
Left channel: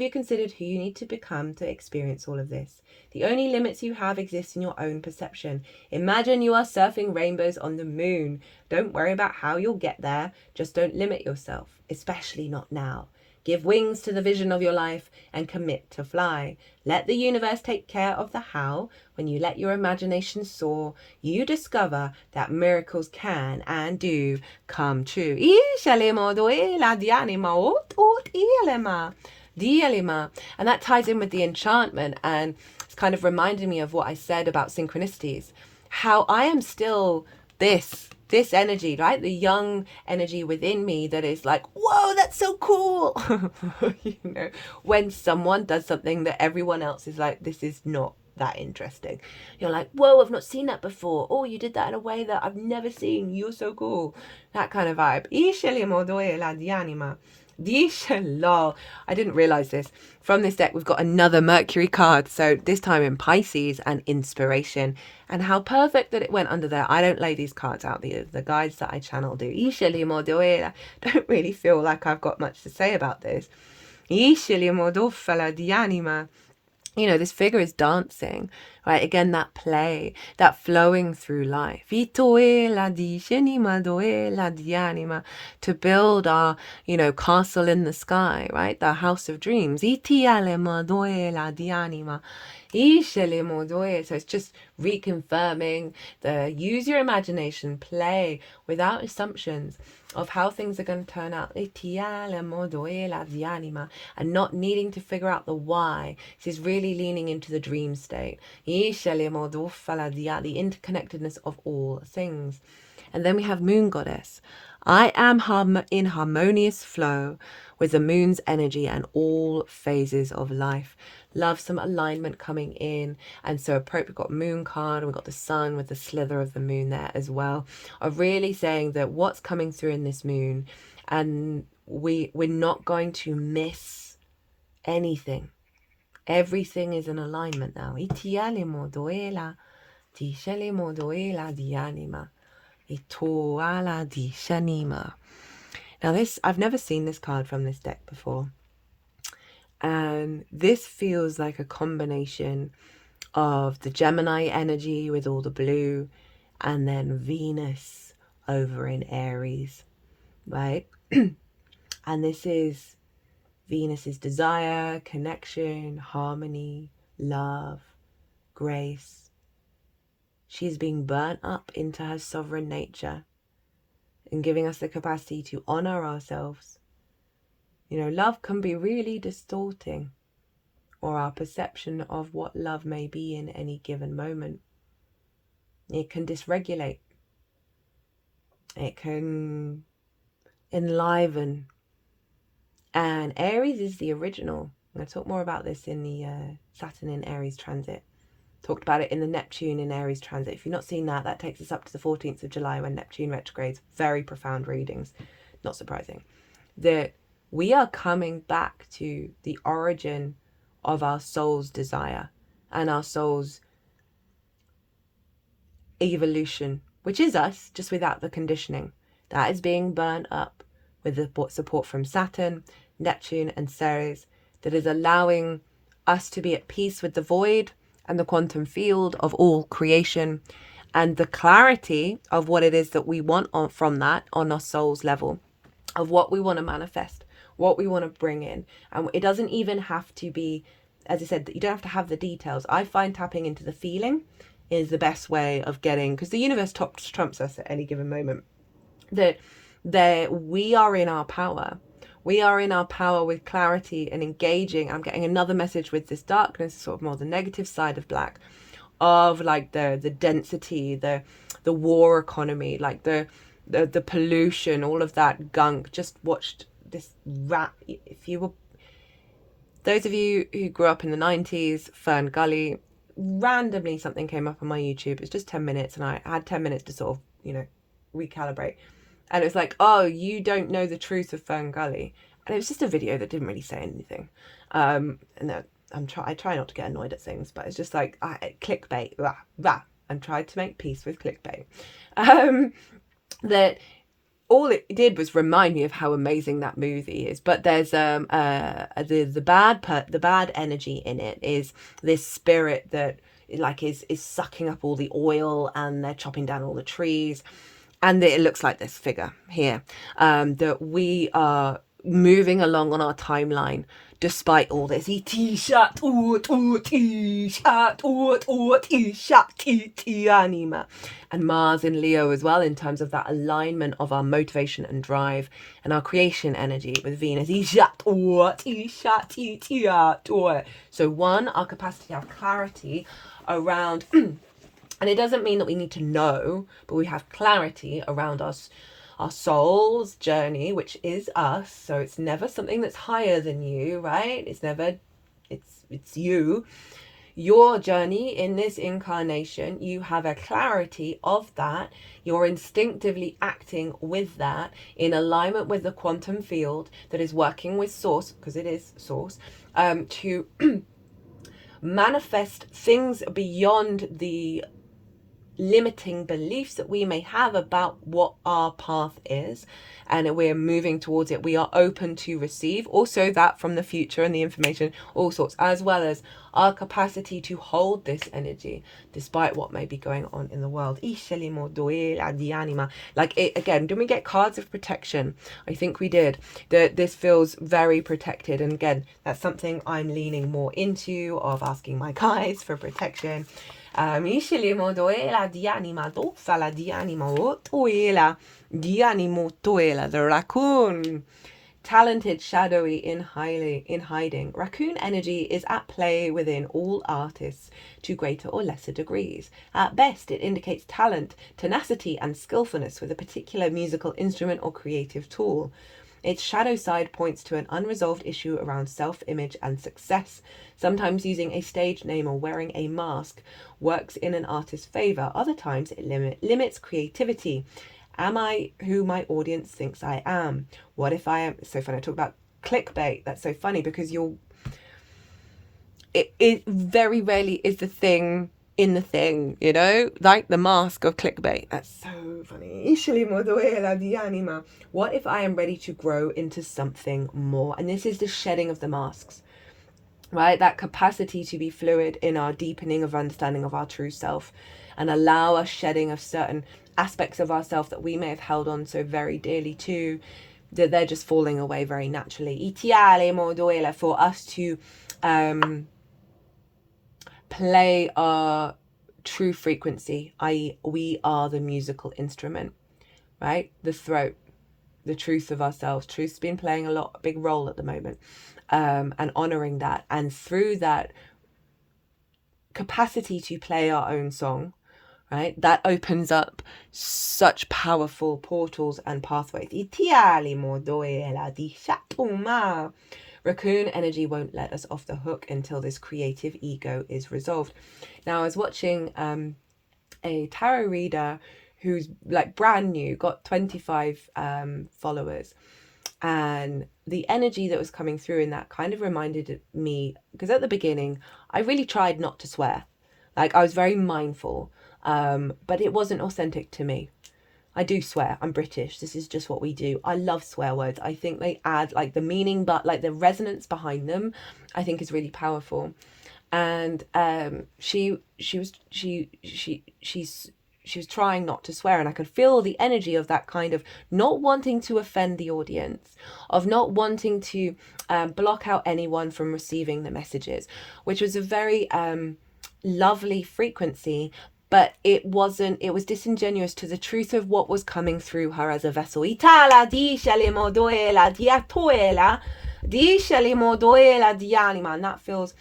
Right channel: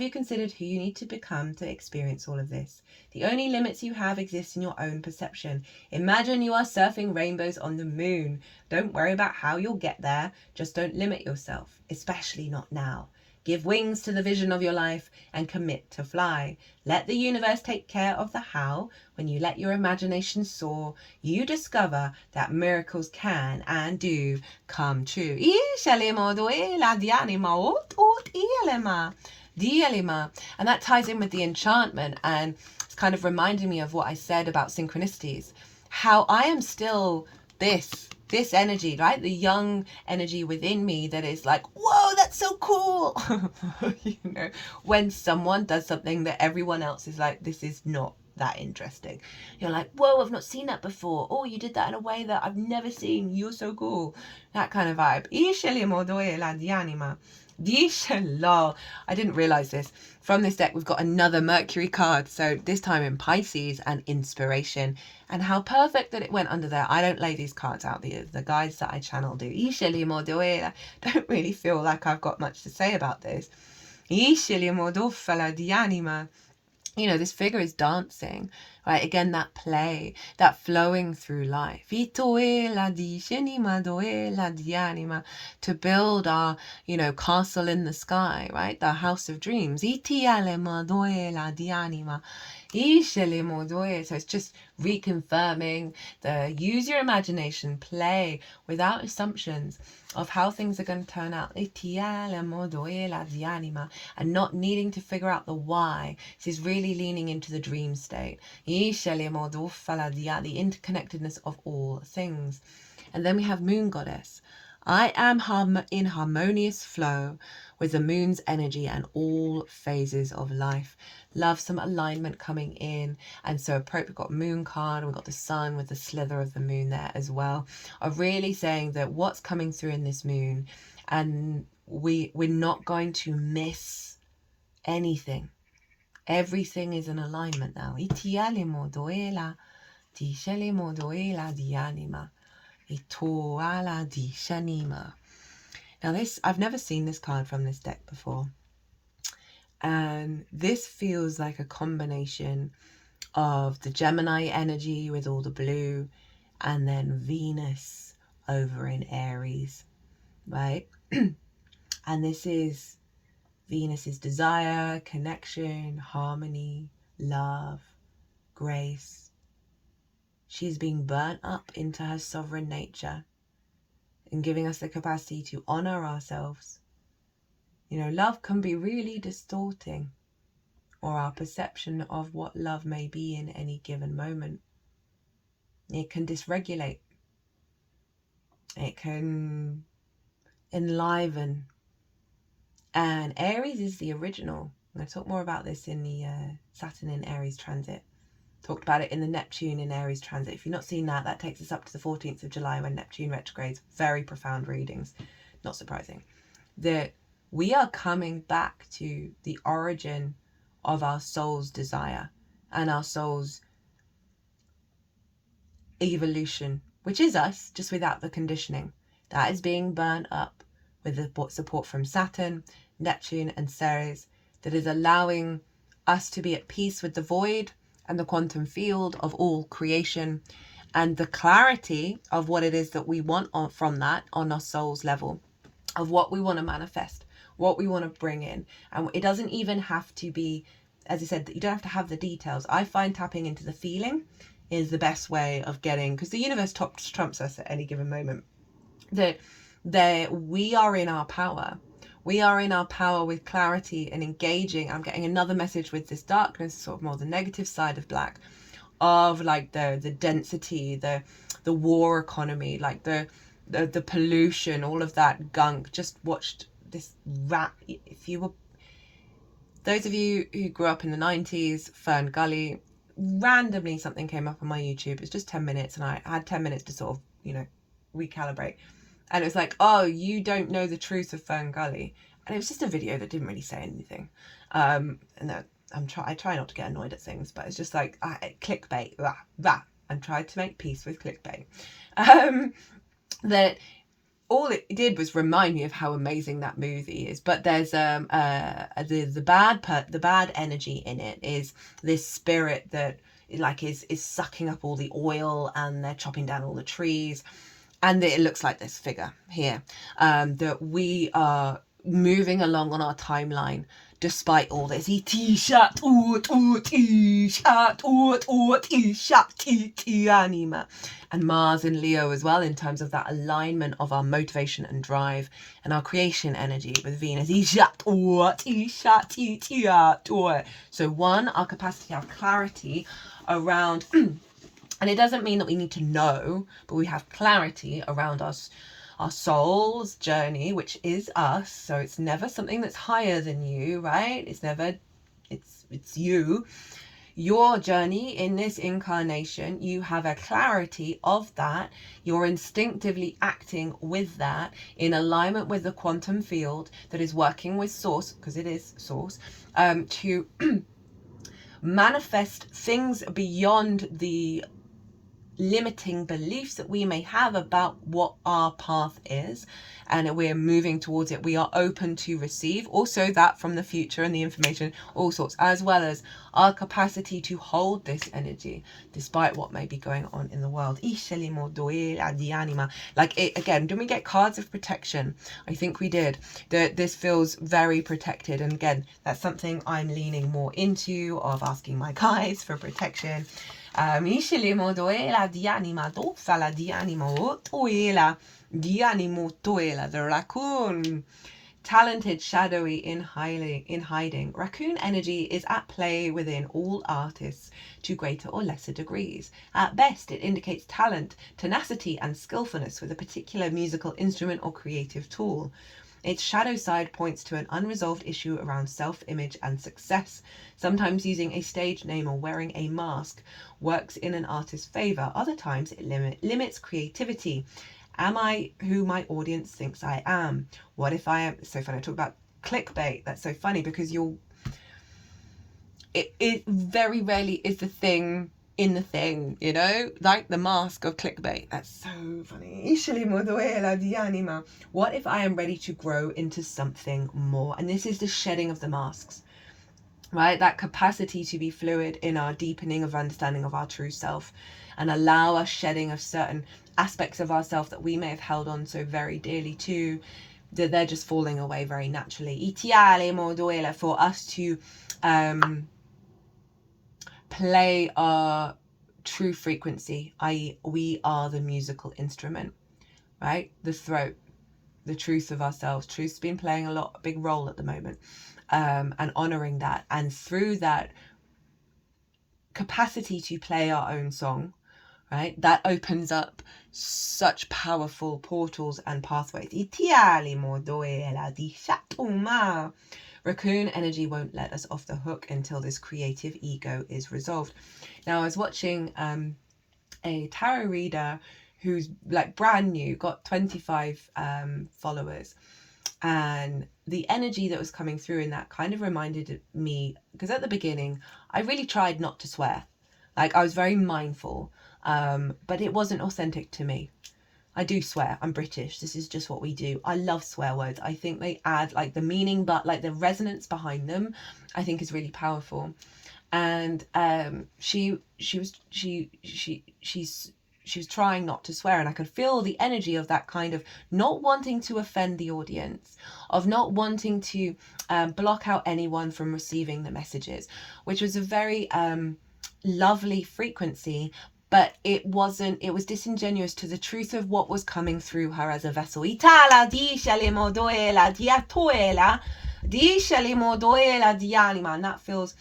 you considered who you need to become to experience all of this? The only limits you have exist in your own perception. Imagine you are surfing rainbows on the moon. Don't worry about how you'll get there. Just don't limit yourself, especially not now. Give wings to the vision of your life and commit to fly. Let the universe take care of the how. When you let your imagination soar, you discover that miracles can and do come true. And that ties in with the enchantment, and it's kind of reminding me of what I said about synchronicities. How I am still this energy, right? The young energy within me that is like, whoa, that's so cool. You know, when someone does something that everyone else is like, this is not that interesting. You're like, whoa, I've not seen that before. Oh, you did that in a way that I've never seen. You're so cool. That kind of vibe. I didn't realize this. From this deck, we've got another Mercury card. So this time in Pisces and inspiration. And how perfect that it went under there. I don't lay these cards out. The guides that I channel do. Don't really feel like I've got much to say about this. You know, this figure is dancing, right? Again, that play, that flowing through life. To build our, you know, castle in the sky, right? The house of dreams. So it's just reconfirming the use your imagination, play without assumptions of how things are going to turn out. And not needing to figure out the why. This is really leaning into the dream state. The interconnectedness of all things. And then we have Moon Goddess. I am in harmonious flow with the moon's energy and all phases of life. Love some alignment coming in. And so we've got Moon card, and we've got the sun with the slither of the moon there as well. Of really saying that what's coming through in this moon, and we're not going to miss anything. Everything is in alignment now. Now this, I've never seen this card from this deck before. And this feels like a combination of the Gemini energy with all the blue, and then Venus over in Aries, right? And this is Venus's desire, connection, harmony, love, grace. She's being burnt up into her sovereign nature and giving us the capacity to honor ourselves. You know, love can be really distorting, or our perception of what love may be in any given moment. It can dysregulate. It can enliven. And Aries is the original. I'm going to talk more about this in the Saturn in Aries transit. Talked about it in the Neptune in Aries transit. If you've not seen that, that takes us up to the 14th of July when Neptune retrogrades. Very profound readings. Not surprising. That we are coming back to the origin of our soul's desire and our soul's evolution, which is us, just without the conditioning. That is being burnt up with the support from Saturn, Neptune and Ceres, that is allowing us to be at peace with the void and the quantum field of all creation, and the clarity of what it is that we want from that on our soul's level, of what we want to manifest, what we want to bring in. And it doesn't even have to be, as I said, you don't have to have the details. I find tapping into the feeling is the best way of getting, because the universe trumps us at any given moment, that we are in our power. We are in our power with clarity and engaging. I'm getting another message with this darkness, sort of more the negative side of black, of like the density, the war economy, like the pollution, all of that gunk. Just watched this if you were, those of you who grew up in the 90s, Fern Gully, randomly something came up on my YouTube. It's just 10 minutes, and I had 10 minutes to sort of, you know, recalibrate. And it was like, oh, you don't know the truth of Fern Gully. And it was just a video that didn't really say anything. And I try not to get annoyed at things, but it's just like clickbait. And tried to make peace with clickbait. That all it did was remind me of how amazing that movie is. But there's the bad energy in it is this spirit that like is sucking up all the oil, and they're chopping down all the trees. And it looks like this figure here, that we are moving along on our timeline despite all this. And Mars in Leo as well, in terms of that alignment of our motivation and drive and our creation energy with Venus. So one, our capacity, our clarity around, and it doesn't mean that we need to know, but we have clarity around us, our soul's journey, which is us. So it's never something that's higher than you, right? It's never, it's you. Your journey in this incarnation, you have a clarity of that. You're instinctively acting with that in alignment with the quantum field that is working with source, because it is source, to manifest things beyond the limiting beliefs that we may have about what our path is, and we're moving towards it. We are open to receive also that from the future and the information, all sorts, as well as our capacity to hold this energy despite what may be going on in the world. Like it again, didn't we get cards of protection? I think we did. This feels very protected, and again, that's something I'm leaning more into, of asking my guides for protection. The raccoon, talented, shadowy, in hiding. Raccoon energy is at play within all artists to greater or lesser degrees. At best, it indicates talent, tenacity, and skillfulness with a particular musical instrument or creative tool. Its shadow side points to an unresolved issue around self-image and success. Sometimes using a stage name or wearing a mask works in an artist's favor. Other times it limits creativity. Am I who my audience thinks I am? What if I am? It's so funny. I talk about clickbait. That's so funny, because it very rarely is the thing in the thing, you know, like the mask of clickbait. That's so funny. What if I am ready to grow into something more? And this is the shedding of the masks, right? That capacity to be fluid in our deepening of understanding of our true self, and allow us shedding of certain aspects of ourselves that we may have held on so very dearly to, that they're just falling away very naturally. For us to play our true frequency, i.e. we are the musical instrument, right? The throat, the truth of ourselves. Truth's been playing a big role at the moment, and honouring that, and through that capacity to play our own song, right, that opens up such powerful portals and pathways. Raccoon energy won't let us off the hook until this creative ego is resolved. Now, I was watching a tarot reader who's like brand new, got 25 followers, and the energy that was coming through in that kind of reminded me, because at the beginning I really tried not to swear. Like, I was very mindful, but it wasn't authentic to me. I do swear. I'm British. This is just what we do. I love swear words. I think they add like the meaning, but like the resonance behind them, I think is really powerful. And she was trying not to swear, and I could feel the energy of that kind of not wanting to offend the audience, of not wanting to block out anyone from receiving the messages, which was a very lovely frequency. But it was disingenuous to the truth of what was coming through her as a vessel. And that feels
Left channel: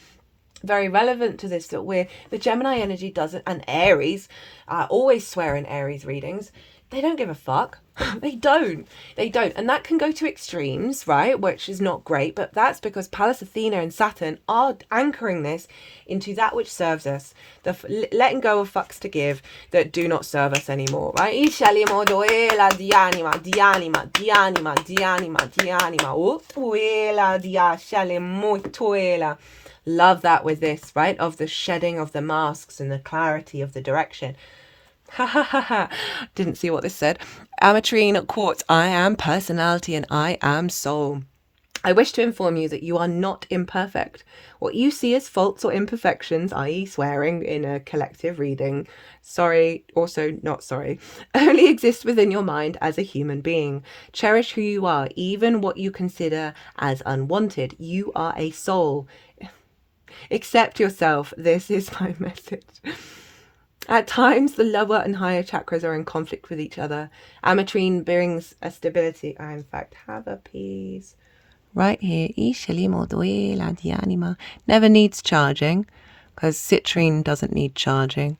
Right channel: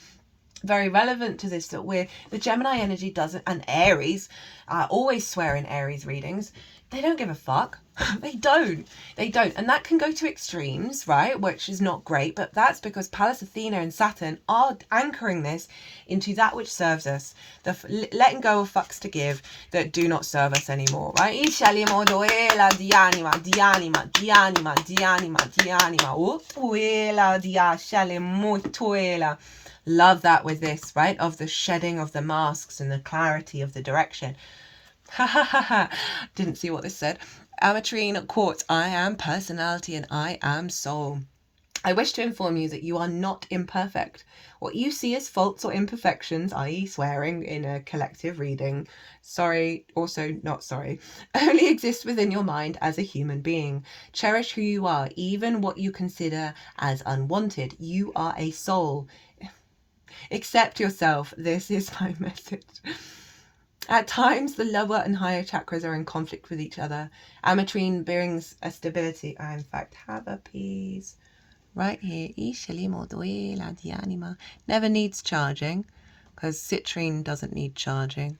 very relevant to this, that the Gemini energy doesn't, and Aries, always swear in Aries readings, they don't give a fuck. They don't. And that can go to extremes, right? Which is not great, but that's because Pallas Athena and Saturn are anchoring this into that which serves us. The letting go of fucks to give that do not serve us anymore, right? Love that with this, right? Of the shedding of the masks and the clarity of the direction. Didn't see what this said. Ametrine quartz. I am personality and I am soul. I wish to inform you that you are not imperfect. What you see as faults or imperfections, i.e. swearing in a collective reading, sorry, also not sorry, only exist within your mind as a human being. Cherish who you are, even what you consider as unwanted. You are a soul. Accept yourself. This is my message. At times, the lower and higher chakras are in conflict with each other. Ametrine brings a stability. I, in fact, have a piece right here. Never needs charging, because citrine doesn't need charging.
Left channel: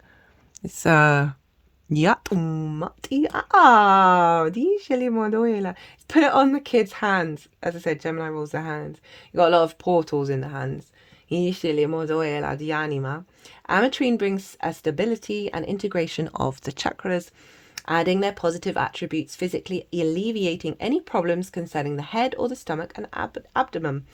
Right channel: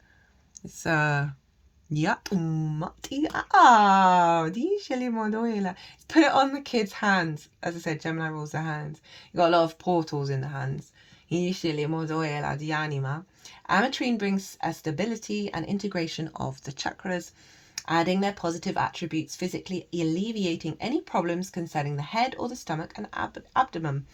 It's put it on the kids' hands. As I said, Gemini rules the hands. You got a lot of portals in the hands. Ametrine brings a stability and integration of the chakras, adding their positive attributes, physically alleviating any problems concerning the head or the stomach and abdomen.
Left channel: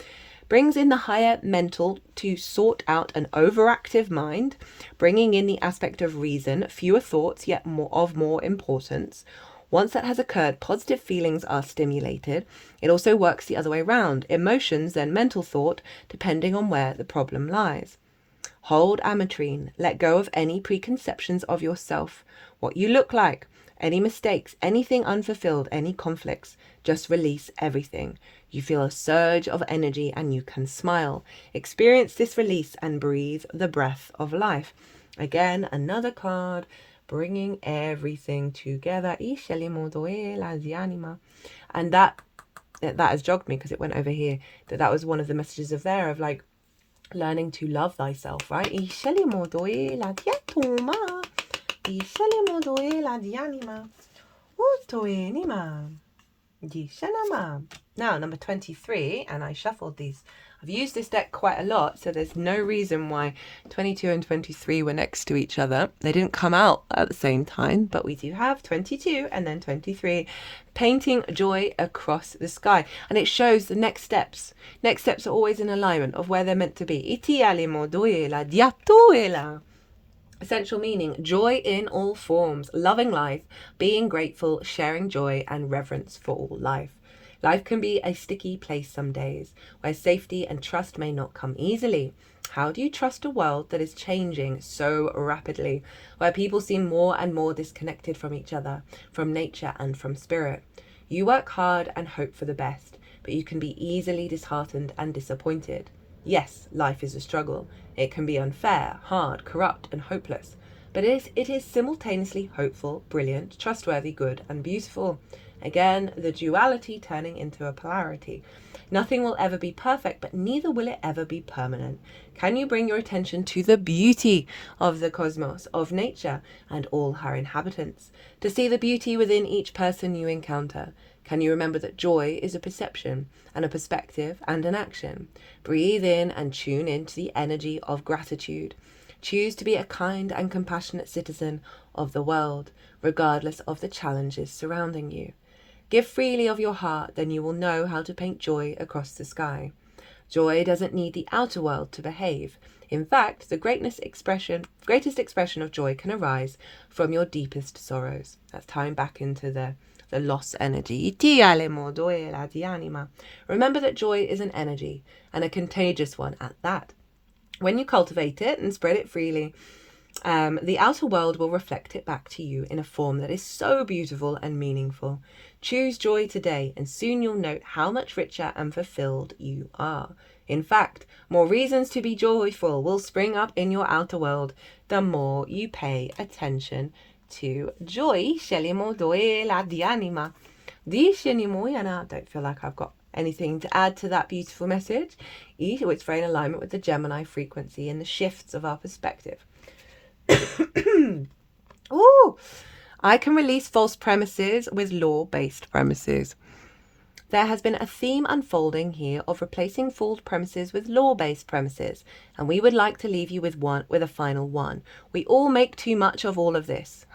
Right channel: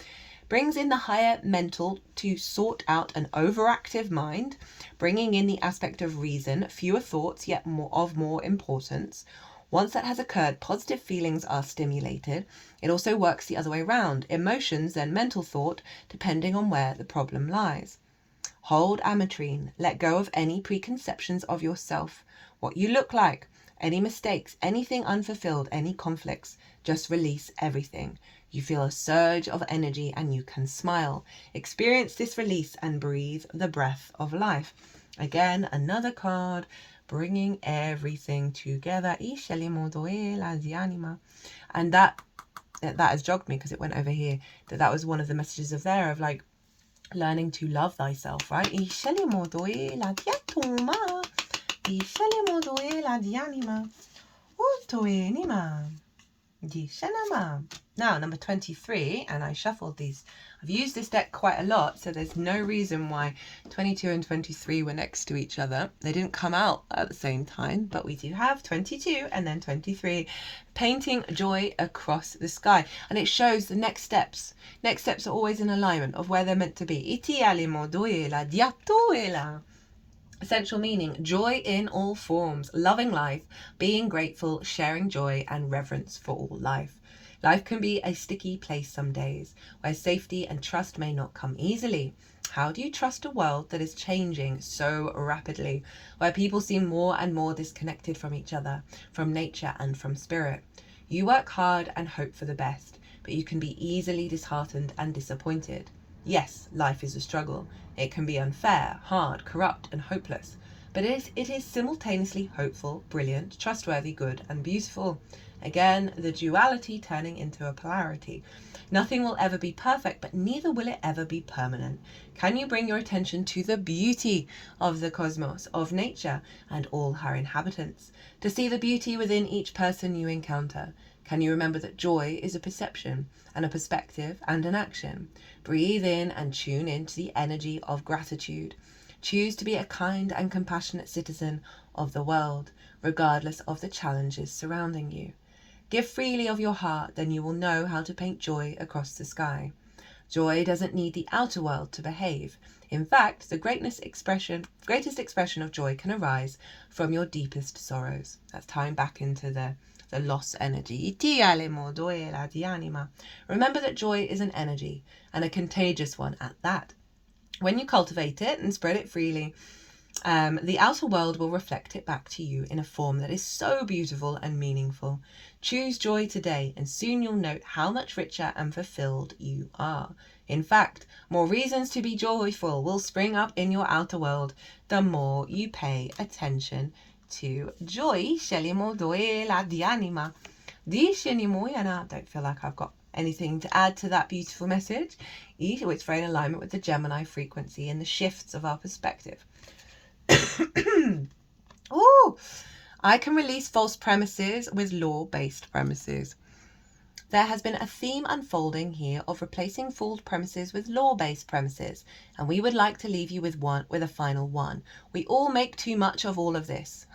Brings in the higher mental to sort out an overactive mind, bringing in the aspect of reason, fewer thoughts, yet more importance. Once that has occurred, positive feelings are stimulated. It also works the other way around. Emotions, then mental thought, depending on where the problem lies. Hold Ametrine. Let go of any preconceptions of yourself, what you look like, any mistakes, anything unfulfilled, any conflicts. Just release everything. You feel a surge of energy and you can smile. Experience this release and breathe the breath of life. Again, another card, bringing everything together. And that has jogged me because it went over here. That was one of the messages of there, of like learning to love thyself, right? Now, number 23, and I shuffled these. I've used this deck quite a lot, so there's no reason why 22 and 23 were next to each other. They didn't come out at the same time, but we do have 22 and then 23. Painting joy across the sky. And it shows the next steps. Next steps are always in alignment of where they're meant to be. Essential meaning, joy in all forms, loving life, being grateful, sharing joy, and reverence for all life. Life can be a sticky place some days, where safety and trust may not come easily. How do you trust a world that is changing so rapidly, where people seem more and more disconnected from each other, from nature and from spirit? You work hard and hope for the best, but you can be easily disheartened and disappointed. Yes, life is a struggle. It can be unfair, hard, corrupt, and hopeless. But it is simultaneously hopeful, brilliant, trustworthy, good, and beautiful. Again, the duality turning into a polarity. Nothing will ever be perfect, but neither will it ever be permanent. Can you bring your attention to the beauty of the cosmos, of nature, and all her inhabitants? To see the beauty within each person you encounter. Can you remember that joy is a perception, and a perspective, and an action? Breathe in and tune into the energy of gratitude. Choose to be a kind and compassionate citizen of the world, regardless of the challenges surrounding you. Give freely of your heart, then you will know how to paint joy across the sky. Joy doesn't need the outer world to behave. In fact, the greatest expression of joy can arise from your deepest sorrows. That's tying back into the loss energy. Remember that joy is an energy, and a contagious one at that. When you cultivate it and spread it freely, the outer world will reflect it back to you in a form that is so beautiful and meaningful. Choose joy today, and soon you'll note how much richer and fulfilled you are. In fact, more reasons to be joyful will spring up in your outer world the more you pay attention to joy. Don't feel like I've got anything to add to that beautiful message. It's very in alignment with the Gemini frequency and the shifts of our perspective. Ooh, I can release false premises with law-based premises. There has been a theme unfolding here of replacing false premises with law-based premises, and we would like to leave you with a final one. We all make too much of all of this.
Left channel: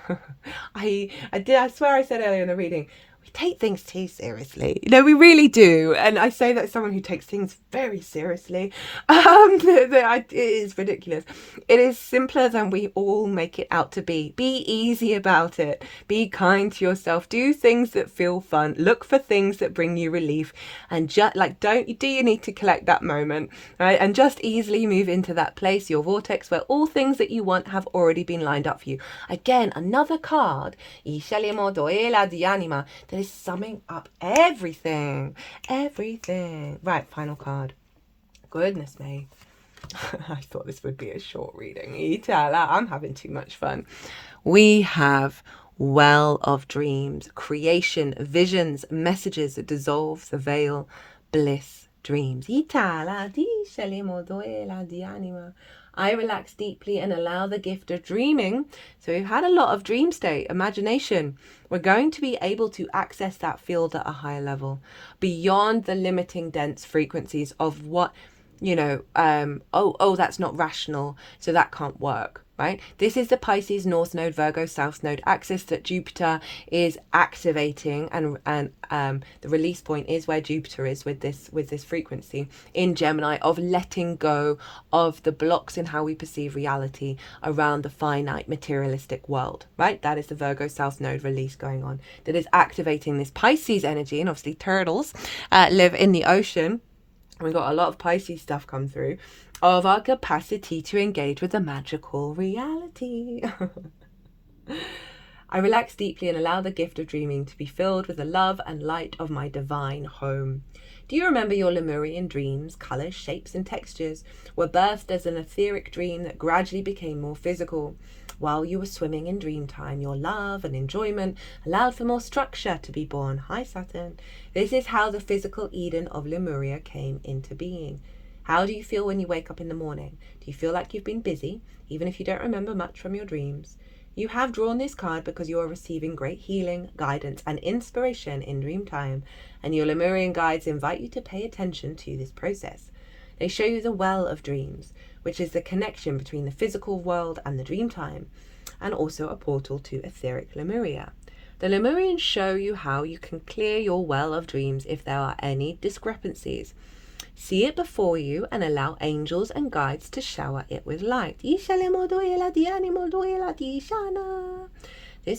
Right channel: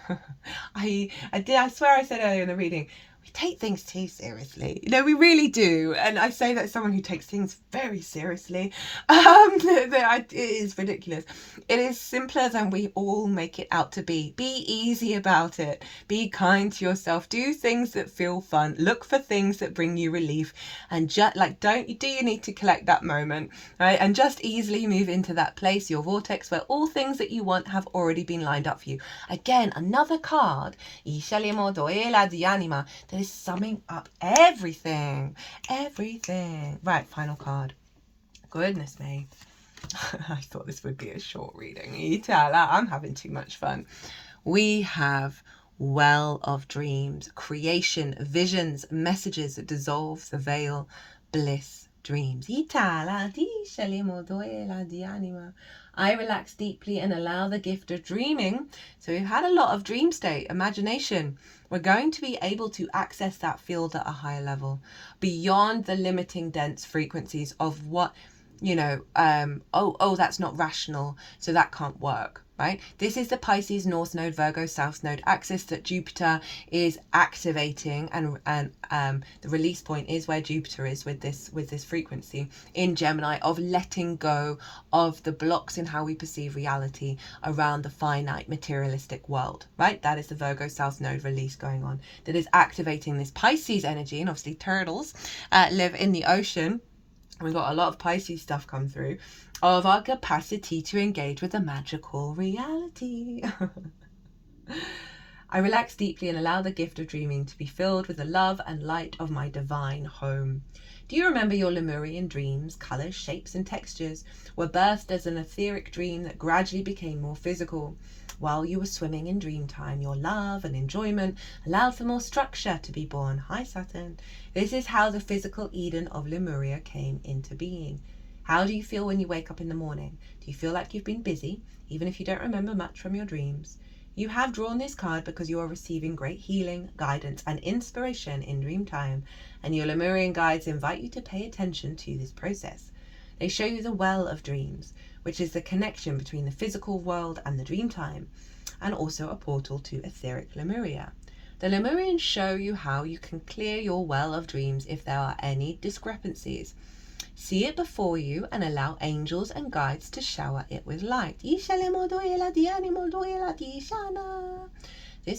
I swear I said earlier in the reading, take things too seriously. No, we really do. And I say that as someone who takes things very seriously. It is ridiculous. It is simpler than we all make it out to be. Be easy about it. Be kind to yourself. Do things that feel fun. Look for things that bring you relief. And just like, do you need to collect that moment, right? And just easily move into that place, your vortex, where all things that you want have already been lined up for you. Again, another card, that is summing up everything. Right, final card. Goodness me. I thought this would be a short reading. I'm having too much fun. We have Well of Dreams, creation, visions, messages that dissolve the veil, bliss, dreams. I relax deeply and allow the gift of dreaming. So we've had a lot of dream state, imagination. We're going to be able to access that field at a higher level, beyond the limiting dense frequencies of what, that's not rational, so that can't work. Right? This is the Pisces North Node, Virgo South Node axis that Jupiter is activating, and the release point is where Jupiter is with this frequency in Gemini, of letting go of the blocks in how we perceive reality around the finite materialistic world. Right? That is the Virgo South Node release going on that is activating this Pisces energy, and obviously turtles live in the ocean. We've got a lot of Pisces stuff come through, of our capacity to engage with the magical reality. I relax deeply and allow the gift of dreaming to be filled with the love and light of my divine home. Do you remember your Lemurian dreams? Colours, shapes and textures were birthed as an etheric dream that gradually became more physical. While you were swimming in dream time, your love and enjoyment allowed for more structure to be born. Hi, Saturn. This is how the physical Eden of Lemuria came into being. How do you feel when you wake up in the morning? Do you feel like you've been busy, even if you don't remember much from your dreams? You have drawn this card because you are receiving great healing, guidance, and inspiration in dream time, and your Lemurian guides invite you to pay attention to this process. They show you the well of dreams, which is the connection between the physical world and the dream time, and also a portal to etheric Lemuria. The Lemurians show you how you can clear your well of dreams if there are any discrepancies. See it before you and allow angels and guides to shower it with light. This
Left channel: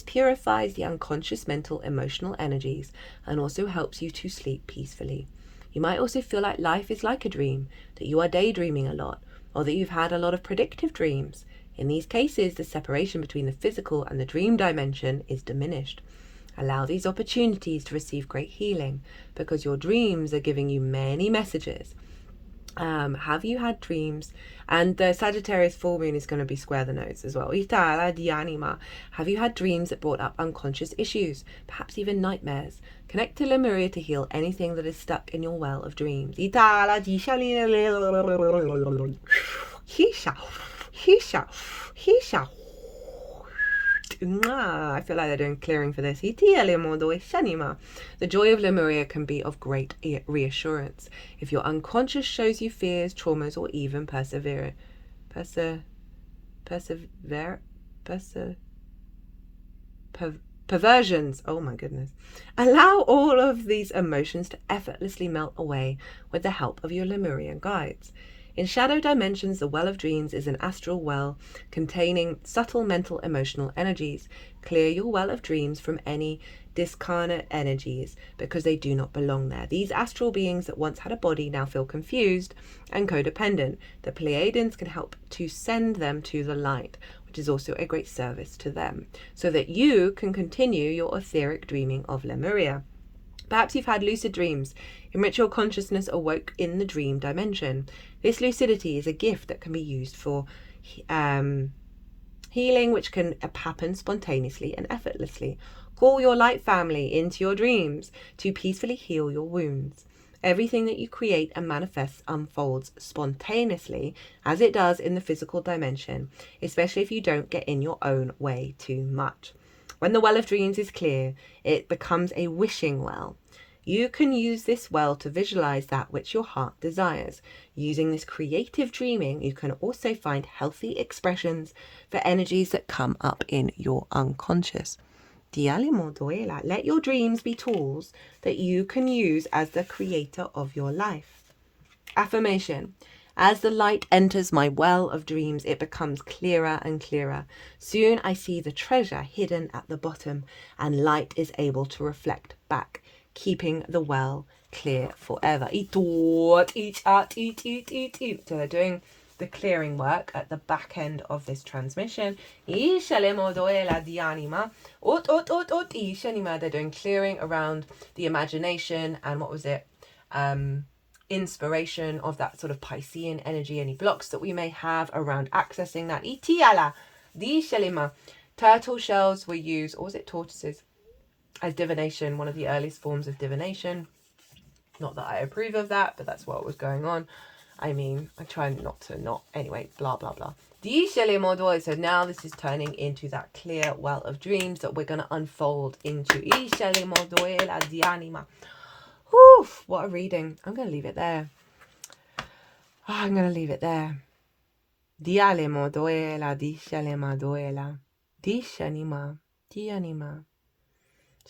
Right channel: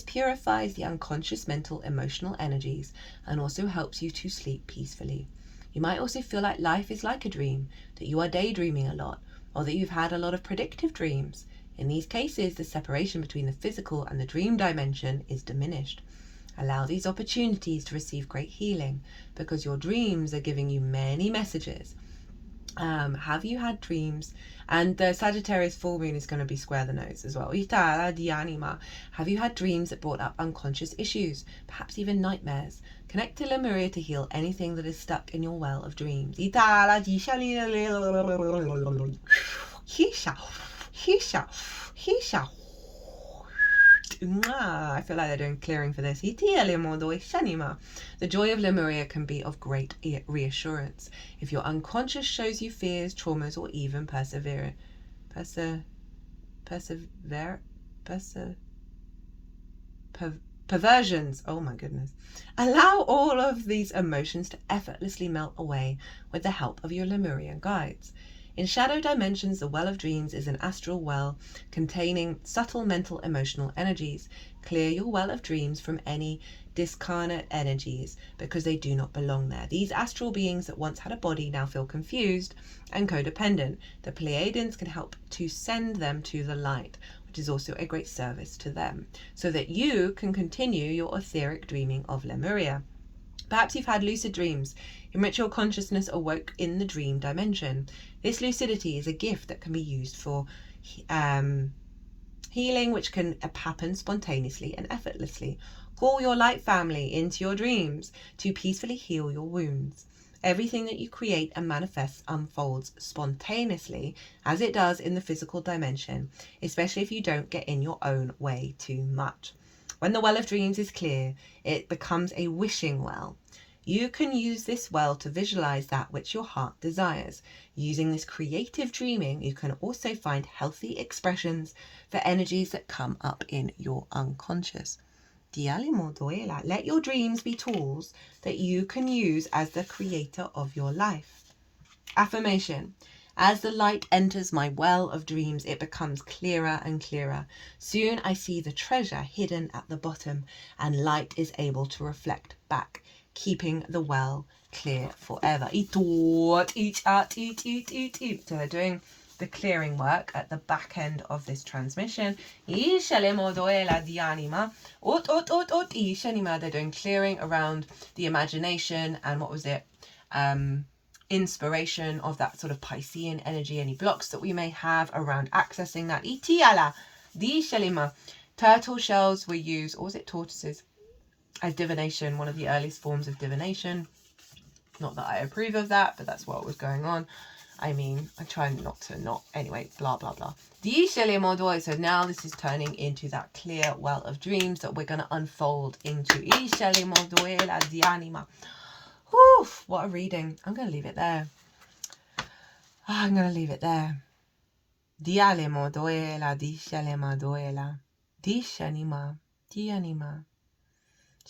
purifies the unconscious mental emotional energies and also helps you to sleep peacefully. You might also feel like life is like a dream, that you are daydreaming a lot, or that you've had a lot of predictive dreams. In these cases, the separation between the physical and the dream dimension is diminished. Allow these opportunities to receive great healing, because your dreams are giving you many messages. Have you had dreams? And the Sagittarius full moon is going to be square the nodes as well. Have you had dreams that brought up unconscious issues, perhaps even nightmares? Connect to Lemuria to heal anything that is stuck in your well of dreams. I feel like they're doing clearing for this. The joy of Lemuria can be of great reassurance. If your unconscious shows you fears, traumas, or even perversions, oh my goodness, allow all of these emotions to effortlessly melt away with the help of your Lemurian guides. In shadow dimensions, the well of dreams is an astral well containing subtle mental emotional energies. Clear your well of dreams from any discarnate energies because they do not belong there. These astral beings that once had a body now feel confused and codependent. The Pleiadians can help to send them to the light, which is also a great service to them, so that you can continue your etheric dreaming of Lemuria. Perhaps you've had lucid dreams in which your consciousness awoke in the dream dimension. This lucidity is a gift that can be used for healing, which can happen spontaneously and effortlessly. Call your light family into your dreams to peacefully heal your wounds. Everything that you create and manifest unfolds spontaneously, as it does in the physical dimension, especially if you don't get in your own way too much. When the well of dreams is clear, it becomes a wishing well. You can use this well to visualize that which your heart desires. Using this creative dreaming, you can also find healthy expressions for energies that come up in your unconscious. Let your dreams be tools that you can use as the creator of your life. Affirmation. As the light enters my well of dreams, it becomes clearer and clearer. Soon I see the treasure hidden at the bottom, and light is able to reflect back, keeping the well clear forever. So they're doing the clearing work at the back end of this transmission. They're doing clearing around the imagination and what was it? Inspiration of that sort of Piscean energy, any blocks that we may have around accessing that. Turtle shells were used, or was it tortoises, as divination, one of the earliest forms of divination. Not that I approve of that, but that's what was going on. I mean, I try not to anyway, blah, blah, blah. So now this is turning into that clear well of dreams that we're going to unfold into. Whew, what a reading. I'm going to leave it there.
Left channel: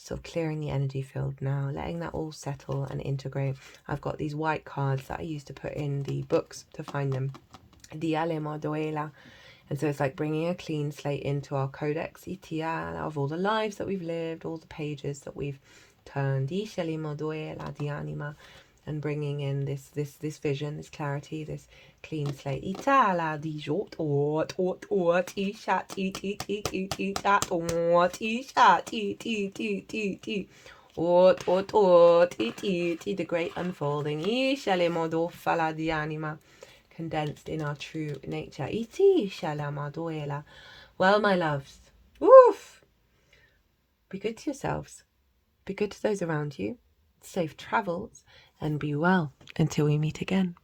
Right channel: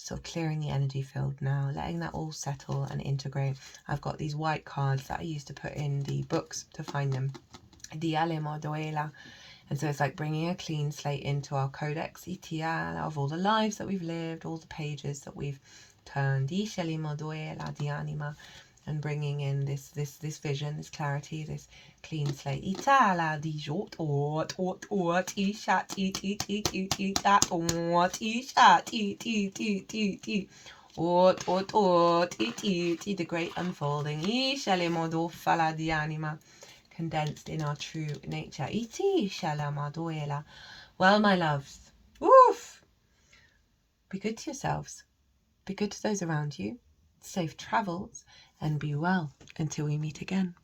So clearing the energy field now, letting that all settle and integrate. I've got these white cards that I used to put in the books to find them. And so it's like bringing a clean slate into our codex of all the lives that we've lived, all the pages that we've turned, and bringing in this vision, this clarity, this clean slate. The great unfolding, condensed in our true nature. Well, my loves, woof, be good to yourselves, be good to those around you, safe travels, and be well until we meet again.